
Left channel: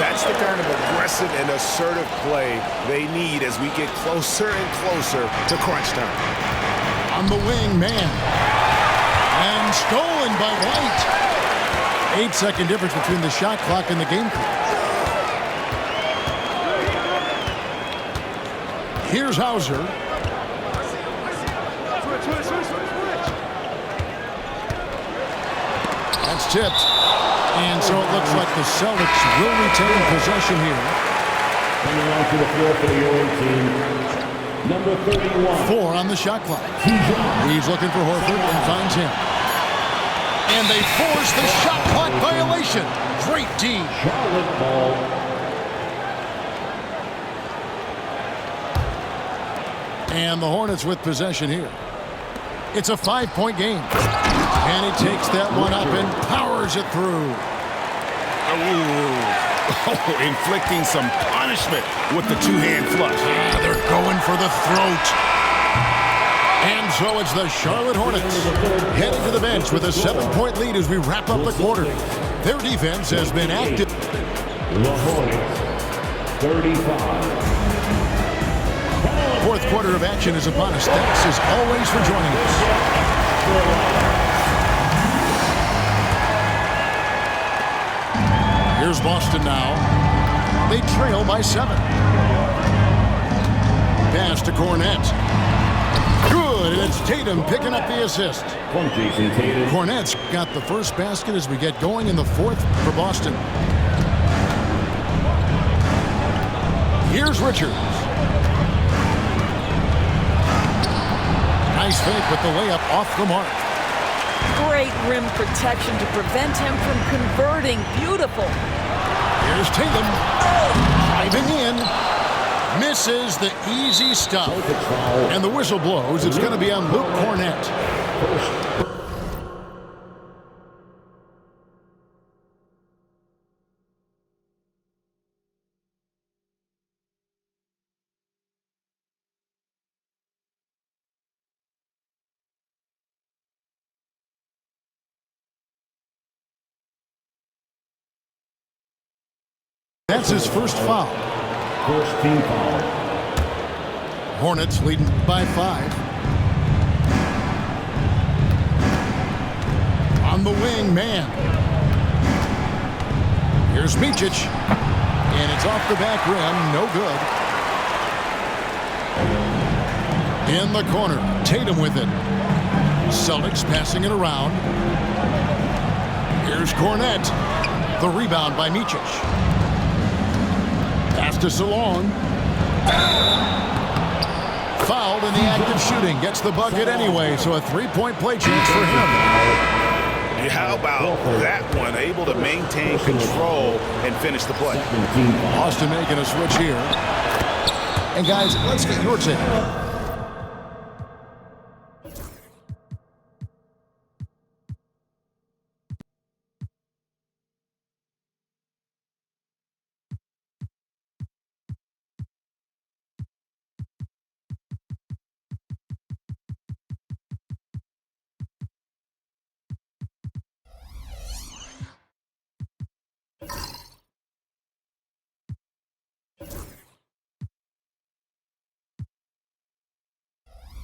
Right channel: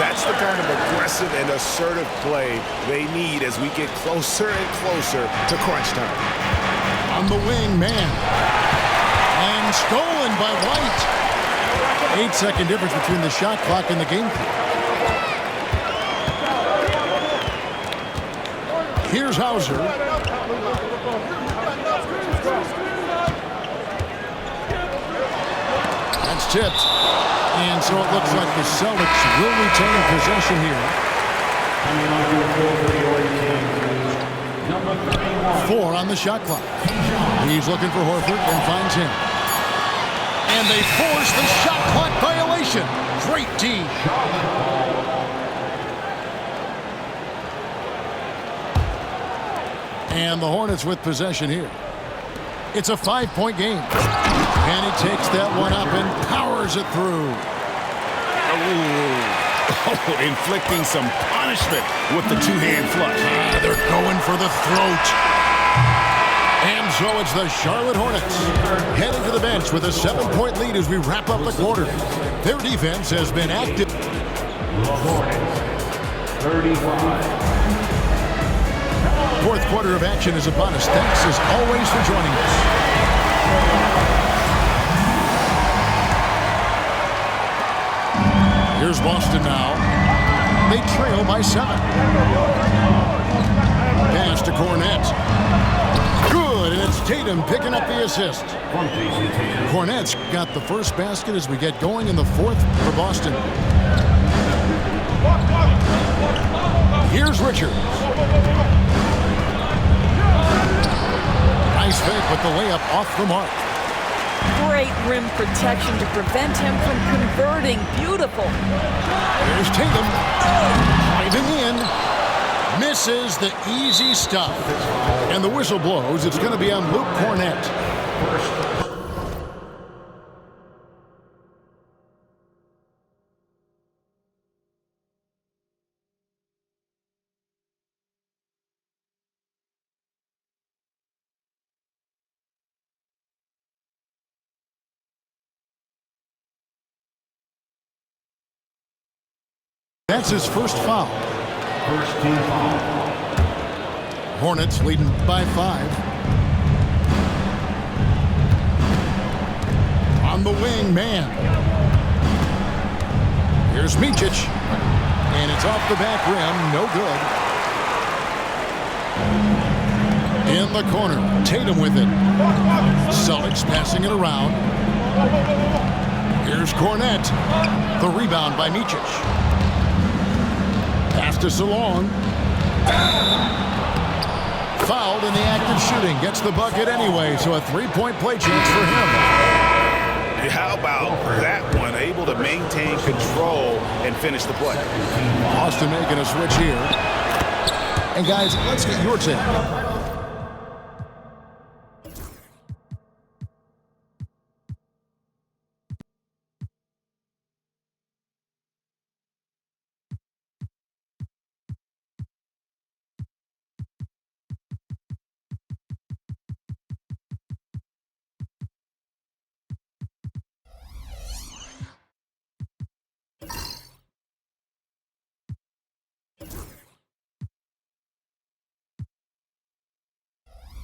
That's the kind of aggressive and assertive play they need as we get closer and closer to crunch time. On the wing, man. And stolen by White. 8-second difference between the shot clock and the game clock. Here's Hauser. That's tipped. And so it looks like the Celtics will retain possession here. Coming onto the floor for the Orange team, number 31. 4 on the shot clock. He's looking for Horford and finds him. And they force the shot clock violation. Great D. Charlotte ball. And the Hornets with possession here. It's a 5-point game. And he takes that one up and powers it through. Oh, inflicting some punishment with the two-hand flush. They're going for the throat. And so it's the Charlotte Hornets heading to the bench with a 7-point lead as we wrap up the quarter. Their defense has been active. The Hornets, 35. Fourth quarter of action is upon us. Thanks as always for joining us. Here's Boston now. They trail by 7. Pass to Cornette. Good, and it's Tatum picking up the assist. Cornette's got the first basket as we get going in the fourth for Boston. Here's Richards. Nice fake with the layup off the mark. Great rim protection to prevent him from converting. Beautiful. Here's Tatum. Driving in. Misses the easy stuff. And the whistle blows. It's going to be on Luke Cornette. That's his first foul. First team foul. Hornets leading by 5. On the wing, man. Here's Micic. And it's off the back rim. No good. In the corner. Tatum with it. Celtics passing it around. Here's Cornette. The rebound by Micic. Pass to Salon. Fouled in the act of shooting. Gets the bucket anyway, so a three-point play chance for him. How about that one? Able to maintain control and finish the play. Austin making a switch here. And guys, let's get your take.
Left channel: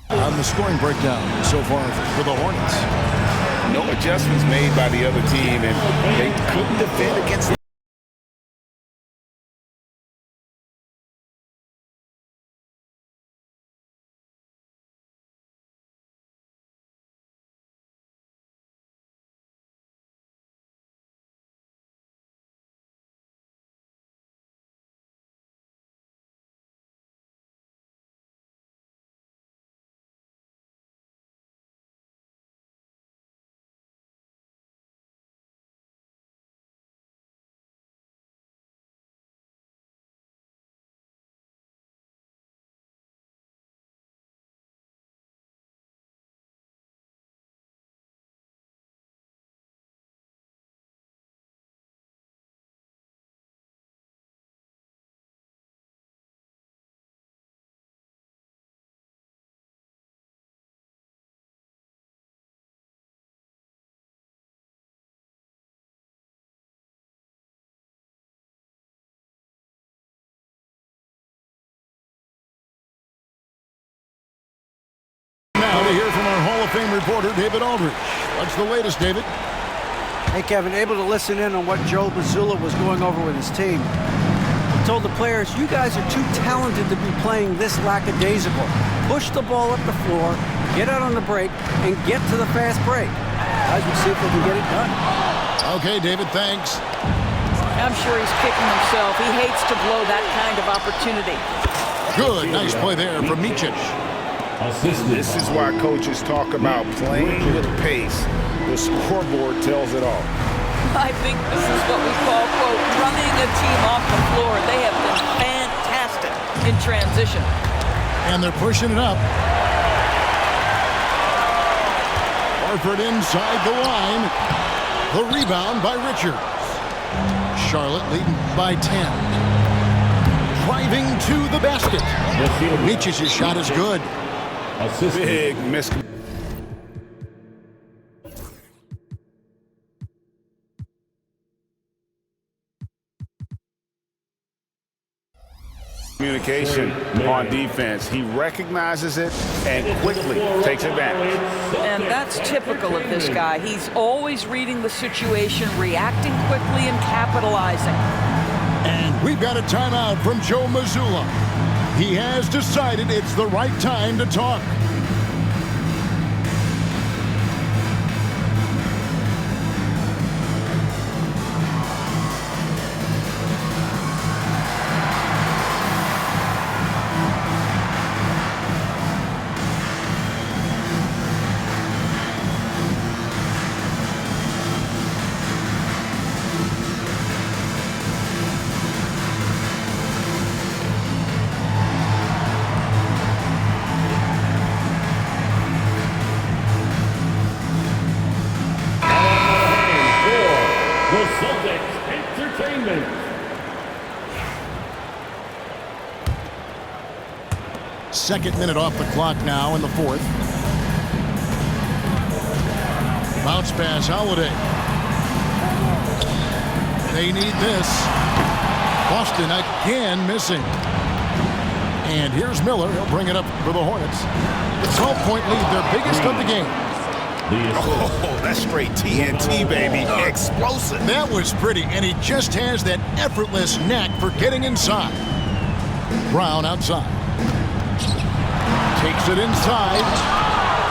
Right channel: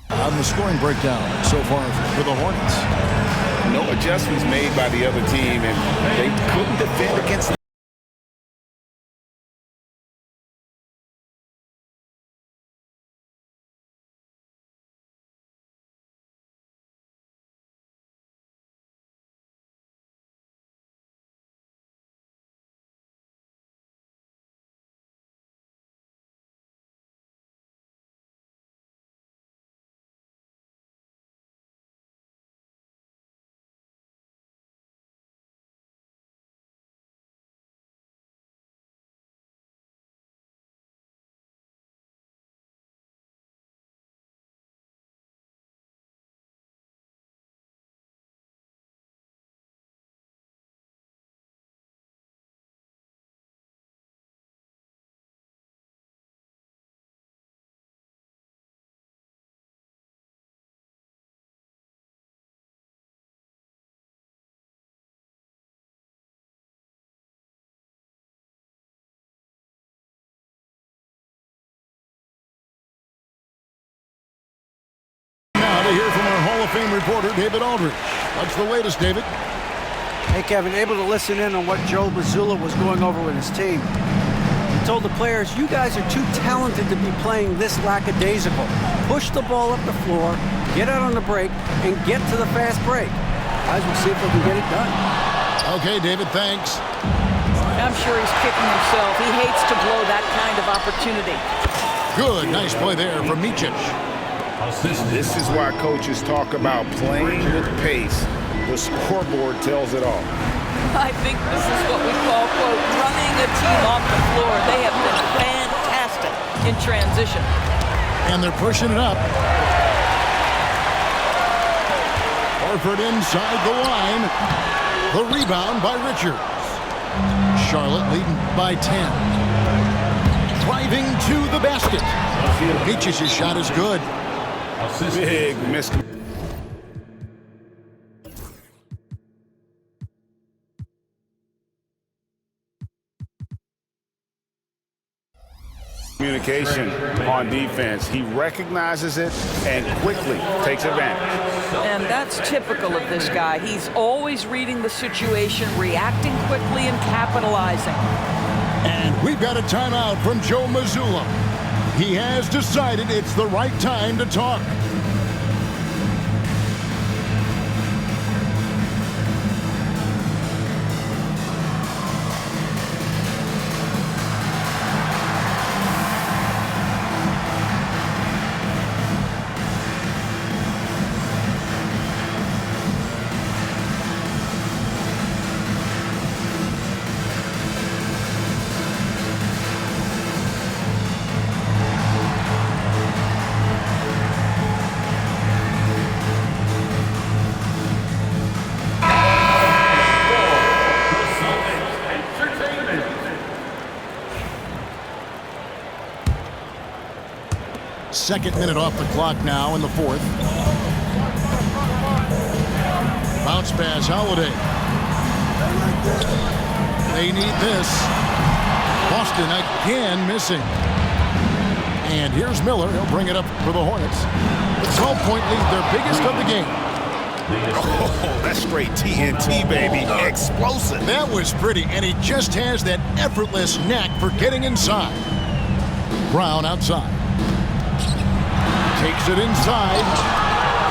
On the scoring breakdown so far for the Hornets. No adjustments made by the other team, and they couldn't defend against the Now to hear from our Hall of Fame reporter, David Aldridge. What's the latest, David? Hey, Kevin, able to listen in on what Joe Mazzulla was going over with his team. He told the players, you guys are too talented to be playing this lackadaisical. Push the ball up the floor, get out on the break, and get to the fast break. Guys, we'll see if they can get it done. Okay, David, thanks. I'm sure he's kicking himself. He hates to blow that kind of opportunity. Good, nice play there from Micic. This is why coaches talk about playing with pace. The scoreboard tells it all. I think this is what we call, quote, running a team off the floor. They have been fantastic in transition. And they're pushing it up. Horford inside the line. The rebound by Richards. Charlotte leading by 10. Driving to the basket. Micic's shot is good. Big miss. Communication on defense. He recognizes it and quickly takes advantage. And that's typical of this guy. He's always reading the situation, reacting quickly, and capitalizing. And we've got a timeout from Joe Mazzulla. He has decided it's the right time to talk. Second minute off the clock now in the fourth. Bounce pass, Holiday. They need this. Boston again missing. And here's Miller. He'll bring it up for the Hornets. The 12-point lead, their biggest of the game. Oh, that's straight TNT, baby. Explosive. That was pretty, and he just has that effortless knack for getting inside. Brown outside. Takes it inside.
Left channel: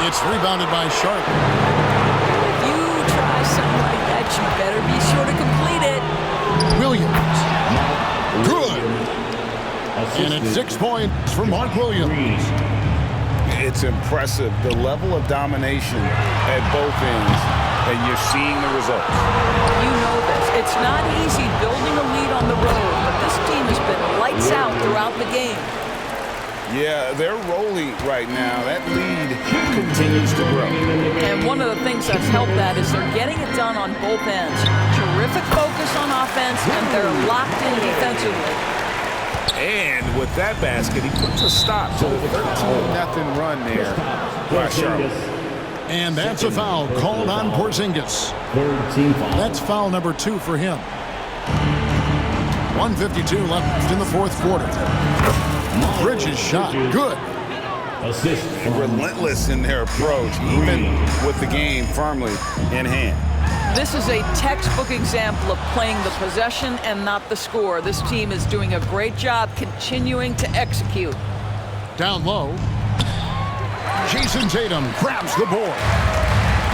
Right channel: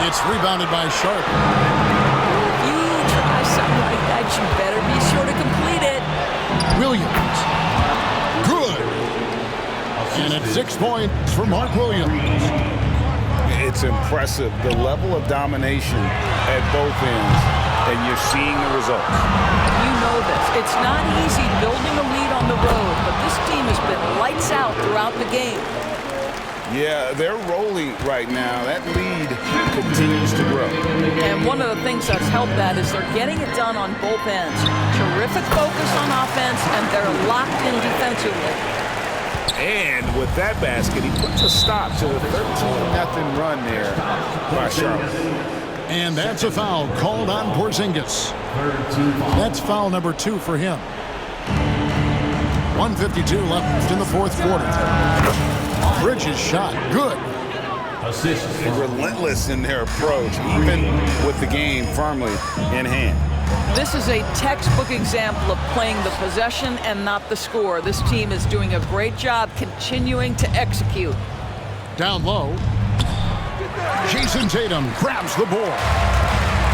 It's rebounded by Sharp. If you try something like that, you better be sure to complete it. Williams. Good. And it's 6 points for Mark Williams. It's impressive, the level of domination at both ends, and you're seeing the results. You know this. It's not easy building a lead on the road, but this team has been lights out throughout the game. Yeah, they're rolling right now. That lead continues to grow. And one of the things that's helped that is they're getting it done on both ends. Terrific focus on offense, and they're locked in defensively. And with that basket, he puts a stop to the 13-0 run there by Charlotte. And that's a foul called on Porzingis. That's foul number 2 for him. 1:52 left in the fourth quarter. Bridges shot, good. Relentless in their approach, even with the game firmly in hand. This is a textbook example of playing the possession and not the score. This team is doing a great job continuing to execute. Down low. Jason Tatum grabs the board.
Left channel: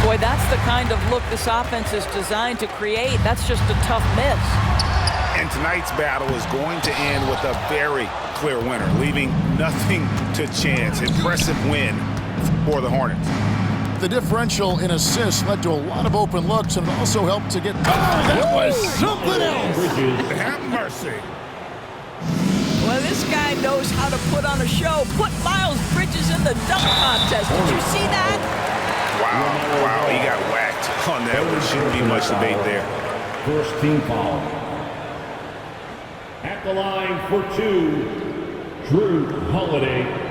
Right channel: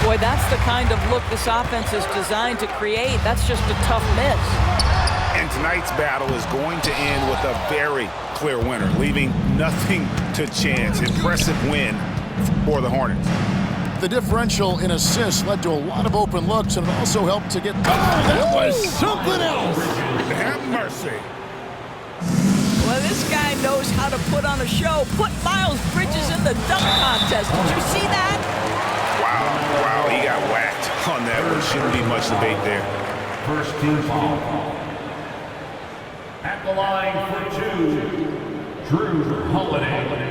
Boy, that's the kind of look this offense is designed to create. That's just a tough miss. And tonight's battle is going to end with a very clear winner, leaving nothing to chance. Impressive win for the Hornets. The differential in assists led to a lot of open looks, and it also helped to get... Oh, that was something else! Have mercy. Well, this guy knows how to put on a show. Put Miles Bridges in the dunk contest. Did you see that? Wow, he got whacked on that one. Shouldn't be much debate there. First team foul. At the line for 2, Drew Holiday.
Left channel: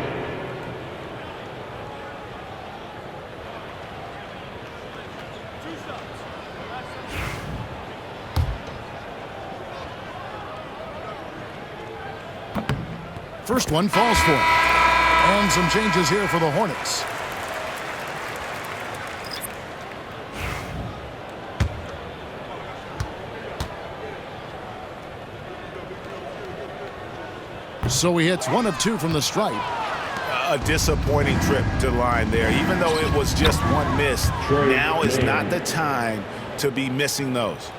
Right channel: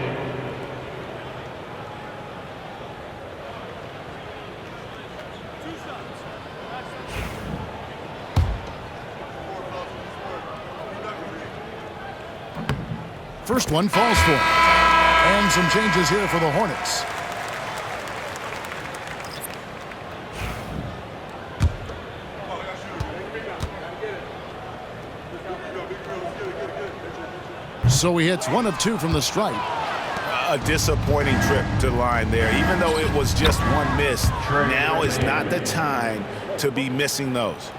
First one falls for him. And some changes here for the Hornets. So he hits 1 of 2 from the stripe. A disappointing trip to the line there. Even though it was just one miss, now is not the time to be missing those.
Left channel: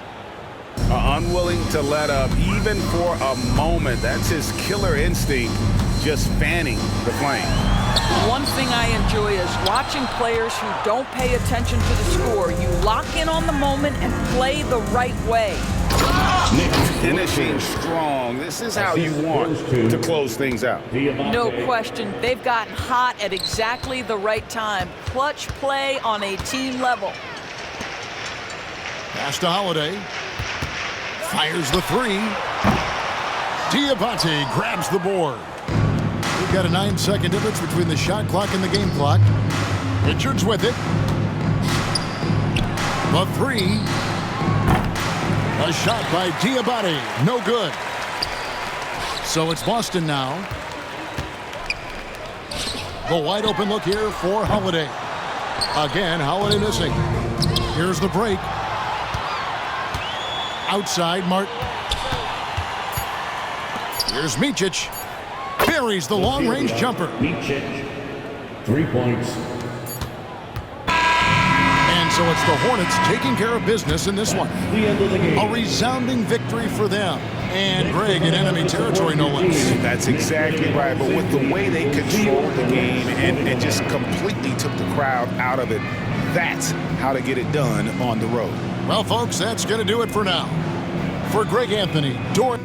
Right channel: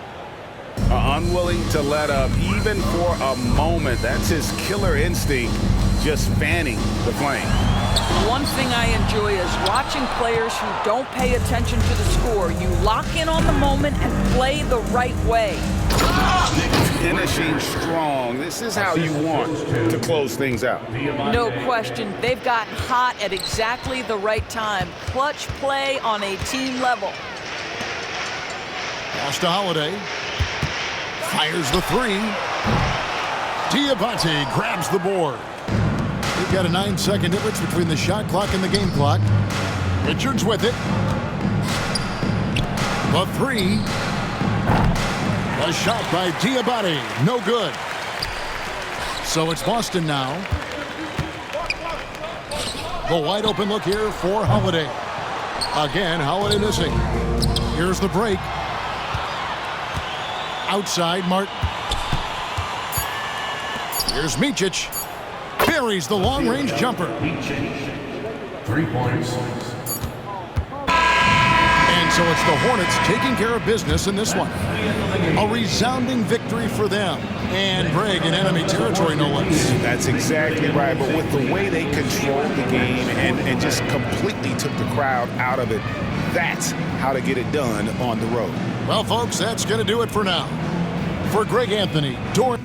Unwilling to let up even for a moment. That's his killer instinct, just fanning the flame. One thing I enjoy is watching players who don't pay attention to the score. You lock in on the moment and play the right way. Finishing strong. This is how you want to close things out. No question. They've gotten hot at exactly the right time. Clutch play on a team level. Pass to Holiday. Fires the 3. Diabate grabs the board. We've got a 9-second difference between the shot clock and the game clock. Richards with it. The 3. A shot by Diabate. No good. So it's Boston now. The wide open look here for Holiday. Again, Holiday missing. Here's the break. Outside, Martin. Here's Micic. Buries the long-range jumper. 3 points. And so it's the Hornets taking care of business in this one. A resounding victory for them. And Greg in enemy territory, no less. That's exactly right. But with the way they controlled the game and just completely took the crowd out of it, that's how to get it done on the road. Well, folks, that's going to do it for now. For Greg Anthony, Dorian.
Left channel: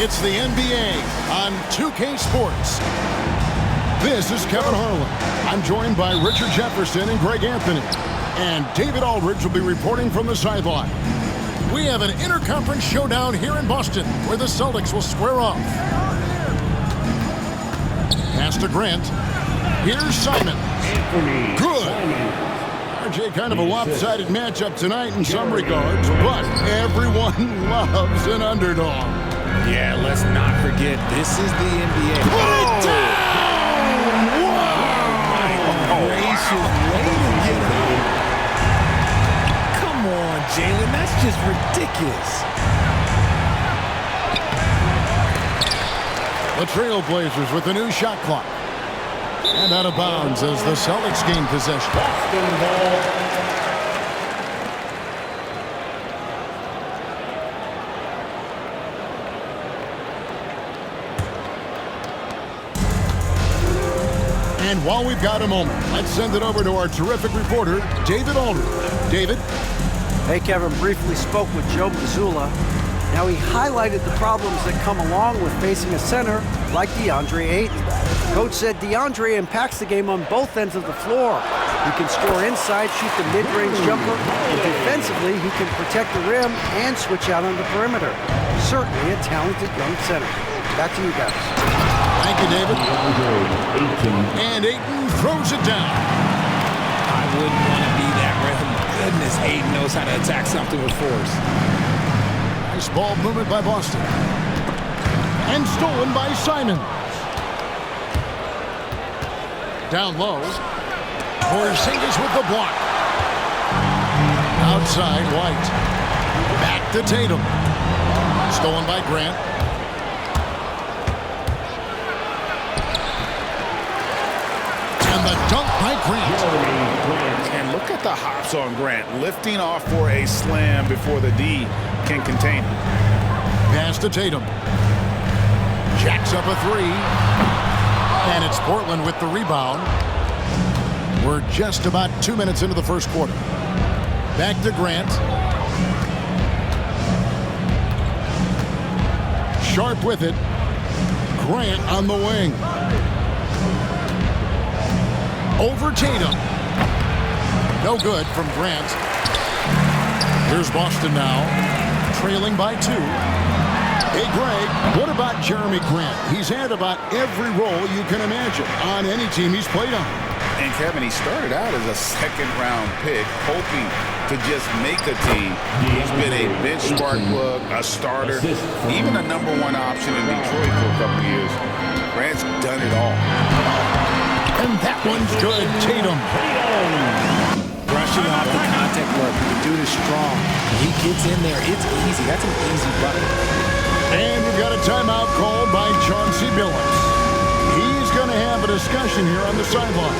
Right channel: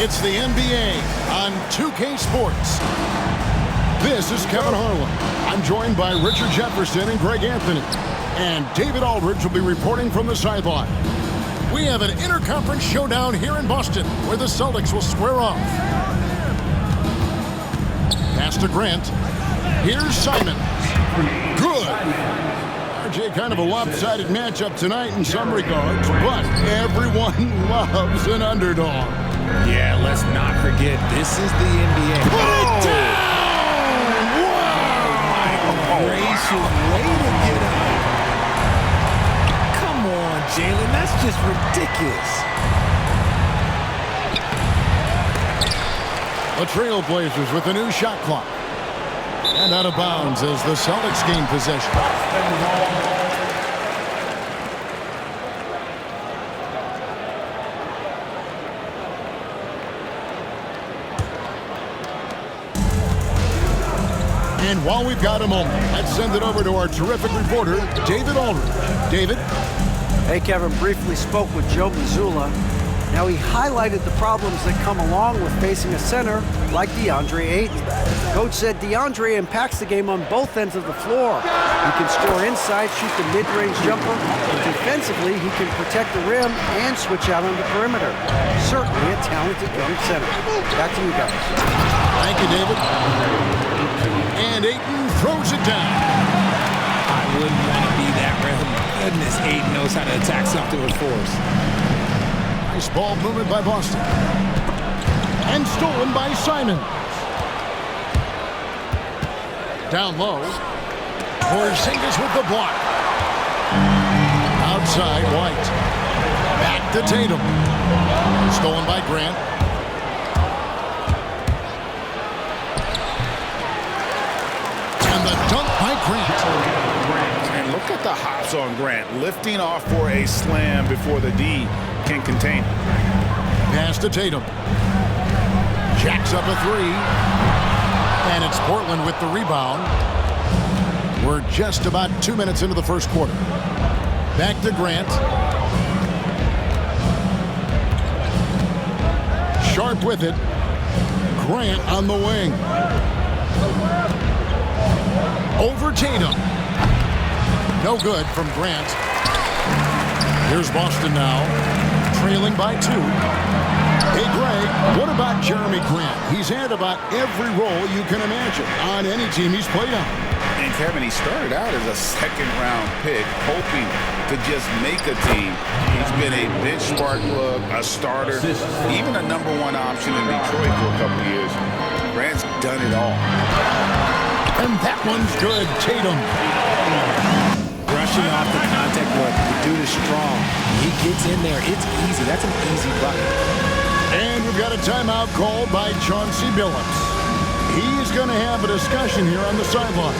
It's the NBA on 2K Sports. This is Kevin Harlan. I'm joined by Richard Jefferson and Greg Anthony. And David Aldridge will be reporting from the sideline. We have an interconference showdown here in Boston where the Celtics will square off. Pass to Grant. Here's Simons. Good. RJ, kind of a lopsided matchup tonight in some regards, but everyone loves an underdog. Yeah, let's not forget, this is the NBA. Put it down! Wow! My gracious, way to get up. Come on, Jalen, that's just ridiculous. The Trailblazers with a new shot clock. And out of bounds as the Celtics gain possession. And while we've got a moment, let's send it over to our terrific reporter, David Aldridge. David? Hey, Kevin, briefly spoke with Joe Mazzulla. Now, he highlighted the problems that come along with facing a center like DeAndre Ayton. Coach said DeAndre impacts the game on both ends of the floor. He can score inside, shoot the mid-range jumper, and defensively, he can protect the rim and switch out on the perimeter. Certainly a talented young center. Back to you guys. Thank you, David. And Ayton throws it down. I wouldn't want to be that rim. Goodness, Ayton knows how to attack something with force. Nice ball movement by Boston. And stolen by Simons. Down low. Porzingis with the block. Outside, White. Back to Tatum. Stolen by Grant. And the dunk by Grant. And look at the hops on Grant, lifting off for a slam before the D can contain it. Pass to Tatum. Jacks up a three. And it's Portland with the rebound. We're just about 2 minutes into the first quarter. Back to Grant. Sharp with it. Grant on the wing. Over Tatum. No good from Grant. Here's Boston now, trailing by 2. Hey, Greg, what about Jeremy Grant? He's had about every role you can imagine on any team he's played on. And Kevin, he started out as a second-round pick, hoping to just make a team. He's been a bench spark plug, a starter, even a #1 option in Detroit for a couple of years. Grant's done it all. And that one's good, Tatum. Brushing off the contact look. The dude is strong. When he gets in there, it's easy. That's an easy bucket. And we've got a timeout called by Chauncey Billups. He's going to have a discussion here on the sideline.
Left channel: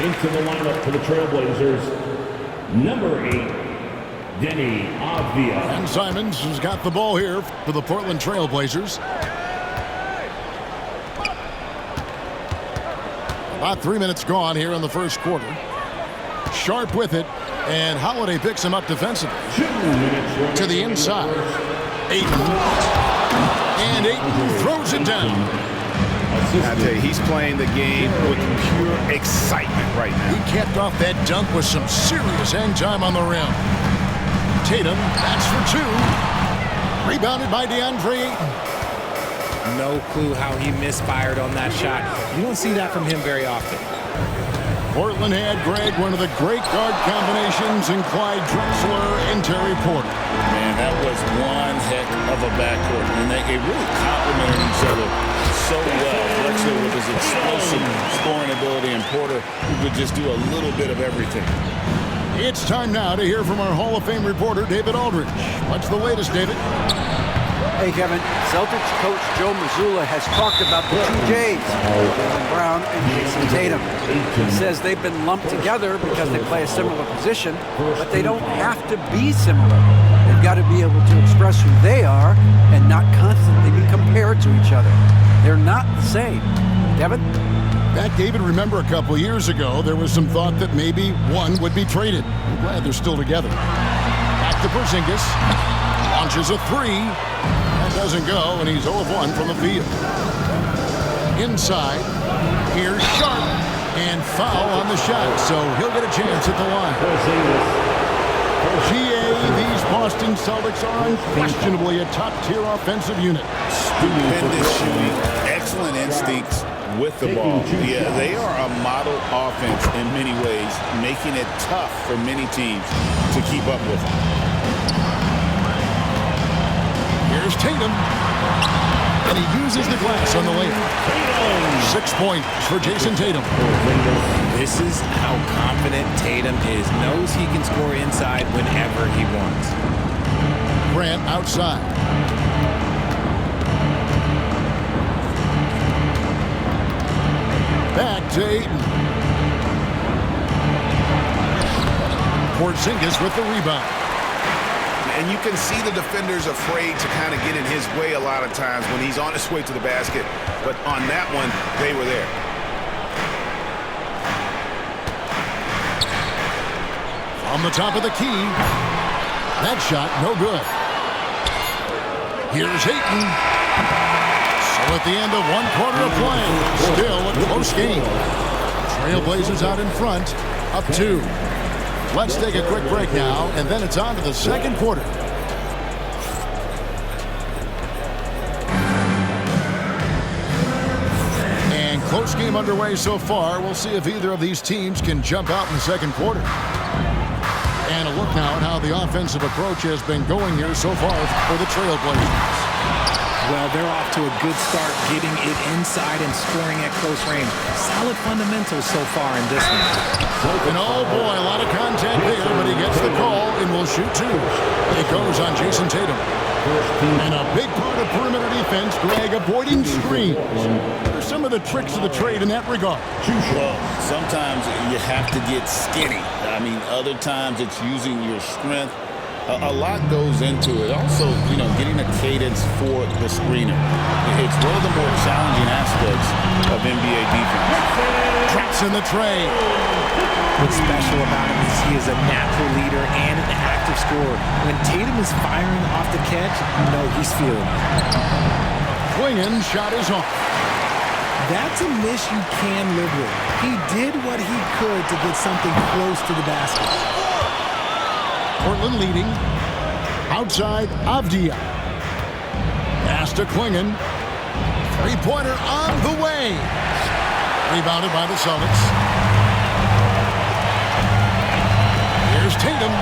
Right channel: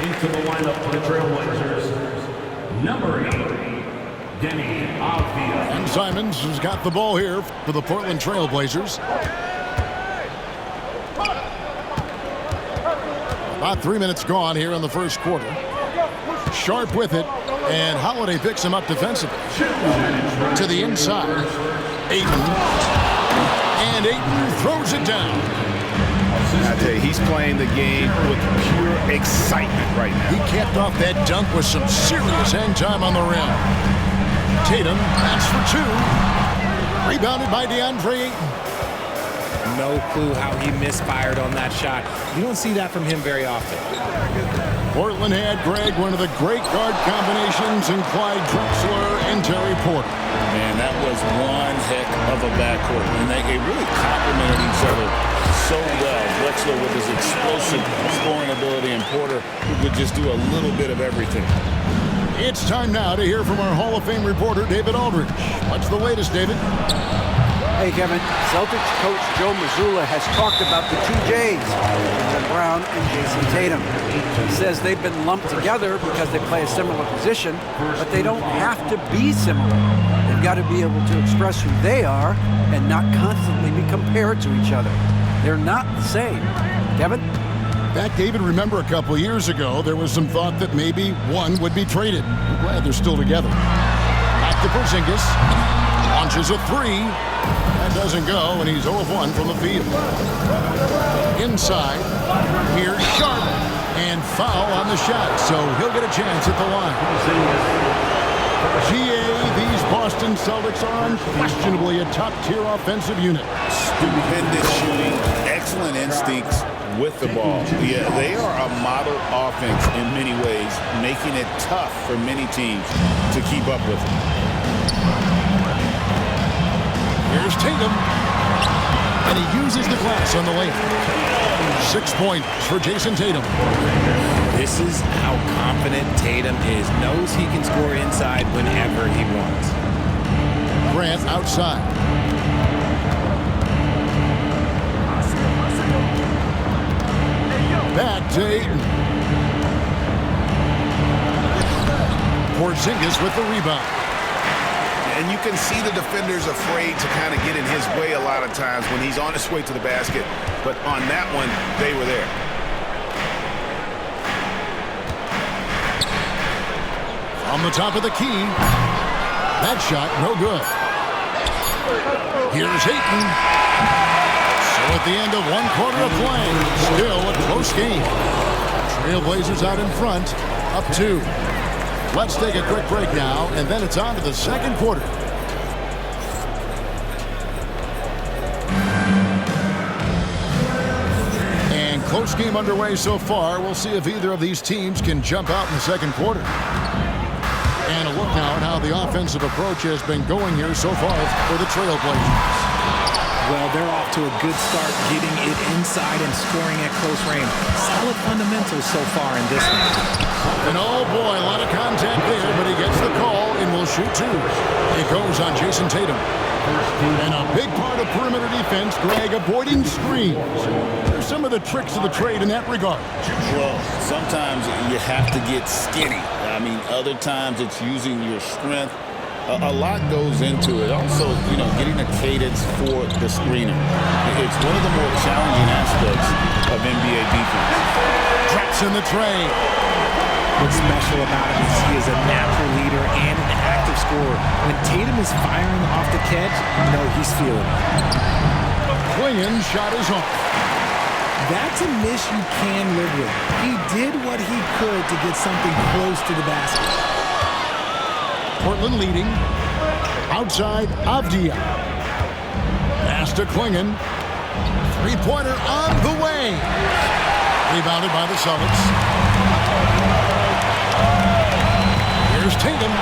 Into the lineup for the Trailblazers, number 8, Denny Avdia. And Simons has got the ball here for the Portland Trailblazers. About 3 minutes gone here in the first quarter. Sharp with it, and Holiday picks him up defensively. To the inside. Ayton. And Ayton throws it down. I tell you, he's playing the game with pure excitement right now. He capped off that dunk with some serious hang time on the rim. Tatum, that's for two. Rebounded by DeAndre Ayton. No clue how he misfired on that shot. You don't see that from him very often. Portland had, Greg, one of the great guard combinations in Clyde Drexler and Terry Porter. Man, that was one heck of a backcourt. And they really complemented each other so well. Drexler with his explosive scoring ability and Porter who could just do a little bit of everything. It's time now to hear from our Hall of Fame reporter, David Aldridge. What's the latest, David? Hey, Kevin. Celtics coach Joe Mazzulla has talked about the two J's, Jaylen Brown and Jason Tatum. He says they've been lumped together because they play a similar position, but they don't have to be similar. They've got to be able to express who they are and not constantly be compared to each other. They're not the same. Kevin? In fact, David, remember a couple years ago, there was some thought that maybe one would be traded. I'm glad they're still together. Back to Porzingis. Launches a three. That doesn't go, and he's 0 of 1 from the field. Inside. Here's Sharp. And foul on the shot, so he'll get a chance at the line. GA, these Boston Celtics are unquestionably a top-tier offensive unit. Stupendous shooting, excellent instincts with the ball. Yeah, they are a model offense in many ways, making it tough for many teams to keep up with them. Here's Tatum. And he uses the glass on the layup. 6 points for Jason Tatum. This is how confident Tatum is. Knows he can score inside whenever he wants. Grant outside. Back to Ayton. Porzingis with the rebound. And you can see the defenders afraid to kind of get in his way a lot of times when he's on his way to the basket. But on that one, they were there. On the top of the key. That shot, no good. Here's Ayton. So at the end of 1 quarter of play, still a close game. Trailblazers out in front, up 2. Let's take a quick break now, and then it's on to the second quarter. And close game underway so far. We'll see if either of these teams can jump out in the second quarter. And a look now at how the offensive approach has been going here so far for the Trailblazers. Well, they're off to a good start getting it inside and scoring at close range. Solid fundamentals so far in this one. And oh boy, a lot of contact there, but he gets the call and will shoot 2. It goes on Jason Tatum. And a big part of perimeter defense, Greg, avoiding screens. There's some of the tricks of the trade in that regard. Well, sometimes you have to get skinny. I mean, other times it's using your strength. A lot goes into it. Also, you know, getting a cadence for the screener. It's one of the more challenging aspects of NBA defense. Traps in the tray. What's special about him is he is a natural leader and an active scorer. When Tatum is firing off the catch, you know he's feeling it. Klingen's shot is off. That's a miss you can live with. He did what he could to get something close to the basket. Portland leading. Outside, Avdia. Pass to Klingen. Three-pointer on the way. Rebounded by the Celtics. Here's Tatum.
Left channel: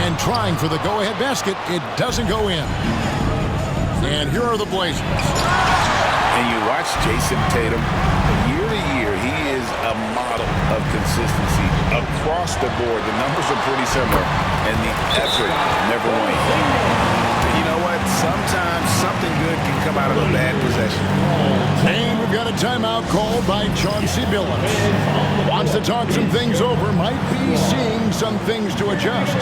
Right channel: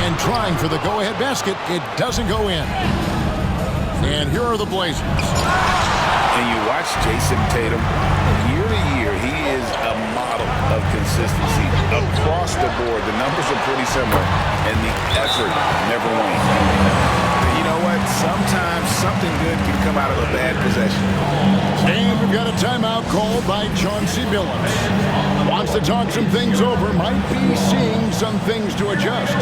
And trying for the go-ahead basket. It doesn't go in. And here are the Blazers. And you watch Jason Tatum, year to year, he is a model of consistency across the board. The numbers are pretty similar, and the effort never wanes. But you know what? Sometimes something good can come out of a bad possession. And we've got a timeout called by Chauncey Billups. Wants to talk some things over, might be seeing some things to adjust.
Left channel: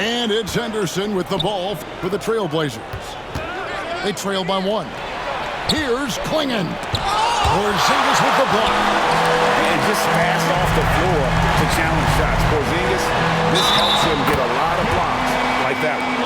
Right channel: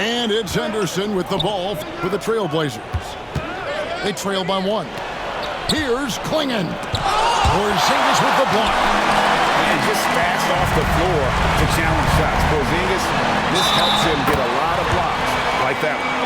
And it's Henderson with the ball for the Trailblazers. They trail by 1. Here's Klingon. Porzingis with the block. And just fast off the floor to challenge shots. Porzingis, this helps him get a lot of blocks like that one.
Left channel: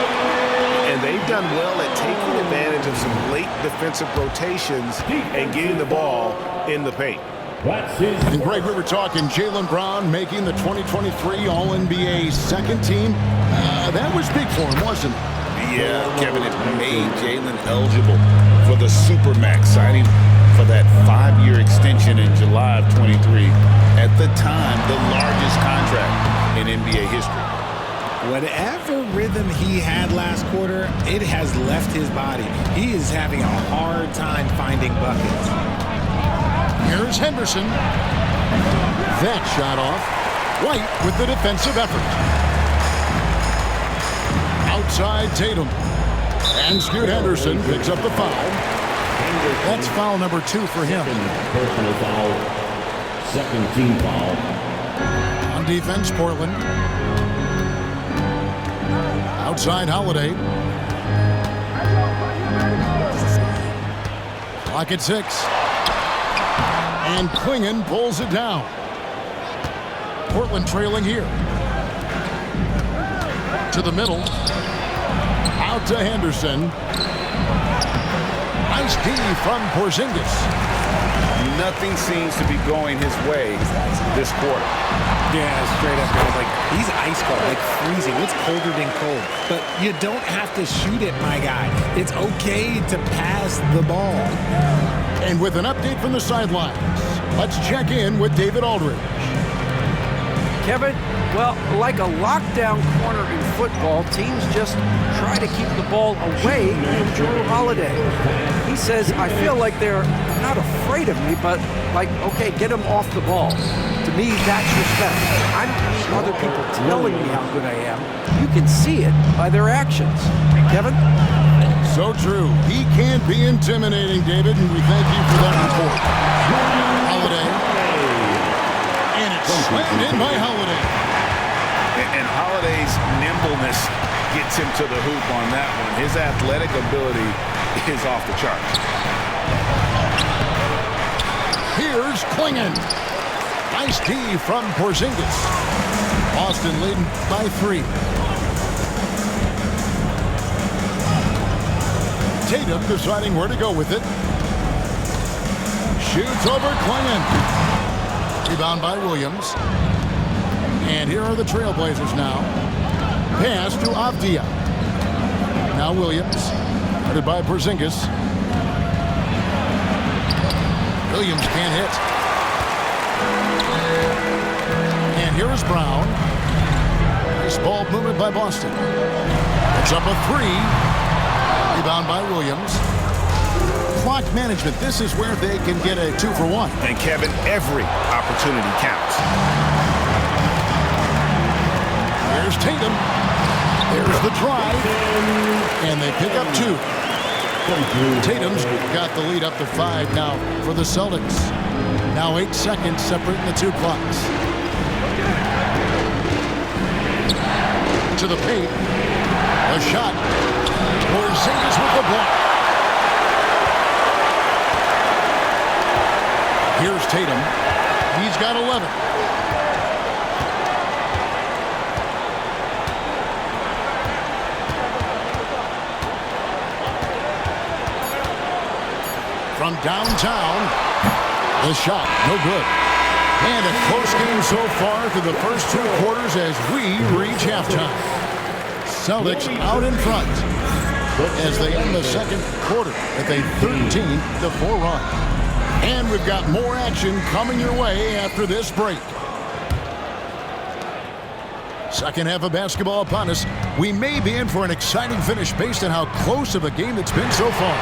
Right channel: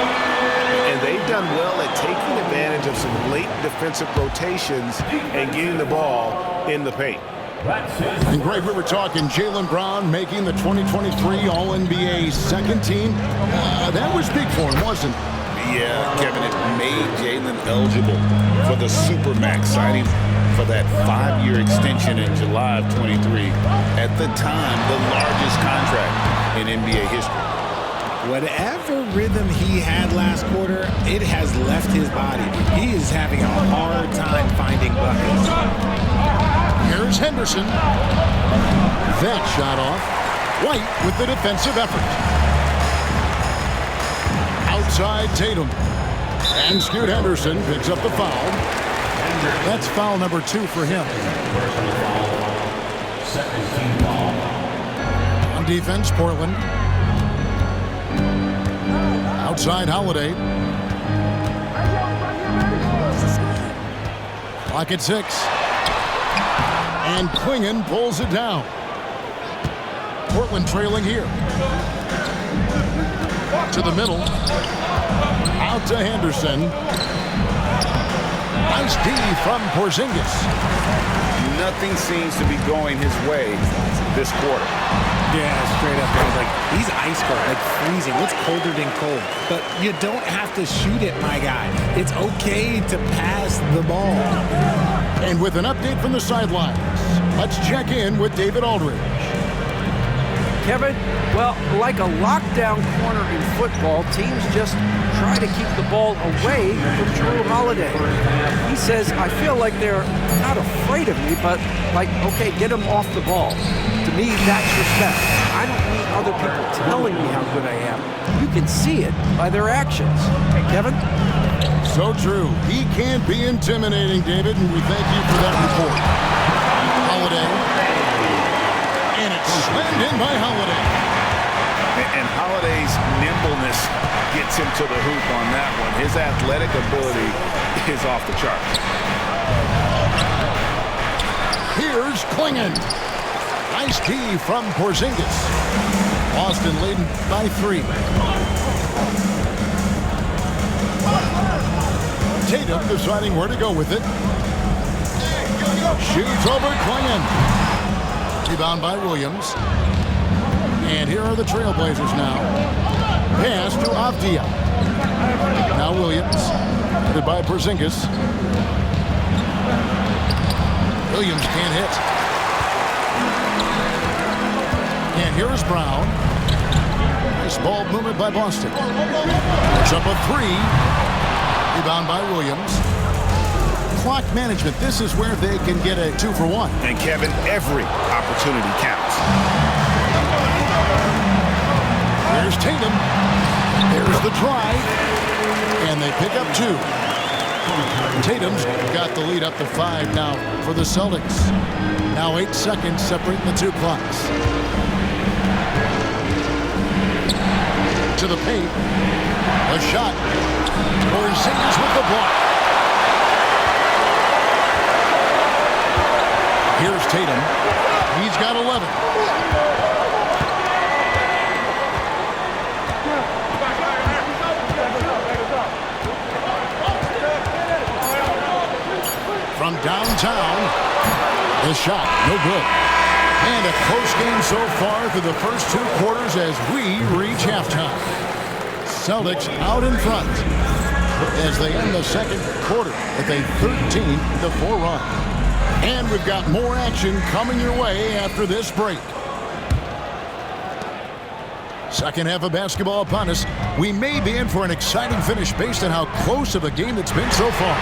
And they've done well at taking advantage of some late defensive rotations and getting the ball in the paint. And Greg, we were talking Jaylen Brown making the 2023 All-NBA second team. That was big for him, wasn't it? Yeah, Kevin, it made Jaylen eligible for the Supermax, signing for that 5-year extension in July of 23. At the time, the largest contract in NBA history. Whatever rhythm he had last quarter, it has left his body. He is having a hard time finding buckets. Here's Henderson. That shot off. White with the defensive effort. Outside Tatum. And Scoot Henderson picks up the foul. That's foul number 2 for him. Personal foul. Second team foul. On defense, Portland. Outside Holiday. Clock at 6. And Klingon pulls it down. Portland trailing here. To the middle. Out to Henderson. Nice D from Porzingis. Nothing seems to be going his way this quarter. Yeah, straight up, guys. Like, he's ice cold, like freezing. What's colder than cold? But you don't have to shoot it, my guy. It's okay to pass the ball. And with an update from the sidelines, let's check in with David Aldridge. Kevin, well, like a lockdown corner in football, teams just try to keep the ball away from Jrue Holiday. He says, I feel like they're not afraid of me, but like, okay, get him off the ball. To me, that's respect. I don't need other people telling me how good I am. You can see it by their actions. Kevin? So true. He can be intimidating, David, and we thank you for that report. Holiday. And it's slammed in by Holiday. And Holiday's nimbleness gets him to the hoop on that one. His athletic ability is off the charts. Here's Klingon. Nice D from Porzingis. Boston leading by 3. Tatum deciding where to go with it. Shoots over Klingon. Rebound by Williams. And here are the Trailblazers now. Pass to Avdia. Now Williams. Headed by Porzingis. Williams can't hit. And here is Brown. Nice ball movement by Boston. It's up a 3. Rebound by Williams. Clock management. This is where they can get a 2-for-1. And Kevin, every opportunity counts. There's Tatum. There's the drive. And they pick up 2. Tatum's got the lead up to 5 now for the Celtics. Now 8 seconds separating the 2 clocks. To the paint. A shot. Porzingis with the block. Here's Tatum. He's got 11. From downtown, the shot, no good. And a close game so far through the first 2 quarters as we reach halftime. Celtics out in front as they end the second quarter with a 13-4 run. And we've got more action coming your way after this break. Second half of basketball upon us. We may be in for an exciting finish based on how close of a game it's been so far.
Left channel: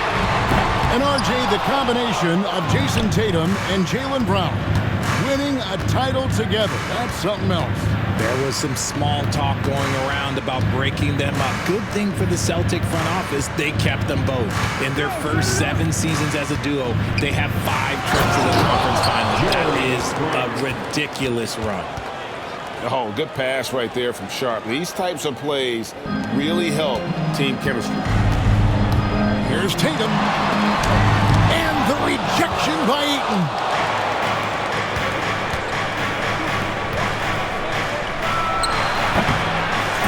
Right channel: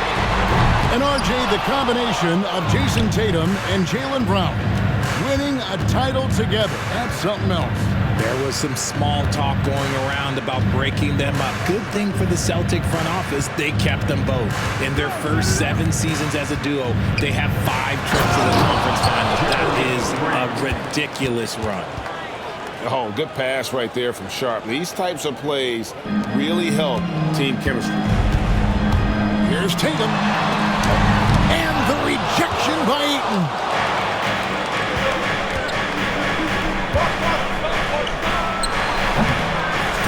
And RJ, the combination of Jason Tatum and Jaylen Brown winning a title together. That's something else. There was some small talk going around about breaking them up. Good thing for the Celtic front office, they kept them both. In their first 7 seasons as a duo, they have 5 trips to the conference finals. That is a ridiculous run. Oh, good pass right there from Sharp. These types of plays really help team chemistry. Here's Tatum. And the rejection by Ayton.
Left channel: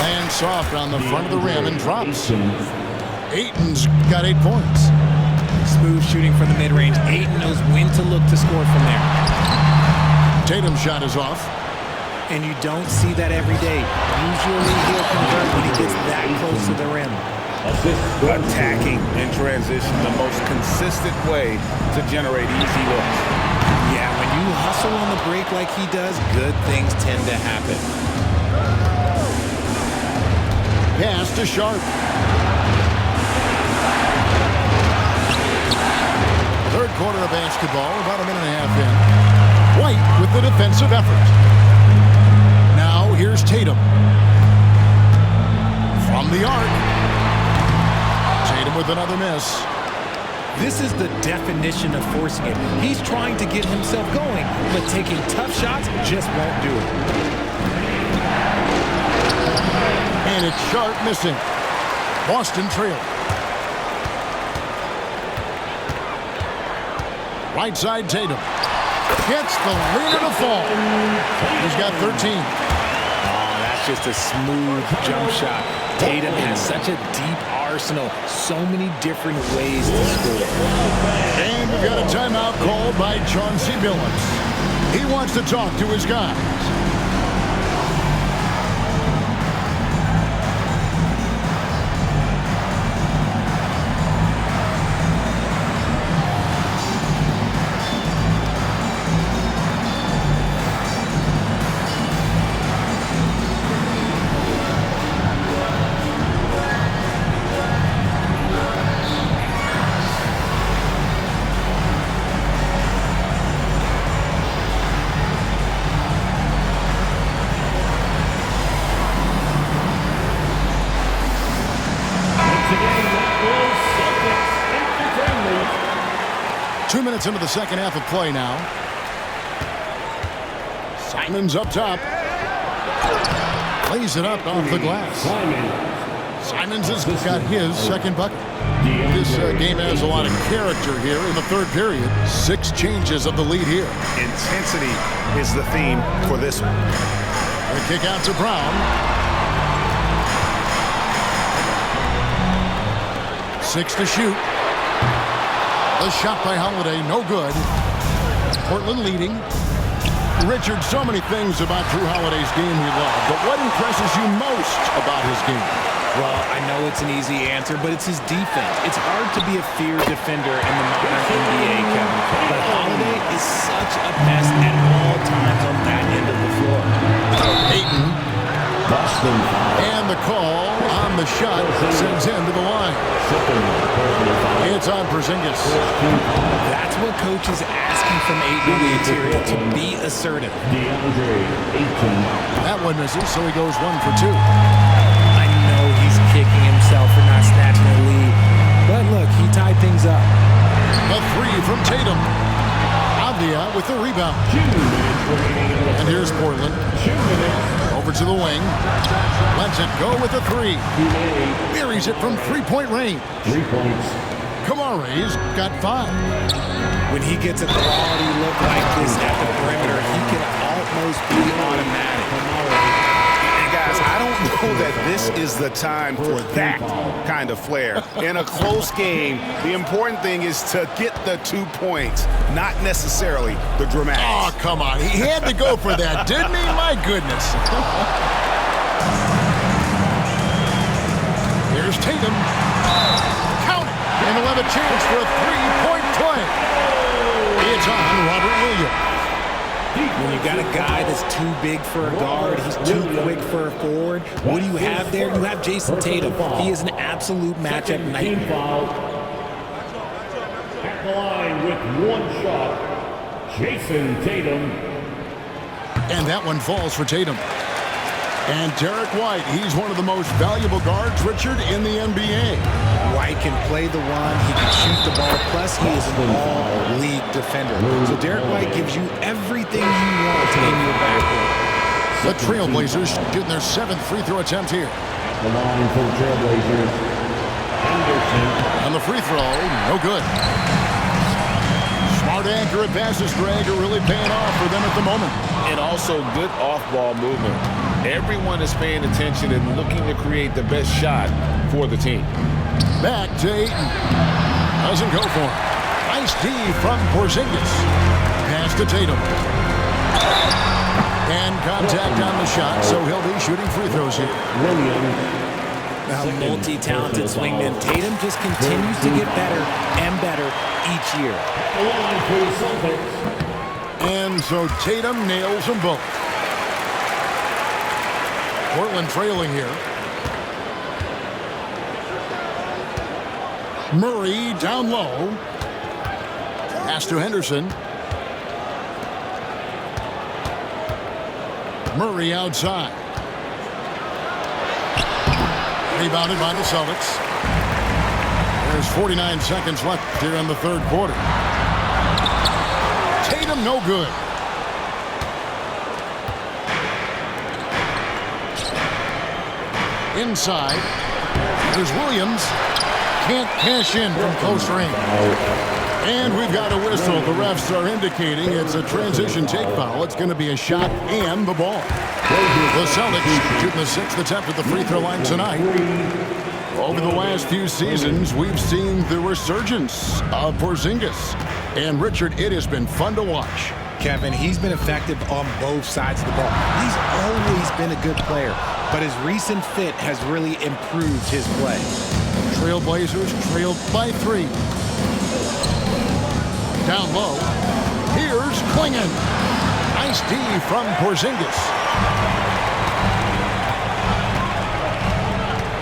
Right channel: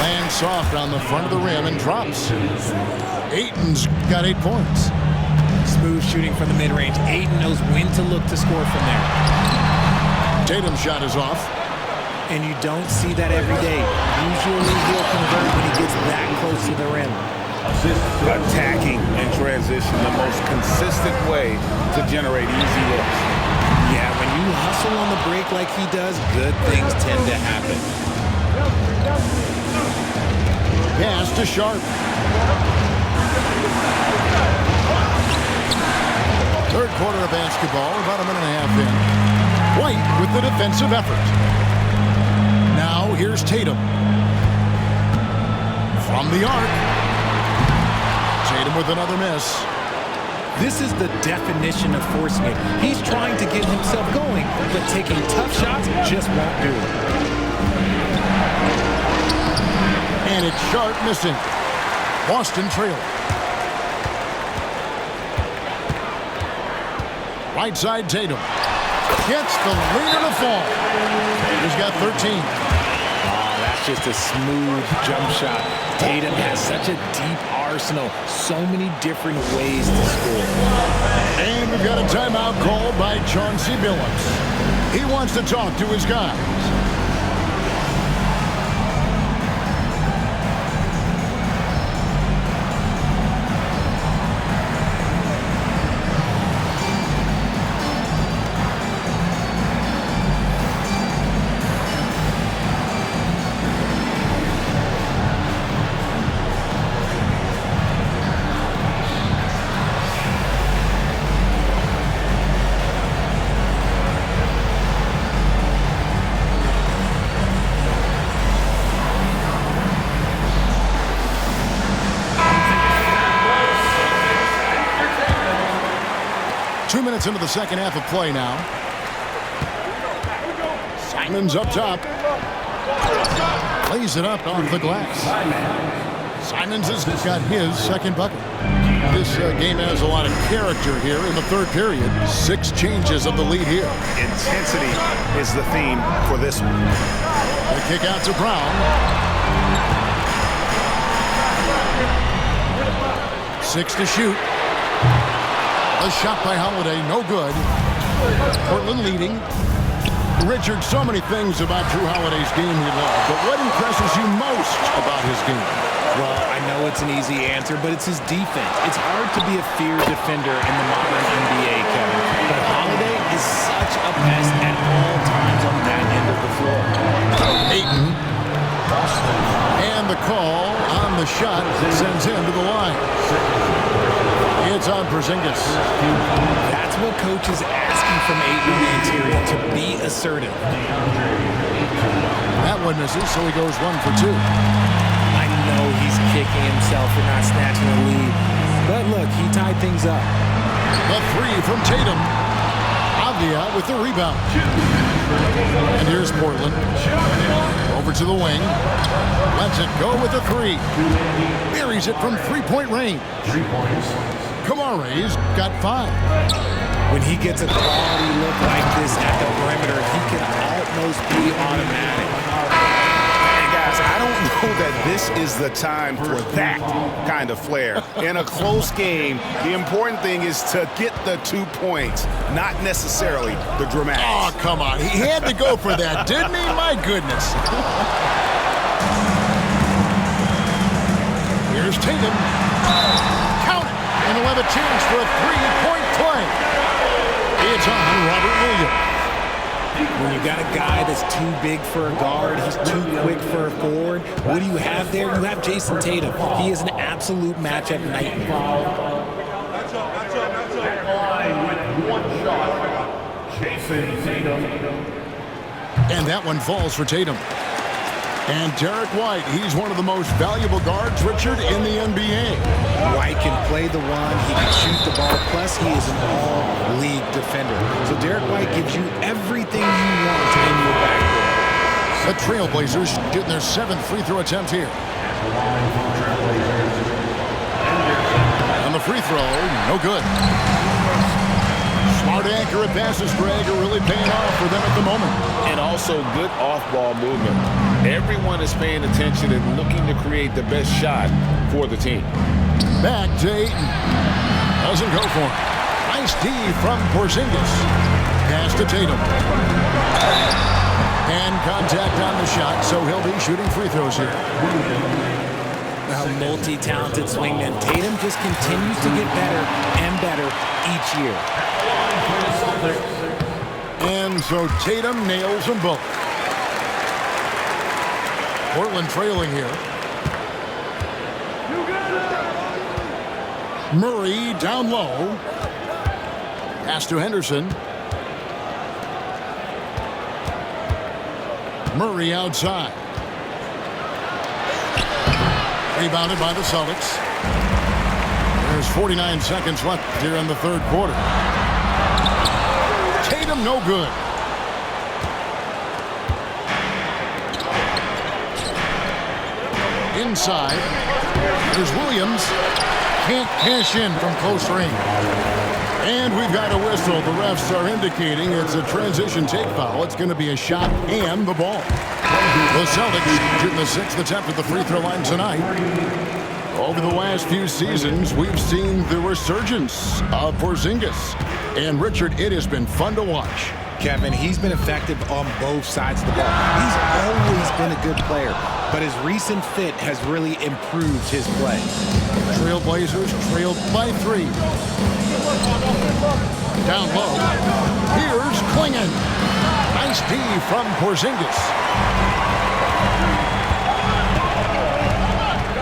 Lands soft on the front of the rim and drops. Ayton's got 8 points. Smooth shooting from the mid-range. Ayton knows when to look to score from there. Tatum's shot is off. And you don't see that every day. Usually he'll convert when he gets that close to the rim. Attacking in transition, the most consistent way to generate easy looks. Yeah, when you hustle on the break like he does, good things tend to happen. Pass to Sharp. Third quarter of basketball, about a minute and a half in. White with the defensive effort. Now here's Tatum. From the arc. Tatum with another miss. This is the definition of forcing it. He's trying to get himself going, but taking tough shots just won't do it. And it's Sharp missing. Boston trailing. Right side Tatum. Gets the leaner to fall. He's got 13. Oh, that's just a smooth jump shot. Tatum has such a deep arsenal. So many different ways to score. And we've got a timeout called by Chauncey Billups. He wants to talk to his guys. Minutes into the second half of play now. Simon's up top. Lays it up off the glass. Simons has got his second bucket. This game has a lot of character here in the third period. 6 changes of the lead here. Intensity is the theme for this one. The kick out to Brown. 6 to shoot. A shot by Holiday, no good. Portland leading. Richard, so many things about Drew Holiday's game he loved, but what impresses you most about his game? Well, I know it's an easy answer, but it's his defense. It's hard to be a feared defender in the modern NBA, Kevin. But Holiday is such a pest at all times on that end of the floor. Ayton. And the call on the shot sends him to the line. It's on Porzingis. That's what coach is asking from Ayton on the interior, to be assertive. That one misses, so he goes 1 for 2. I know he's kicking himself for not snatching the lead, but look, he tied things up. The 3 from Tatum. Avdia with the rebound. And here's Portland. Over to the wing. Lets it go with the 3. Buries it from three-point range. 3 points. Kamare's got 5. When he gets a quality look like this at the perimeter, he can almost be automatic. And guys, I don't know that this is the time for that kind of flair. In a close game, the important thing is to get the 2 points, not necessarily the dramatics. Oh, come on. He had to go for that, didn't he? My goodness. Here's Tatum. Count it. And he'll have a chance for a 3-point play. It's on Robert Williams. When you got a guy that's too big for a guard, he's too quick for a forward, what do you have there? You have Jason Tatum. He is an absolute matchup nightmare. Back line with 1 shot. Jason Tatum. And that one falls for Tatum. And Derek White, he's one of the most valuable guards, Richard, in the NBA. White can play the one, he can shoot the ball, plus he is an all-league defender. So Derek White gives you everything you want in your backcourt. The Trailblazers shooting their 7th free throw attempt here. At the line for the Trailblazers, Anderson. And the free throw, no good. Smart, accurate passes, Greg, are really paying off for them at the moment. And also good off-ball movement. Everyone is paying attention and looking to create the best shot for the team. Back to Ayton. Doesn't go for him. Nice D from Porzingis. Pass to Tatum. And contact on the shot, so he'll be shooting free throws here. A multi-talented swingman. Tatum just continues to get better and better each year. And so Tatum nails them both. Portland trailing here. Murray down low. Pass to Henderson. Murray outside. Rebounded by the Celtics. There's 49 seconds left here in the third quarter. Tatum no good. Inside. There's Williams. Can't cash in from close range. And we've got a whistle. The refs are indicating it's a transition take foul. It's going to be a shot and the ball. The Celtics shooting the 6th attempt at the free throw line tonight. Over the last few seasons, we've seen the resurgence of Porzingis. And Richard, it has been fun to watch. Kevin, he's been effective on both sides of the ball. He's always been a good player, but his recent fit has really improved his play. Trailblazers trailed by 3. Down low. Here's Klingon. Nice D from Porzingis.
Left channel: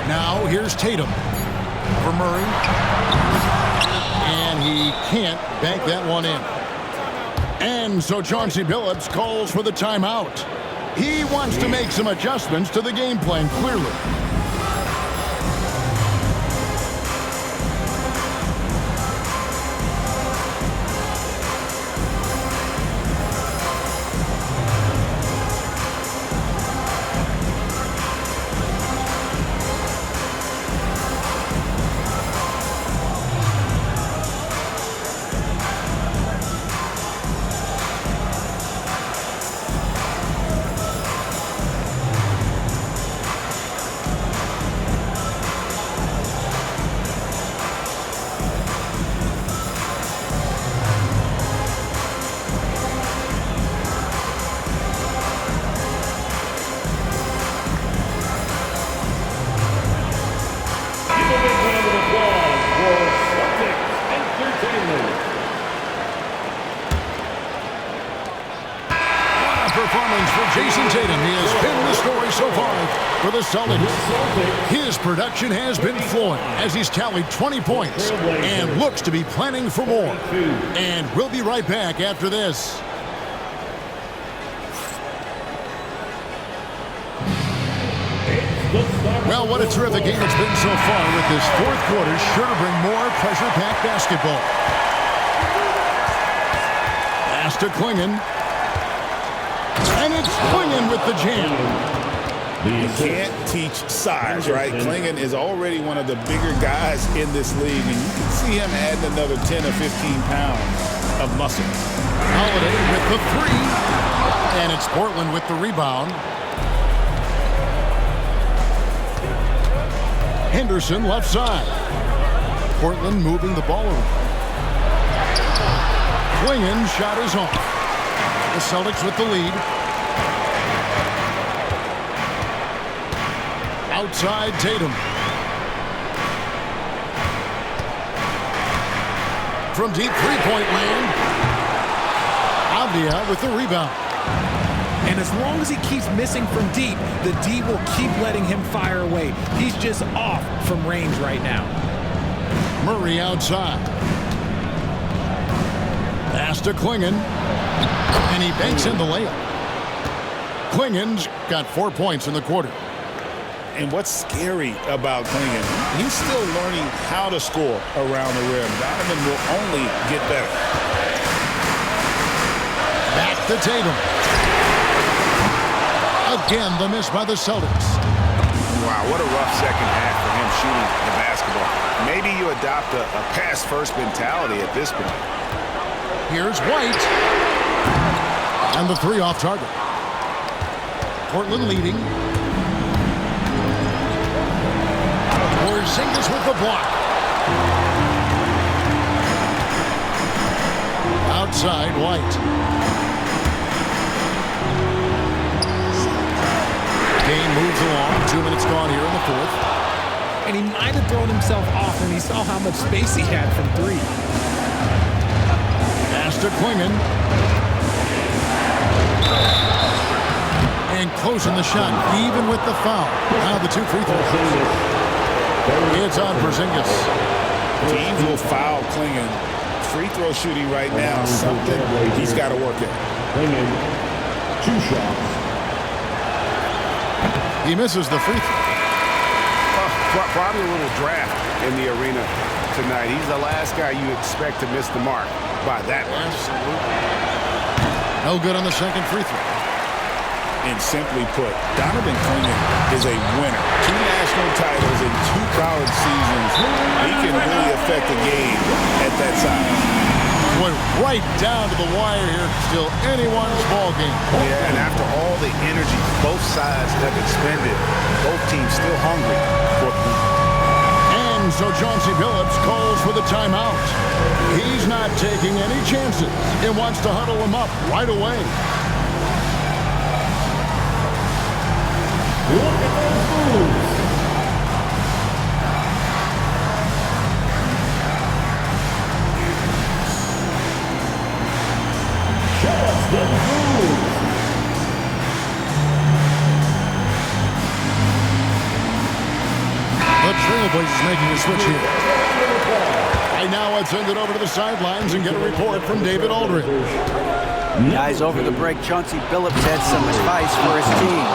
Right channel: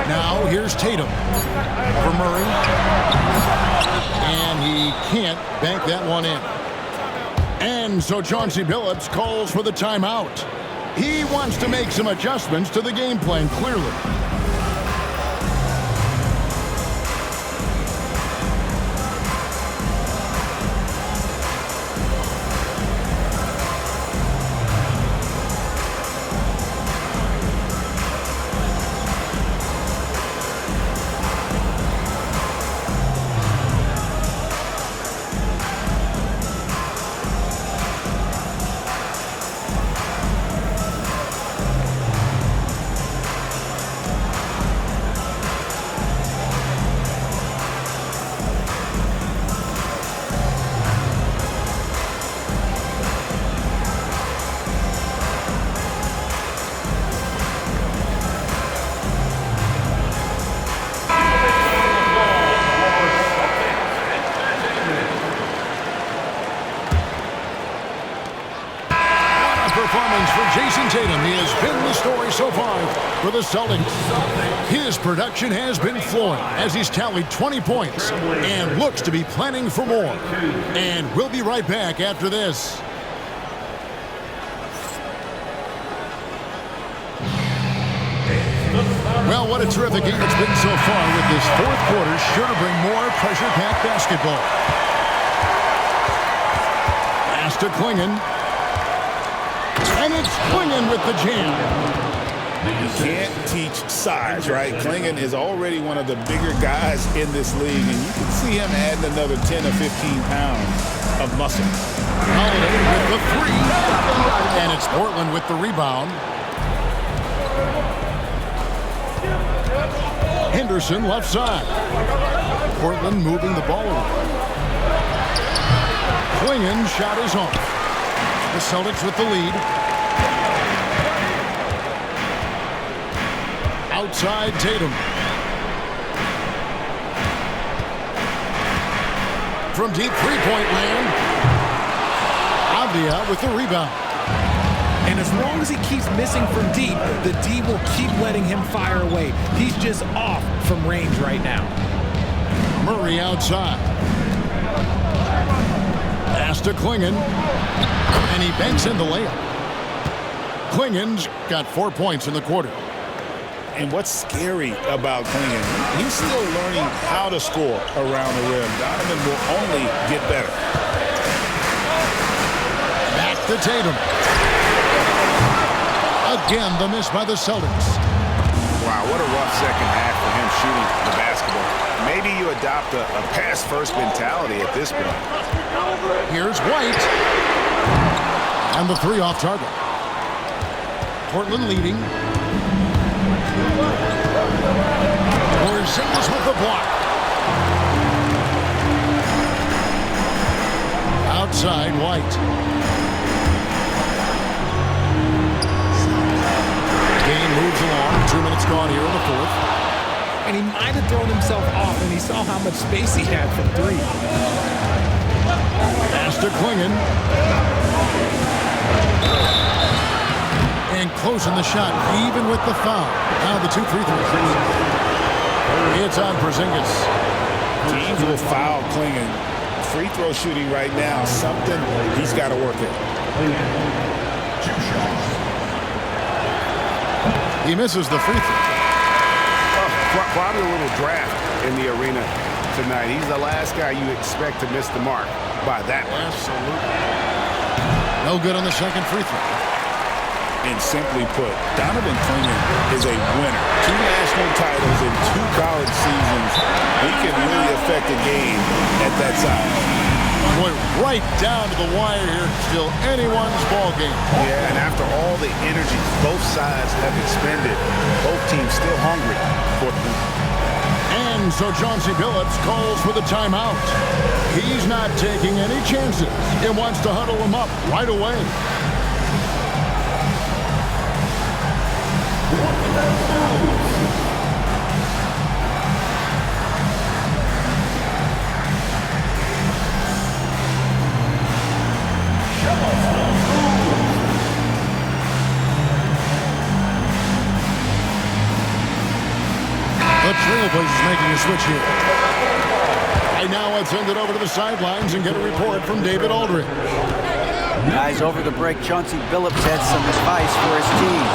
Now here's Tatum for Murray. And he can't bank that one in. And so Chauncey Billups calls for the timeout. He wants to make some adjustments to the game plan, clearly. Performance for Jason Tatum. He has been the story so far for the Celtics. His production has been flowing as he's tallied 20 points and looks to be planning for more. And we'll be right back after this. Well, what a terrific game it's been so far, with this fourth quarter sure to bring more pressure-packed basketball. Pass to Klingon. And it's Klingon with the jam. You can't teach size, right? Klingon is already one of the bigger guys in this league, and you can see him adding another 10 or 15 pounds of muscle. Holiday with the 3. And it's Portland with the rebound. Henderson left side. Portland moving the ball around. Klingon shot is off. The Celtics with the lead. Outside Tatum. From deep three-point land. Avdia with the rebound. And as long as he keeps missing from deep, the D will keep letting him fire away. He's just off from range right now. Murray outside. Pass to Klingon. And he banks in the layup. Klingon's got 4 points in the quarter. And what's scary about Klingon, he's still learning how to score around the rim. Donovan will only get better. Back to Tatum. Again, the miss by the Celtics. Wow, what a rough second half for him shooting the basketball. Maybe you adopt a pass-first mentality at this point. Here's White. And the three off target. Portland leading. Porzingis with the block. Outside, White. Game moves along. 2 minutes gone here in the fourth. And he might have thrown himself off when he saw how much space he had from three. Pass to Klingon. And closing the shot, even with the foul. Now the two free throws. It's on Porzingis. Teams will foul Klingon. Free throw shooting right now, something he's got to work at. Two shots. He misses the free throw. Probably a little draft in the arena tonight. He's the last guy you expect to miss the mark by that much. Absolutely. No good on the second free throw. And simply put, Donovan Klingon is a winner. 2 national titles in 2 college seasons. He can really affect a game at that size. Boy, right down to the wire here. Still anyone's ball game. Yeah, and after all the energy both sides have expended, both teams still hungry for the. And so Chauncey Billups calls for the timeout. He's not taking any chances and wants to huddle him up right away. The Trailblazers making a switch here. Right now, let's send it over to the sidelines and get a report from David Aldridge. Guys, over the break, Chauncey Billups had some advice for his team.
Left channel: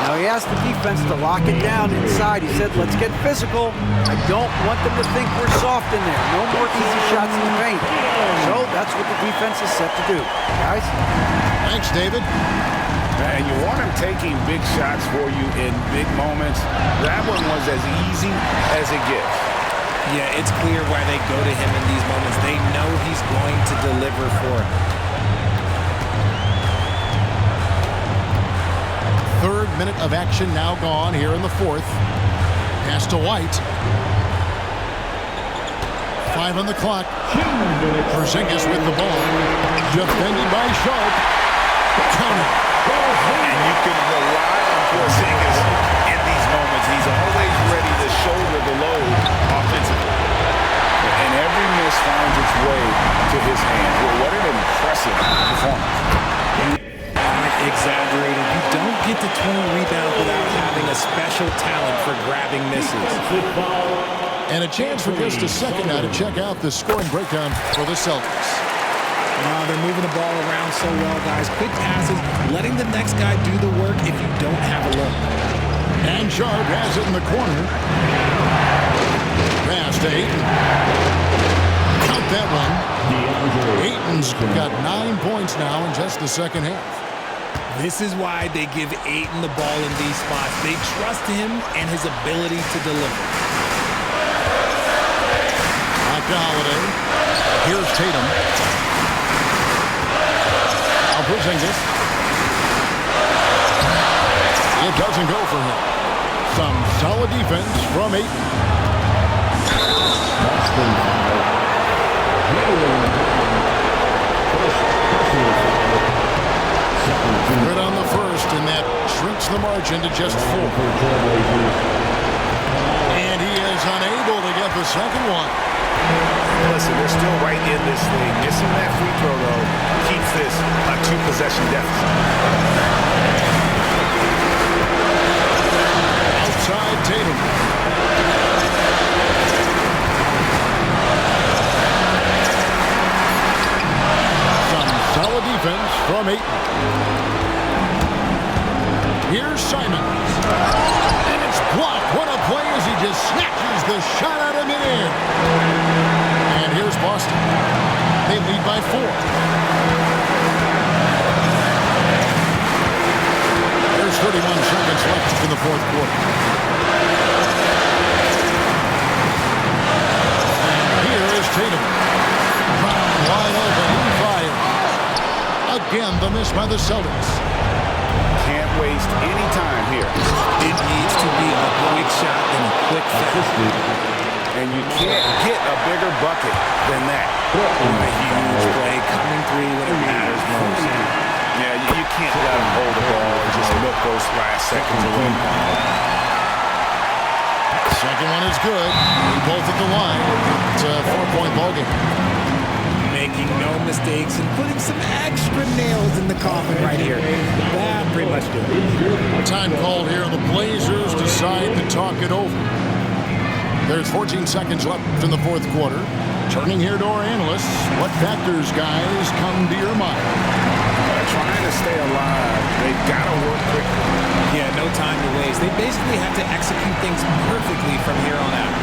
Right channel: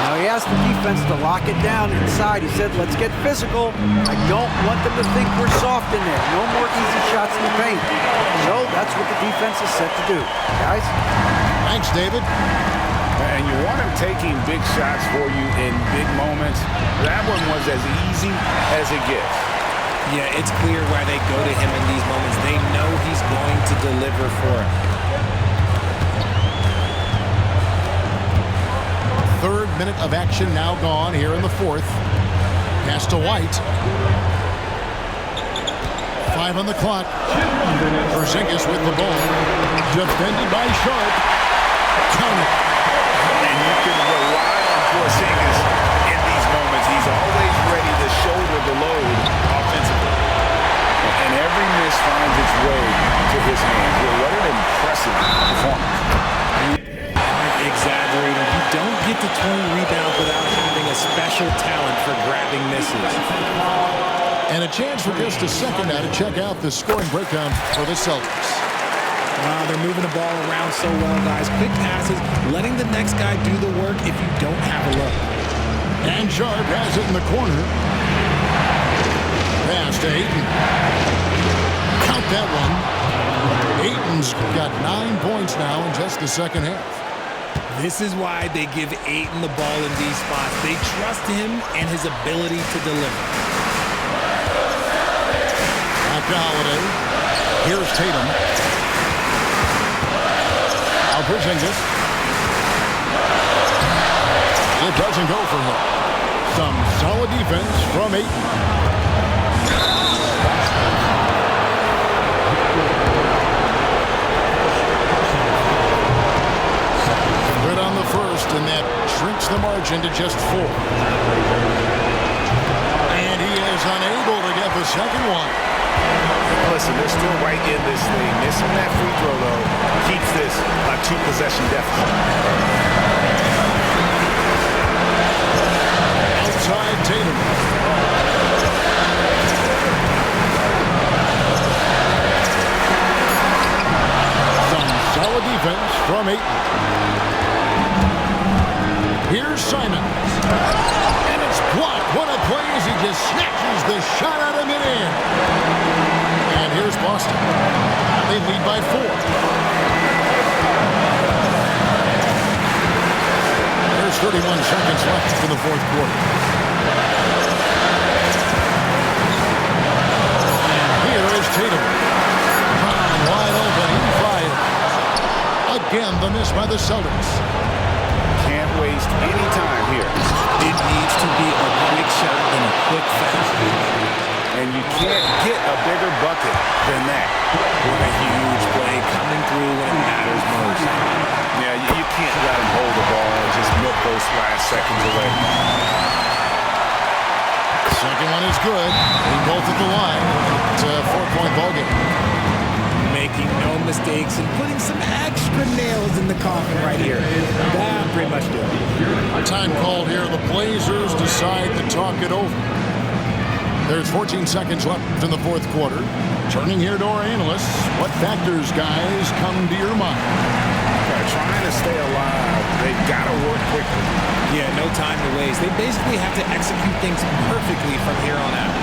Now, he asked the defense to lock it down inside. He said, let's get physical. I don't want them to think we're soft in there. No more easy shots in the paint. So that's what the defense is set to do. Guys? Thanks, David. And you want him taking big shots for you in big moments. That one was as easy as it gets. Yeah, it's clear why they go to him in these moments. They know he's going to deliver for them. Third minute of action now gone here in the fourth. Pass to White. 5 on the clock. Porzingis with the ball. Defended by Sharp. Count it. And you can rely on Porzingis in these moments. He's always ready to shoulder the load offensively. And every miss finds its way to his hands. Well, what an impressive performance. Exaggerating. You don't get to 20 rebounds without having a special talent for grabbing misses. And a chance for just a second now to check out the scoring breakdown for the Celtics. They're moving the ball around so well, guys. Quick passes, letting the next guy do the work if you don't have a look. And Sharp has it in the corner. Pass to Ayton. Count that one. Ayton's got 9 points now in just the second half. This is why they give Ayton the ball in these spots. They trust him and his ability to deliver. Back to Holiday. Here's Tatum. Now Porzingis. It doesn't go for him. Some solid defense from Ayton. Good on the first, and that shrinks the margin to just 4. And he is unable to get the second one. Listen, they're still right in this thing. Missing that free throw, though, keeps this a 2-possession deficit. Outside Tatum. Some solid defense from Ayton. Here's Simons. And it's blocked. What a play as he just snatches the shot out of midair. And here's Boston. They lead by 4. There's 31 seconds left in the fourth quarter. And here is Tatum. Brown wide open. He fires. Again, the miss by the Celtics. Can't waste any time here. It needs to be a quick shot and a quick foul. And you can't get a bigger bucket than that. What a huge play coming through when it matters most. Yeah, you can't let them hold the ball and just milk those last seconds away. Second one is good. They both at the line. It's a 4-point ball game. Making no mistakes and putting some extra nails in the coffin right here. That pretty much do it. Time called here. The Blazers decide to talk it over. There's 14 seconds left in the fourth quarter. Turning here to our analysts. What factors, guys, come to your mind? Trying to stay alive. They've got to work quickly. Yeah, no time to waste. They basically have to execute things perfectly from here on out.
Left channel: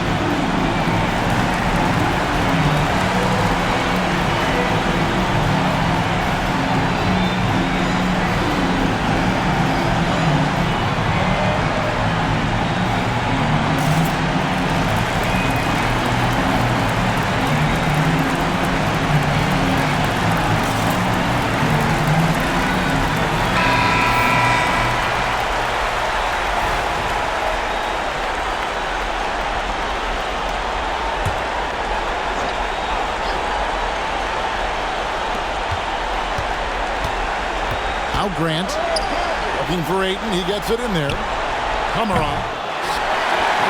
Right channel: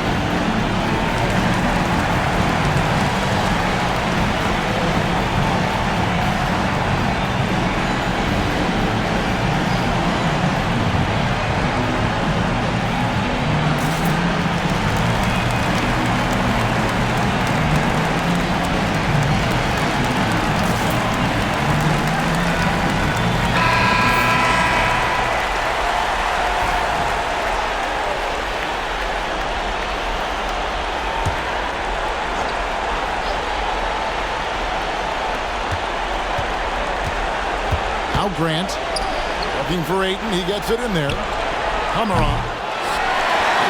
Now Grant looking for Ayton. He gets it in there. Kamara.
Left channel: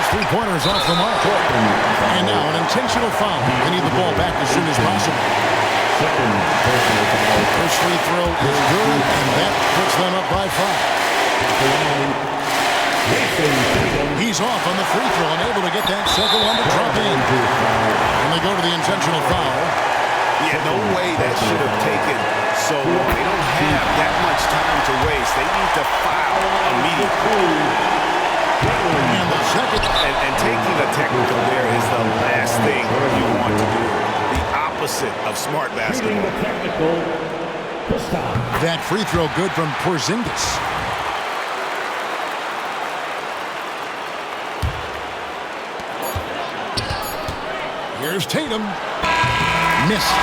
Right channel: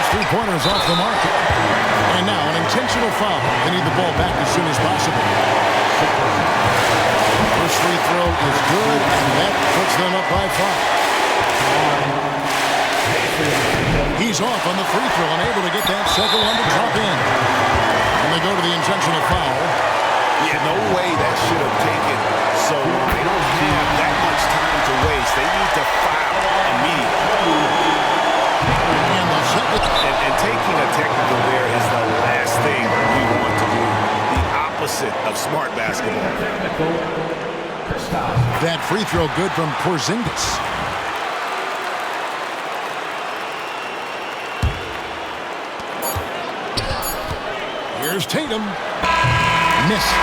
His three-pointers off the mark. And now an intentional foul. They need the ball back as soon as possible. First free throw is good, and that puts them up by 5. He's off on the free throw, unable to get that second one to drop in. And they go to the intentional foul. Yeah, no way that should have taken so long. They don't have that much time to waste. They need to foul immediately. And the second. And taking a technical there is the last thing you want to do. The opposite of smart basketball. That free throw good from Porzingis. Here's Tatum. Missed.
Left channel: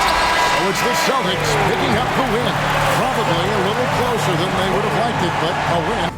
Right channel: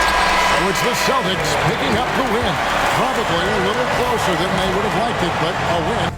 So it's the Celtics picking up the win. Probably a little closer than they would have liked it, but a win.